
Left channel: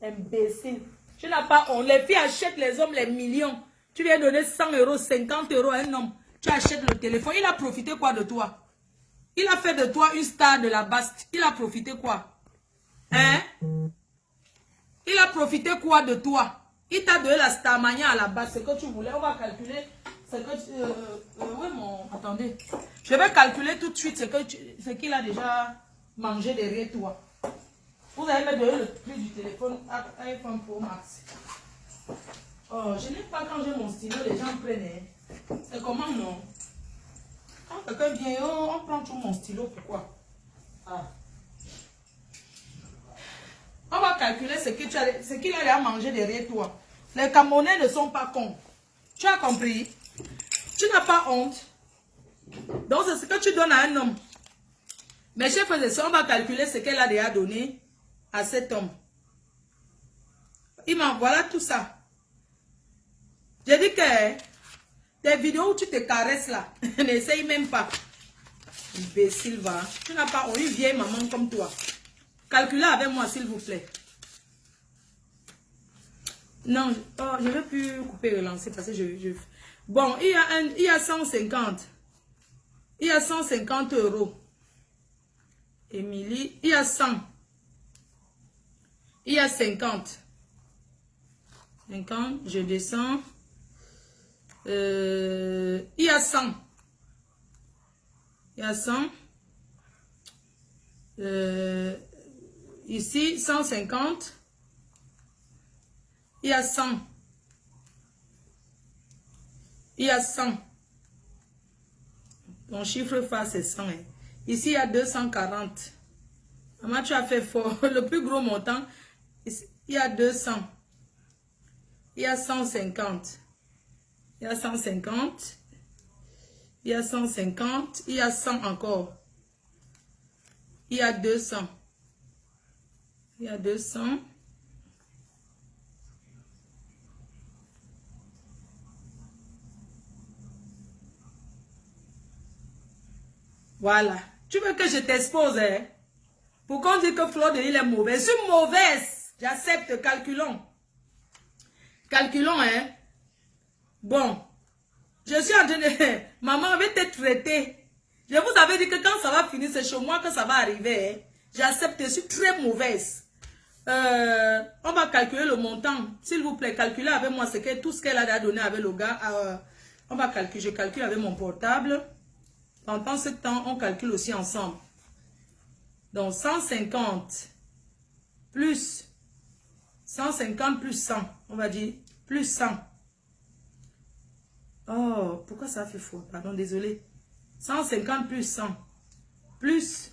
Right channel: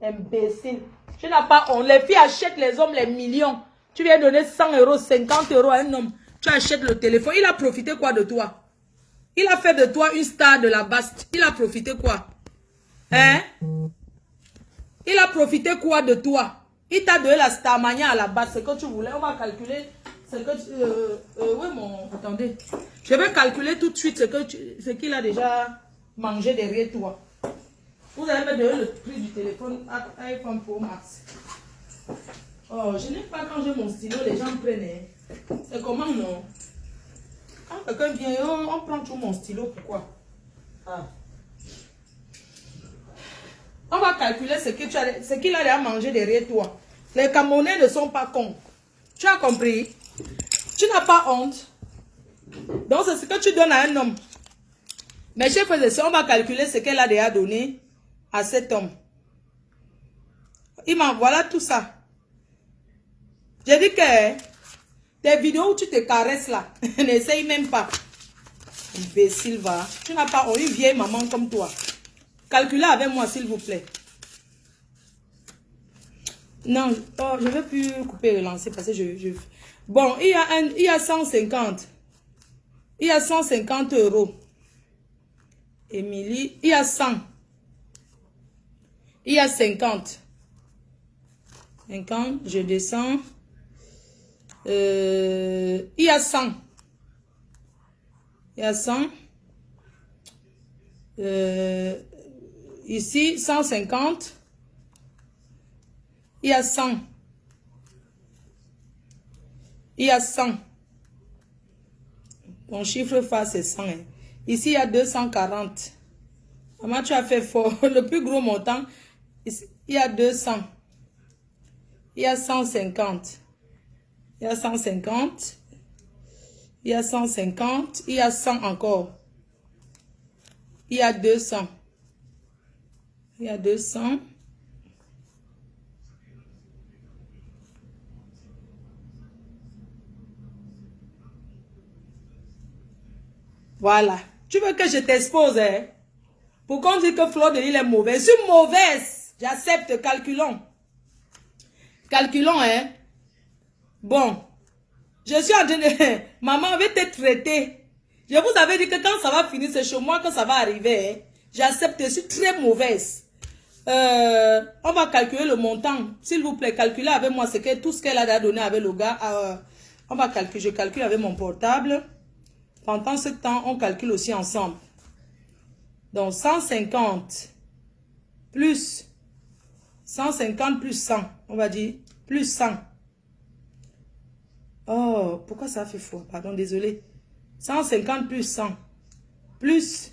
Imbécile. Tu n'as pas honte. Les filles achètent les hommes les millions. Tu viens donner 100 euros, 50 euros à un homme. Tu achètes le téléphone. Il a profité quoi de toi? Il a fait de toi une star de la baste. Il a profité quoi? Hein? Il a profité quoi de toi? Il t'a donné la starmania à la base, ce que tu voulais. On va calculer ce que oui, mon... Attendez. Je vais calculer tout de suite ce qu'il a déjà mangé derrière toi. Vous avez me donné le prix du téléphone iPhone Pro Max. Oh, je n'ai pas quand j'ai mon stylo, les gens prennent. C'est comment, non? Quand quelqu'un vient, on prend tout mon stylo, pourquoi? Ah. On va calculer ce qu'il a déjà mangé derrière toi. Les Camerounais ne sont pas cons. Tu as compris? Tu n'as pas honte. Donc, c'est ce que tu donnes à un homme. Mes chers frères et sœurs, on va calculer ce qu'elle a déjà donné à cet homme. Il m'envoie tout ça. J'ai dit que des vidéos où tu te caresses là, n'essaye même pas. Imbécile, va. Tu n'as pas une vieille maman comme toi. Calculez avec moi, s'il vous plaît. Non, je ne vais plus couper et relancer parce que Bon, il y a 150. Il y a 150 euros. Émilie, il y a 100. Il y a 50. 50, je descends. Il y a 100. Il y a 100. Ici, 150. Il y a 100. Il y a 100. Ton chiffre face c'est 100. Hein. Ici, il y a 240. Maman, tu as fait fort. Le plus gros montant, ici, il y a 200. Il y a 150. Il y a 150. Il y a 150. Il y a 100 encore. Il y a 200. Il y a 200. Voilà. Tu veux que je t'expose, hein? Pour qu'on dise que Fleur de Lys est mauvaise. Je suis mauvaise. J'accepte. Calculons. Calculons, hein? Bon. Je suis en train de... Maman avait été traitée. Je vous avais dit que quand ça va finir, c'est chez moi que ça va arriver. Hein? J'accepte. Je suis très mauvaise. On va calculer le montant. S'il vous plaît, calculez avec moi tout ce qu'elle a donné avec le gars. On va calculer. Je calcule avec mon portable. Pendant ce temps, on calcule aussi ensemble. Donc, 150 plus 150 plus 100. On va dire plus 100. Oh, pourquoi ça fait faux? Pardon, désolé. 150 plus 100. Plus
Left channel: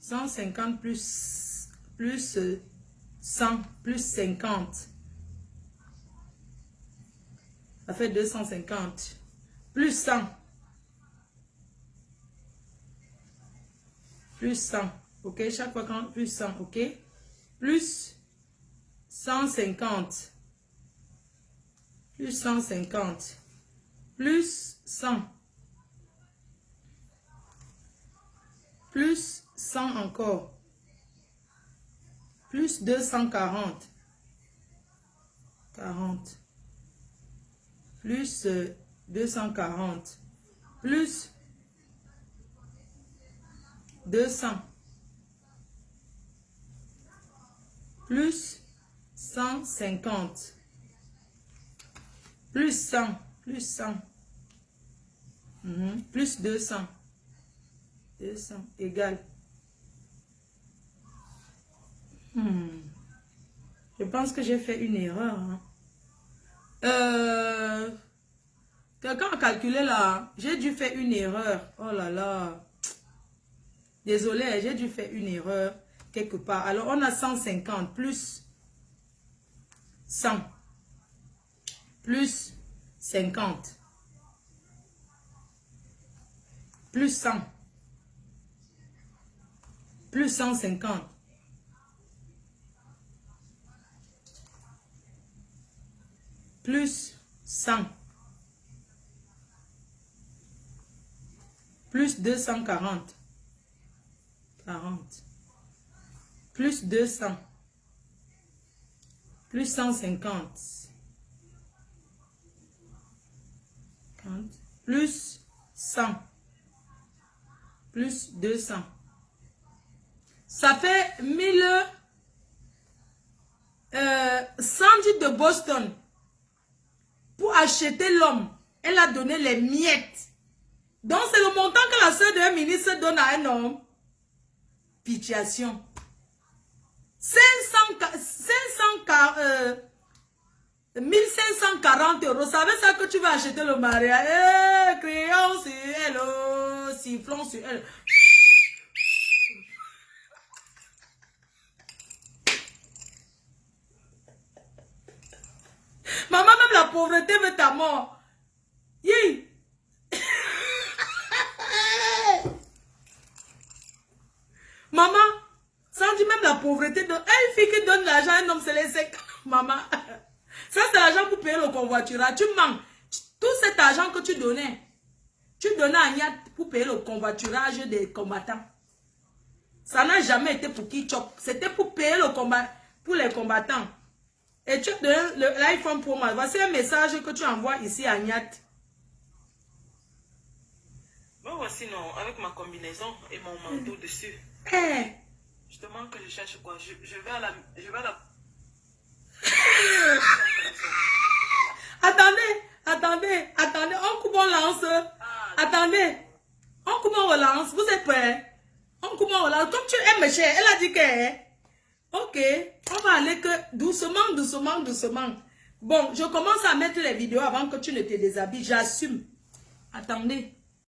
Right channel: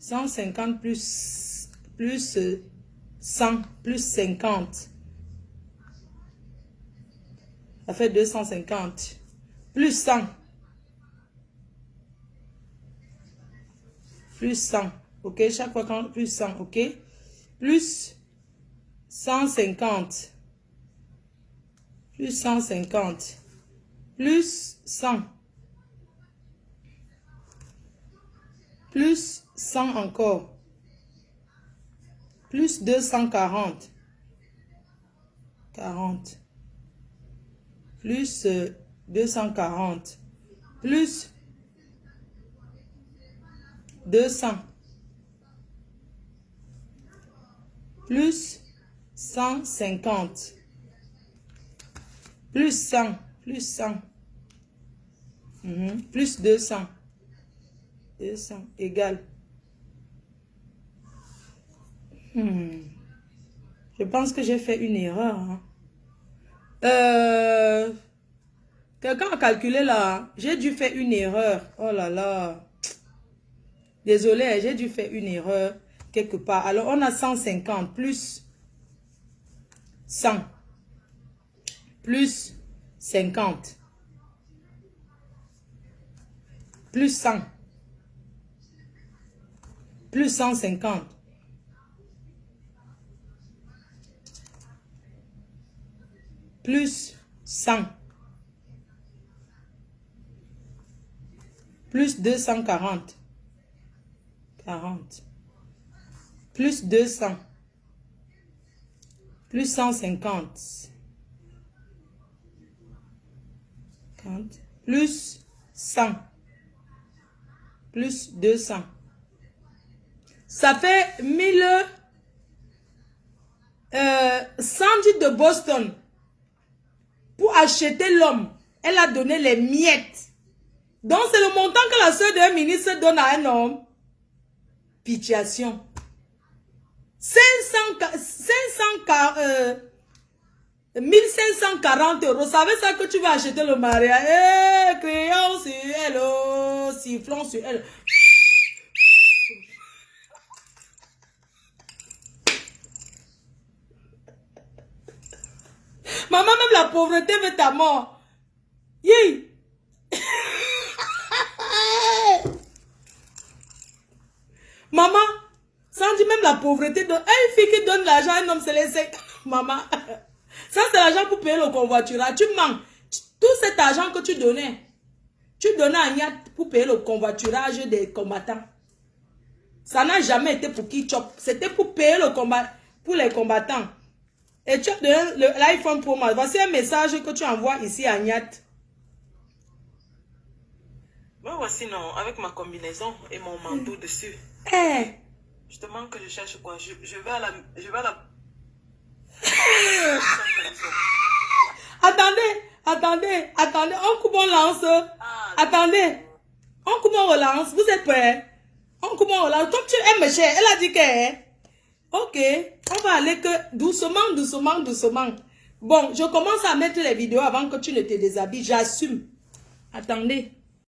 150 plus 100 plus 50. Ça fait 250. Plus 100. Plus 100, ok? Chaque fois quand plus 100, ok? Plus 150. Plus 150. Plus 100. Plus 100 encore. Plus 240. 40. Plus 240. Plus 200 plus 150 plus 100 plus 100 plus 200 égale je pense que j'ai fait une erreur hein. Quelqu'un a calculé là, j'ai dû faire une erreur. Oh là là. Désolé, j'ai dû faire une erreur quelque part. Alors, on a 150 plus 100 plus 50 plus 100 plus 150 plus 100 plus 240 40. Plus 200. Plus 150. 40. Plus 100. Plus 200. Ça fait 1000... Sandy de Boston. Pour acheter l'homme, elle a donné les miettes. Donc c'est le montant que la soeur d'un ministre donne à un homme. Pitiation. 1540 euros. Savez ça que tu vas acheter le mariage? Crayon sur elle, sifflons sur elle. Maman, même la pauvreté veut ta mort. Yeah. Maman, Sandy, même la pauvreté, une fille qui donne l'argent à un homme, c'est les 5. Maman, ça c'est l'argent pour payer le convoiturage. Tu manques. Tout cet argent que tu donnais à Niat pour payer le convoiturage des combattants. Ça n'a jamais été pour qui chop. C'était pour payer le combat, pour les combattants. Et tu as donné l'iPhone Pro Max. Voici un message que tu envoies ici à Niat. Moi voici non, avec ma combinaison et mon manteau dessus. Je te demande que je cherche quoi. Je vais à la... Attendez. On coupe, on lance. Attendez. On coupe, on relance. Vous êtes prêts? On coupe, on relance. Comme tu aimes, cher, elle a dit que... Ok, on va aller que doucement. Bon, je commence à mettre les vidéos avant que tu ne te déshabilles. J'assume. Attendez.